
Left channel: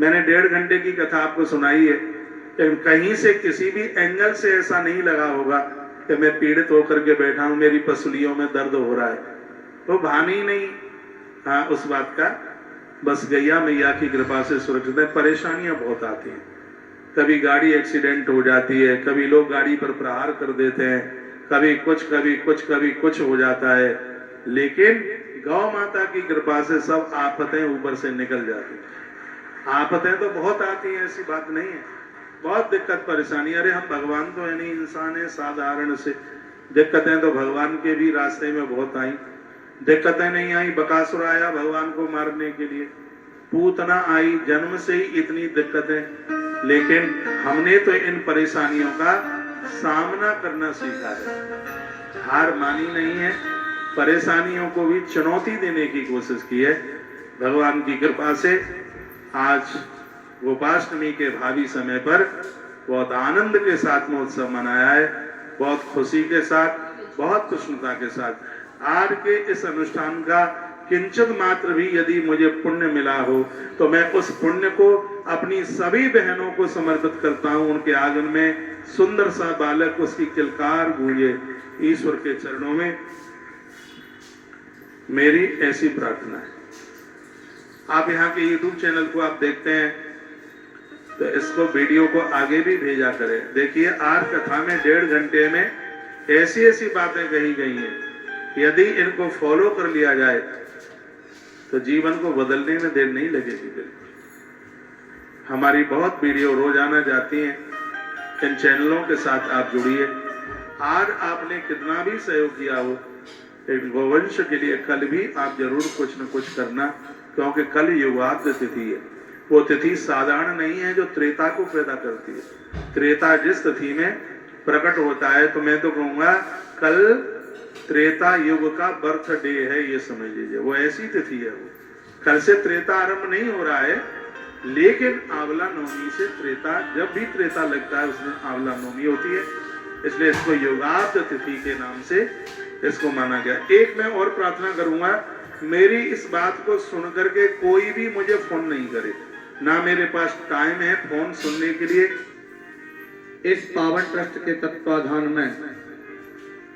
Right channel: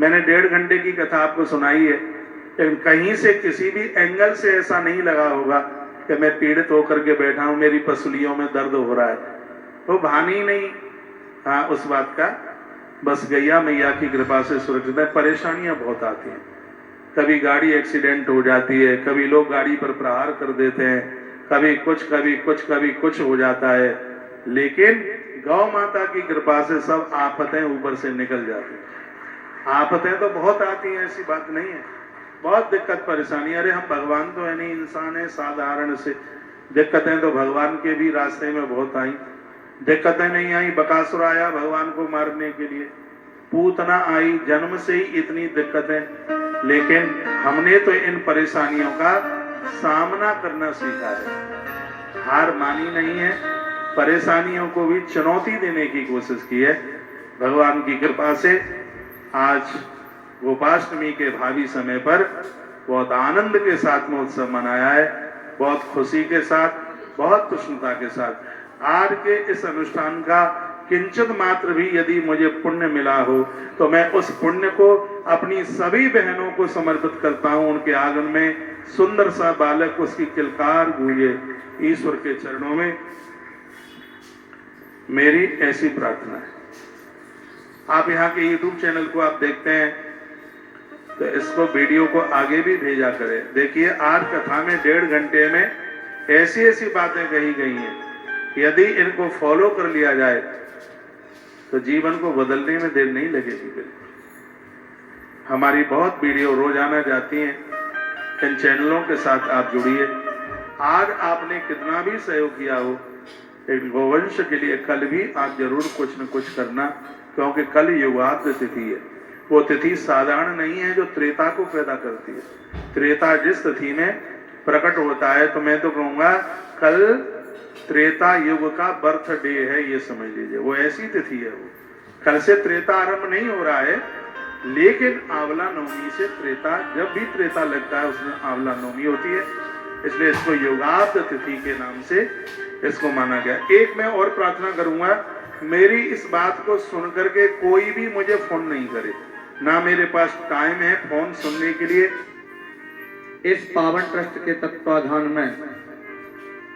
मैंने 1.5 घंटे की कथा आपको सुनाई है, लेकिन कहीं से किसी भी एंगल से ऐसा नहीं लगा होगा कि मैं पीड़ित होकर के बैठा हूं, मेरी पसलियों में दर्द हो रहा है, तो भान ही नहीं। हाँ, उस बात का बस गैया मैया की कृपा से सुरक्षित है। परेशानियां बहुत आती हैं, कभी गाड़ी एक्सीडेंट हो जाती है, कभी लोग गाड़ी पर प्रहार कर देते हैं, कभी कुछ हो जाता है, लेकिन गौ माता की कृपा से सब आफतें ऊपर से निकल जाती हैं। आफतें तो बहुत आती हैं, ऐसी बात नहीं है, बहुत दिक्कत परेशानी। अरे हम भगवान तो है नहीं, इंसान है साधारण से। दिक्कतें तो भगवान के भी रास्ते में बहुत आई, दिक्कतें नहीं आई। बकासुर आया भगवान को मारने के लिए, पूतना आई, जन्म से ही इतनी दिक्कतें, लेकिन हमने तो इन परेशानियों का सामना करना सीखा है, हार मानी नहीं है, परेशानियों को भी चुनौती देने की कोशिश की है। भगवान की कृपा से आज गोपाष्टमी के भावी समय पर बहुत आनंद के साथ में उत्सव मनाया है, बहुत खुशी के साथ, बहुत प्रसन्नता के साथ। आज के इस अनुष्ठान का किंचित मात्र भी यदि मुझे पुण्य मिला हो तो मैं उस पुण्य को अपनी सभी बहनों को समर्पित करता हूं। उनके आंगन में सुंदर सा बालक उसकी किलकार गूंजे, ईश्वर के चरणों में मेरी ऐसी प्रार्थना है। आप यहाँ के YouTube चैनल को आप देखते हैं तो इसको वीडियो को आगे भी भेजा करें। देखिए, आज कथा में 1.5 घंटे में ऐसी ऐसी बातें कही गई हैं, यदि इनको फॉलो कर लिया जाए तो जीवन को बदलने में देर नहीं लगेगी। बिल्कुल हमारी बहुत वीडियो रोजाना जाती हैं, इन चैनलों के साथ आप जुड़िए। आज आपने कितना भी सहयोग किया हो एक गोवंश के लिए, कल भी आप जरूर कुछ न कुछ करना, क्योंकि कल युगाद्य तिथि है। वो तिथि साधारण नहीं है जो त्रेता को पैदा करती है। त्रेता जिस तिथि में प्रकट होता है, तो मैं तो कहूंगा कल त्रेता युग का बर्थडे है, ये समझ लीजिए। वो ऐसी तिथि है, वो कल से त्रेता आरंभ नहीं हो रहा है, लेकिन आंवला नवमी से त्रेता, जब भी त्रेता लगता है उसमें आंवला नवमी होती है, इसलिए इसको युगाद्य तिथि के नाम से इसको माना गया। एक मैं और प्रार्थना करूंगा, मेरी इस बात को सुनकर के कोई भी मुझे फोन नहीं करे, ना मेरे पास टाइम है फोन सुनने के लिए। इस पावन ट्रस्ट के तत्वाधान में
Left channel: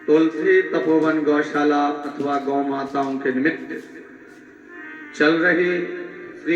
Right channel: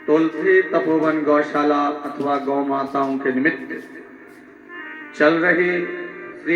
तुलसी तपोवन गौशाला अथवा गौ माताओं के निमित्त चल रही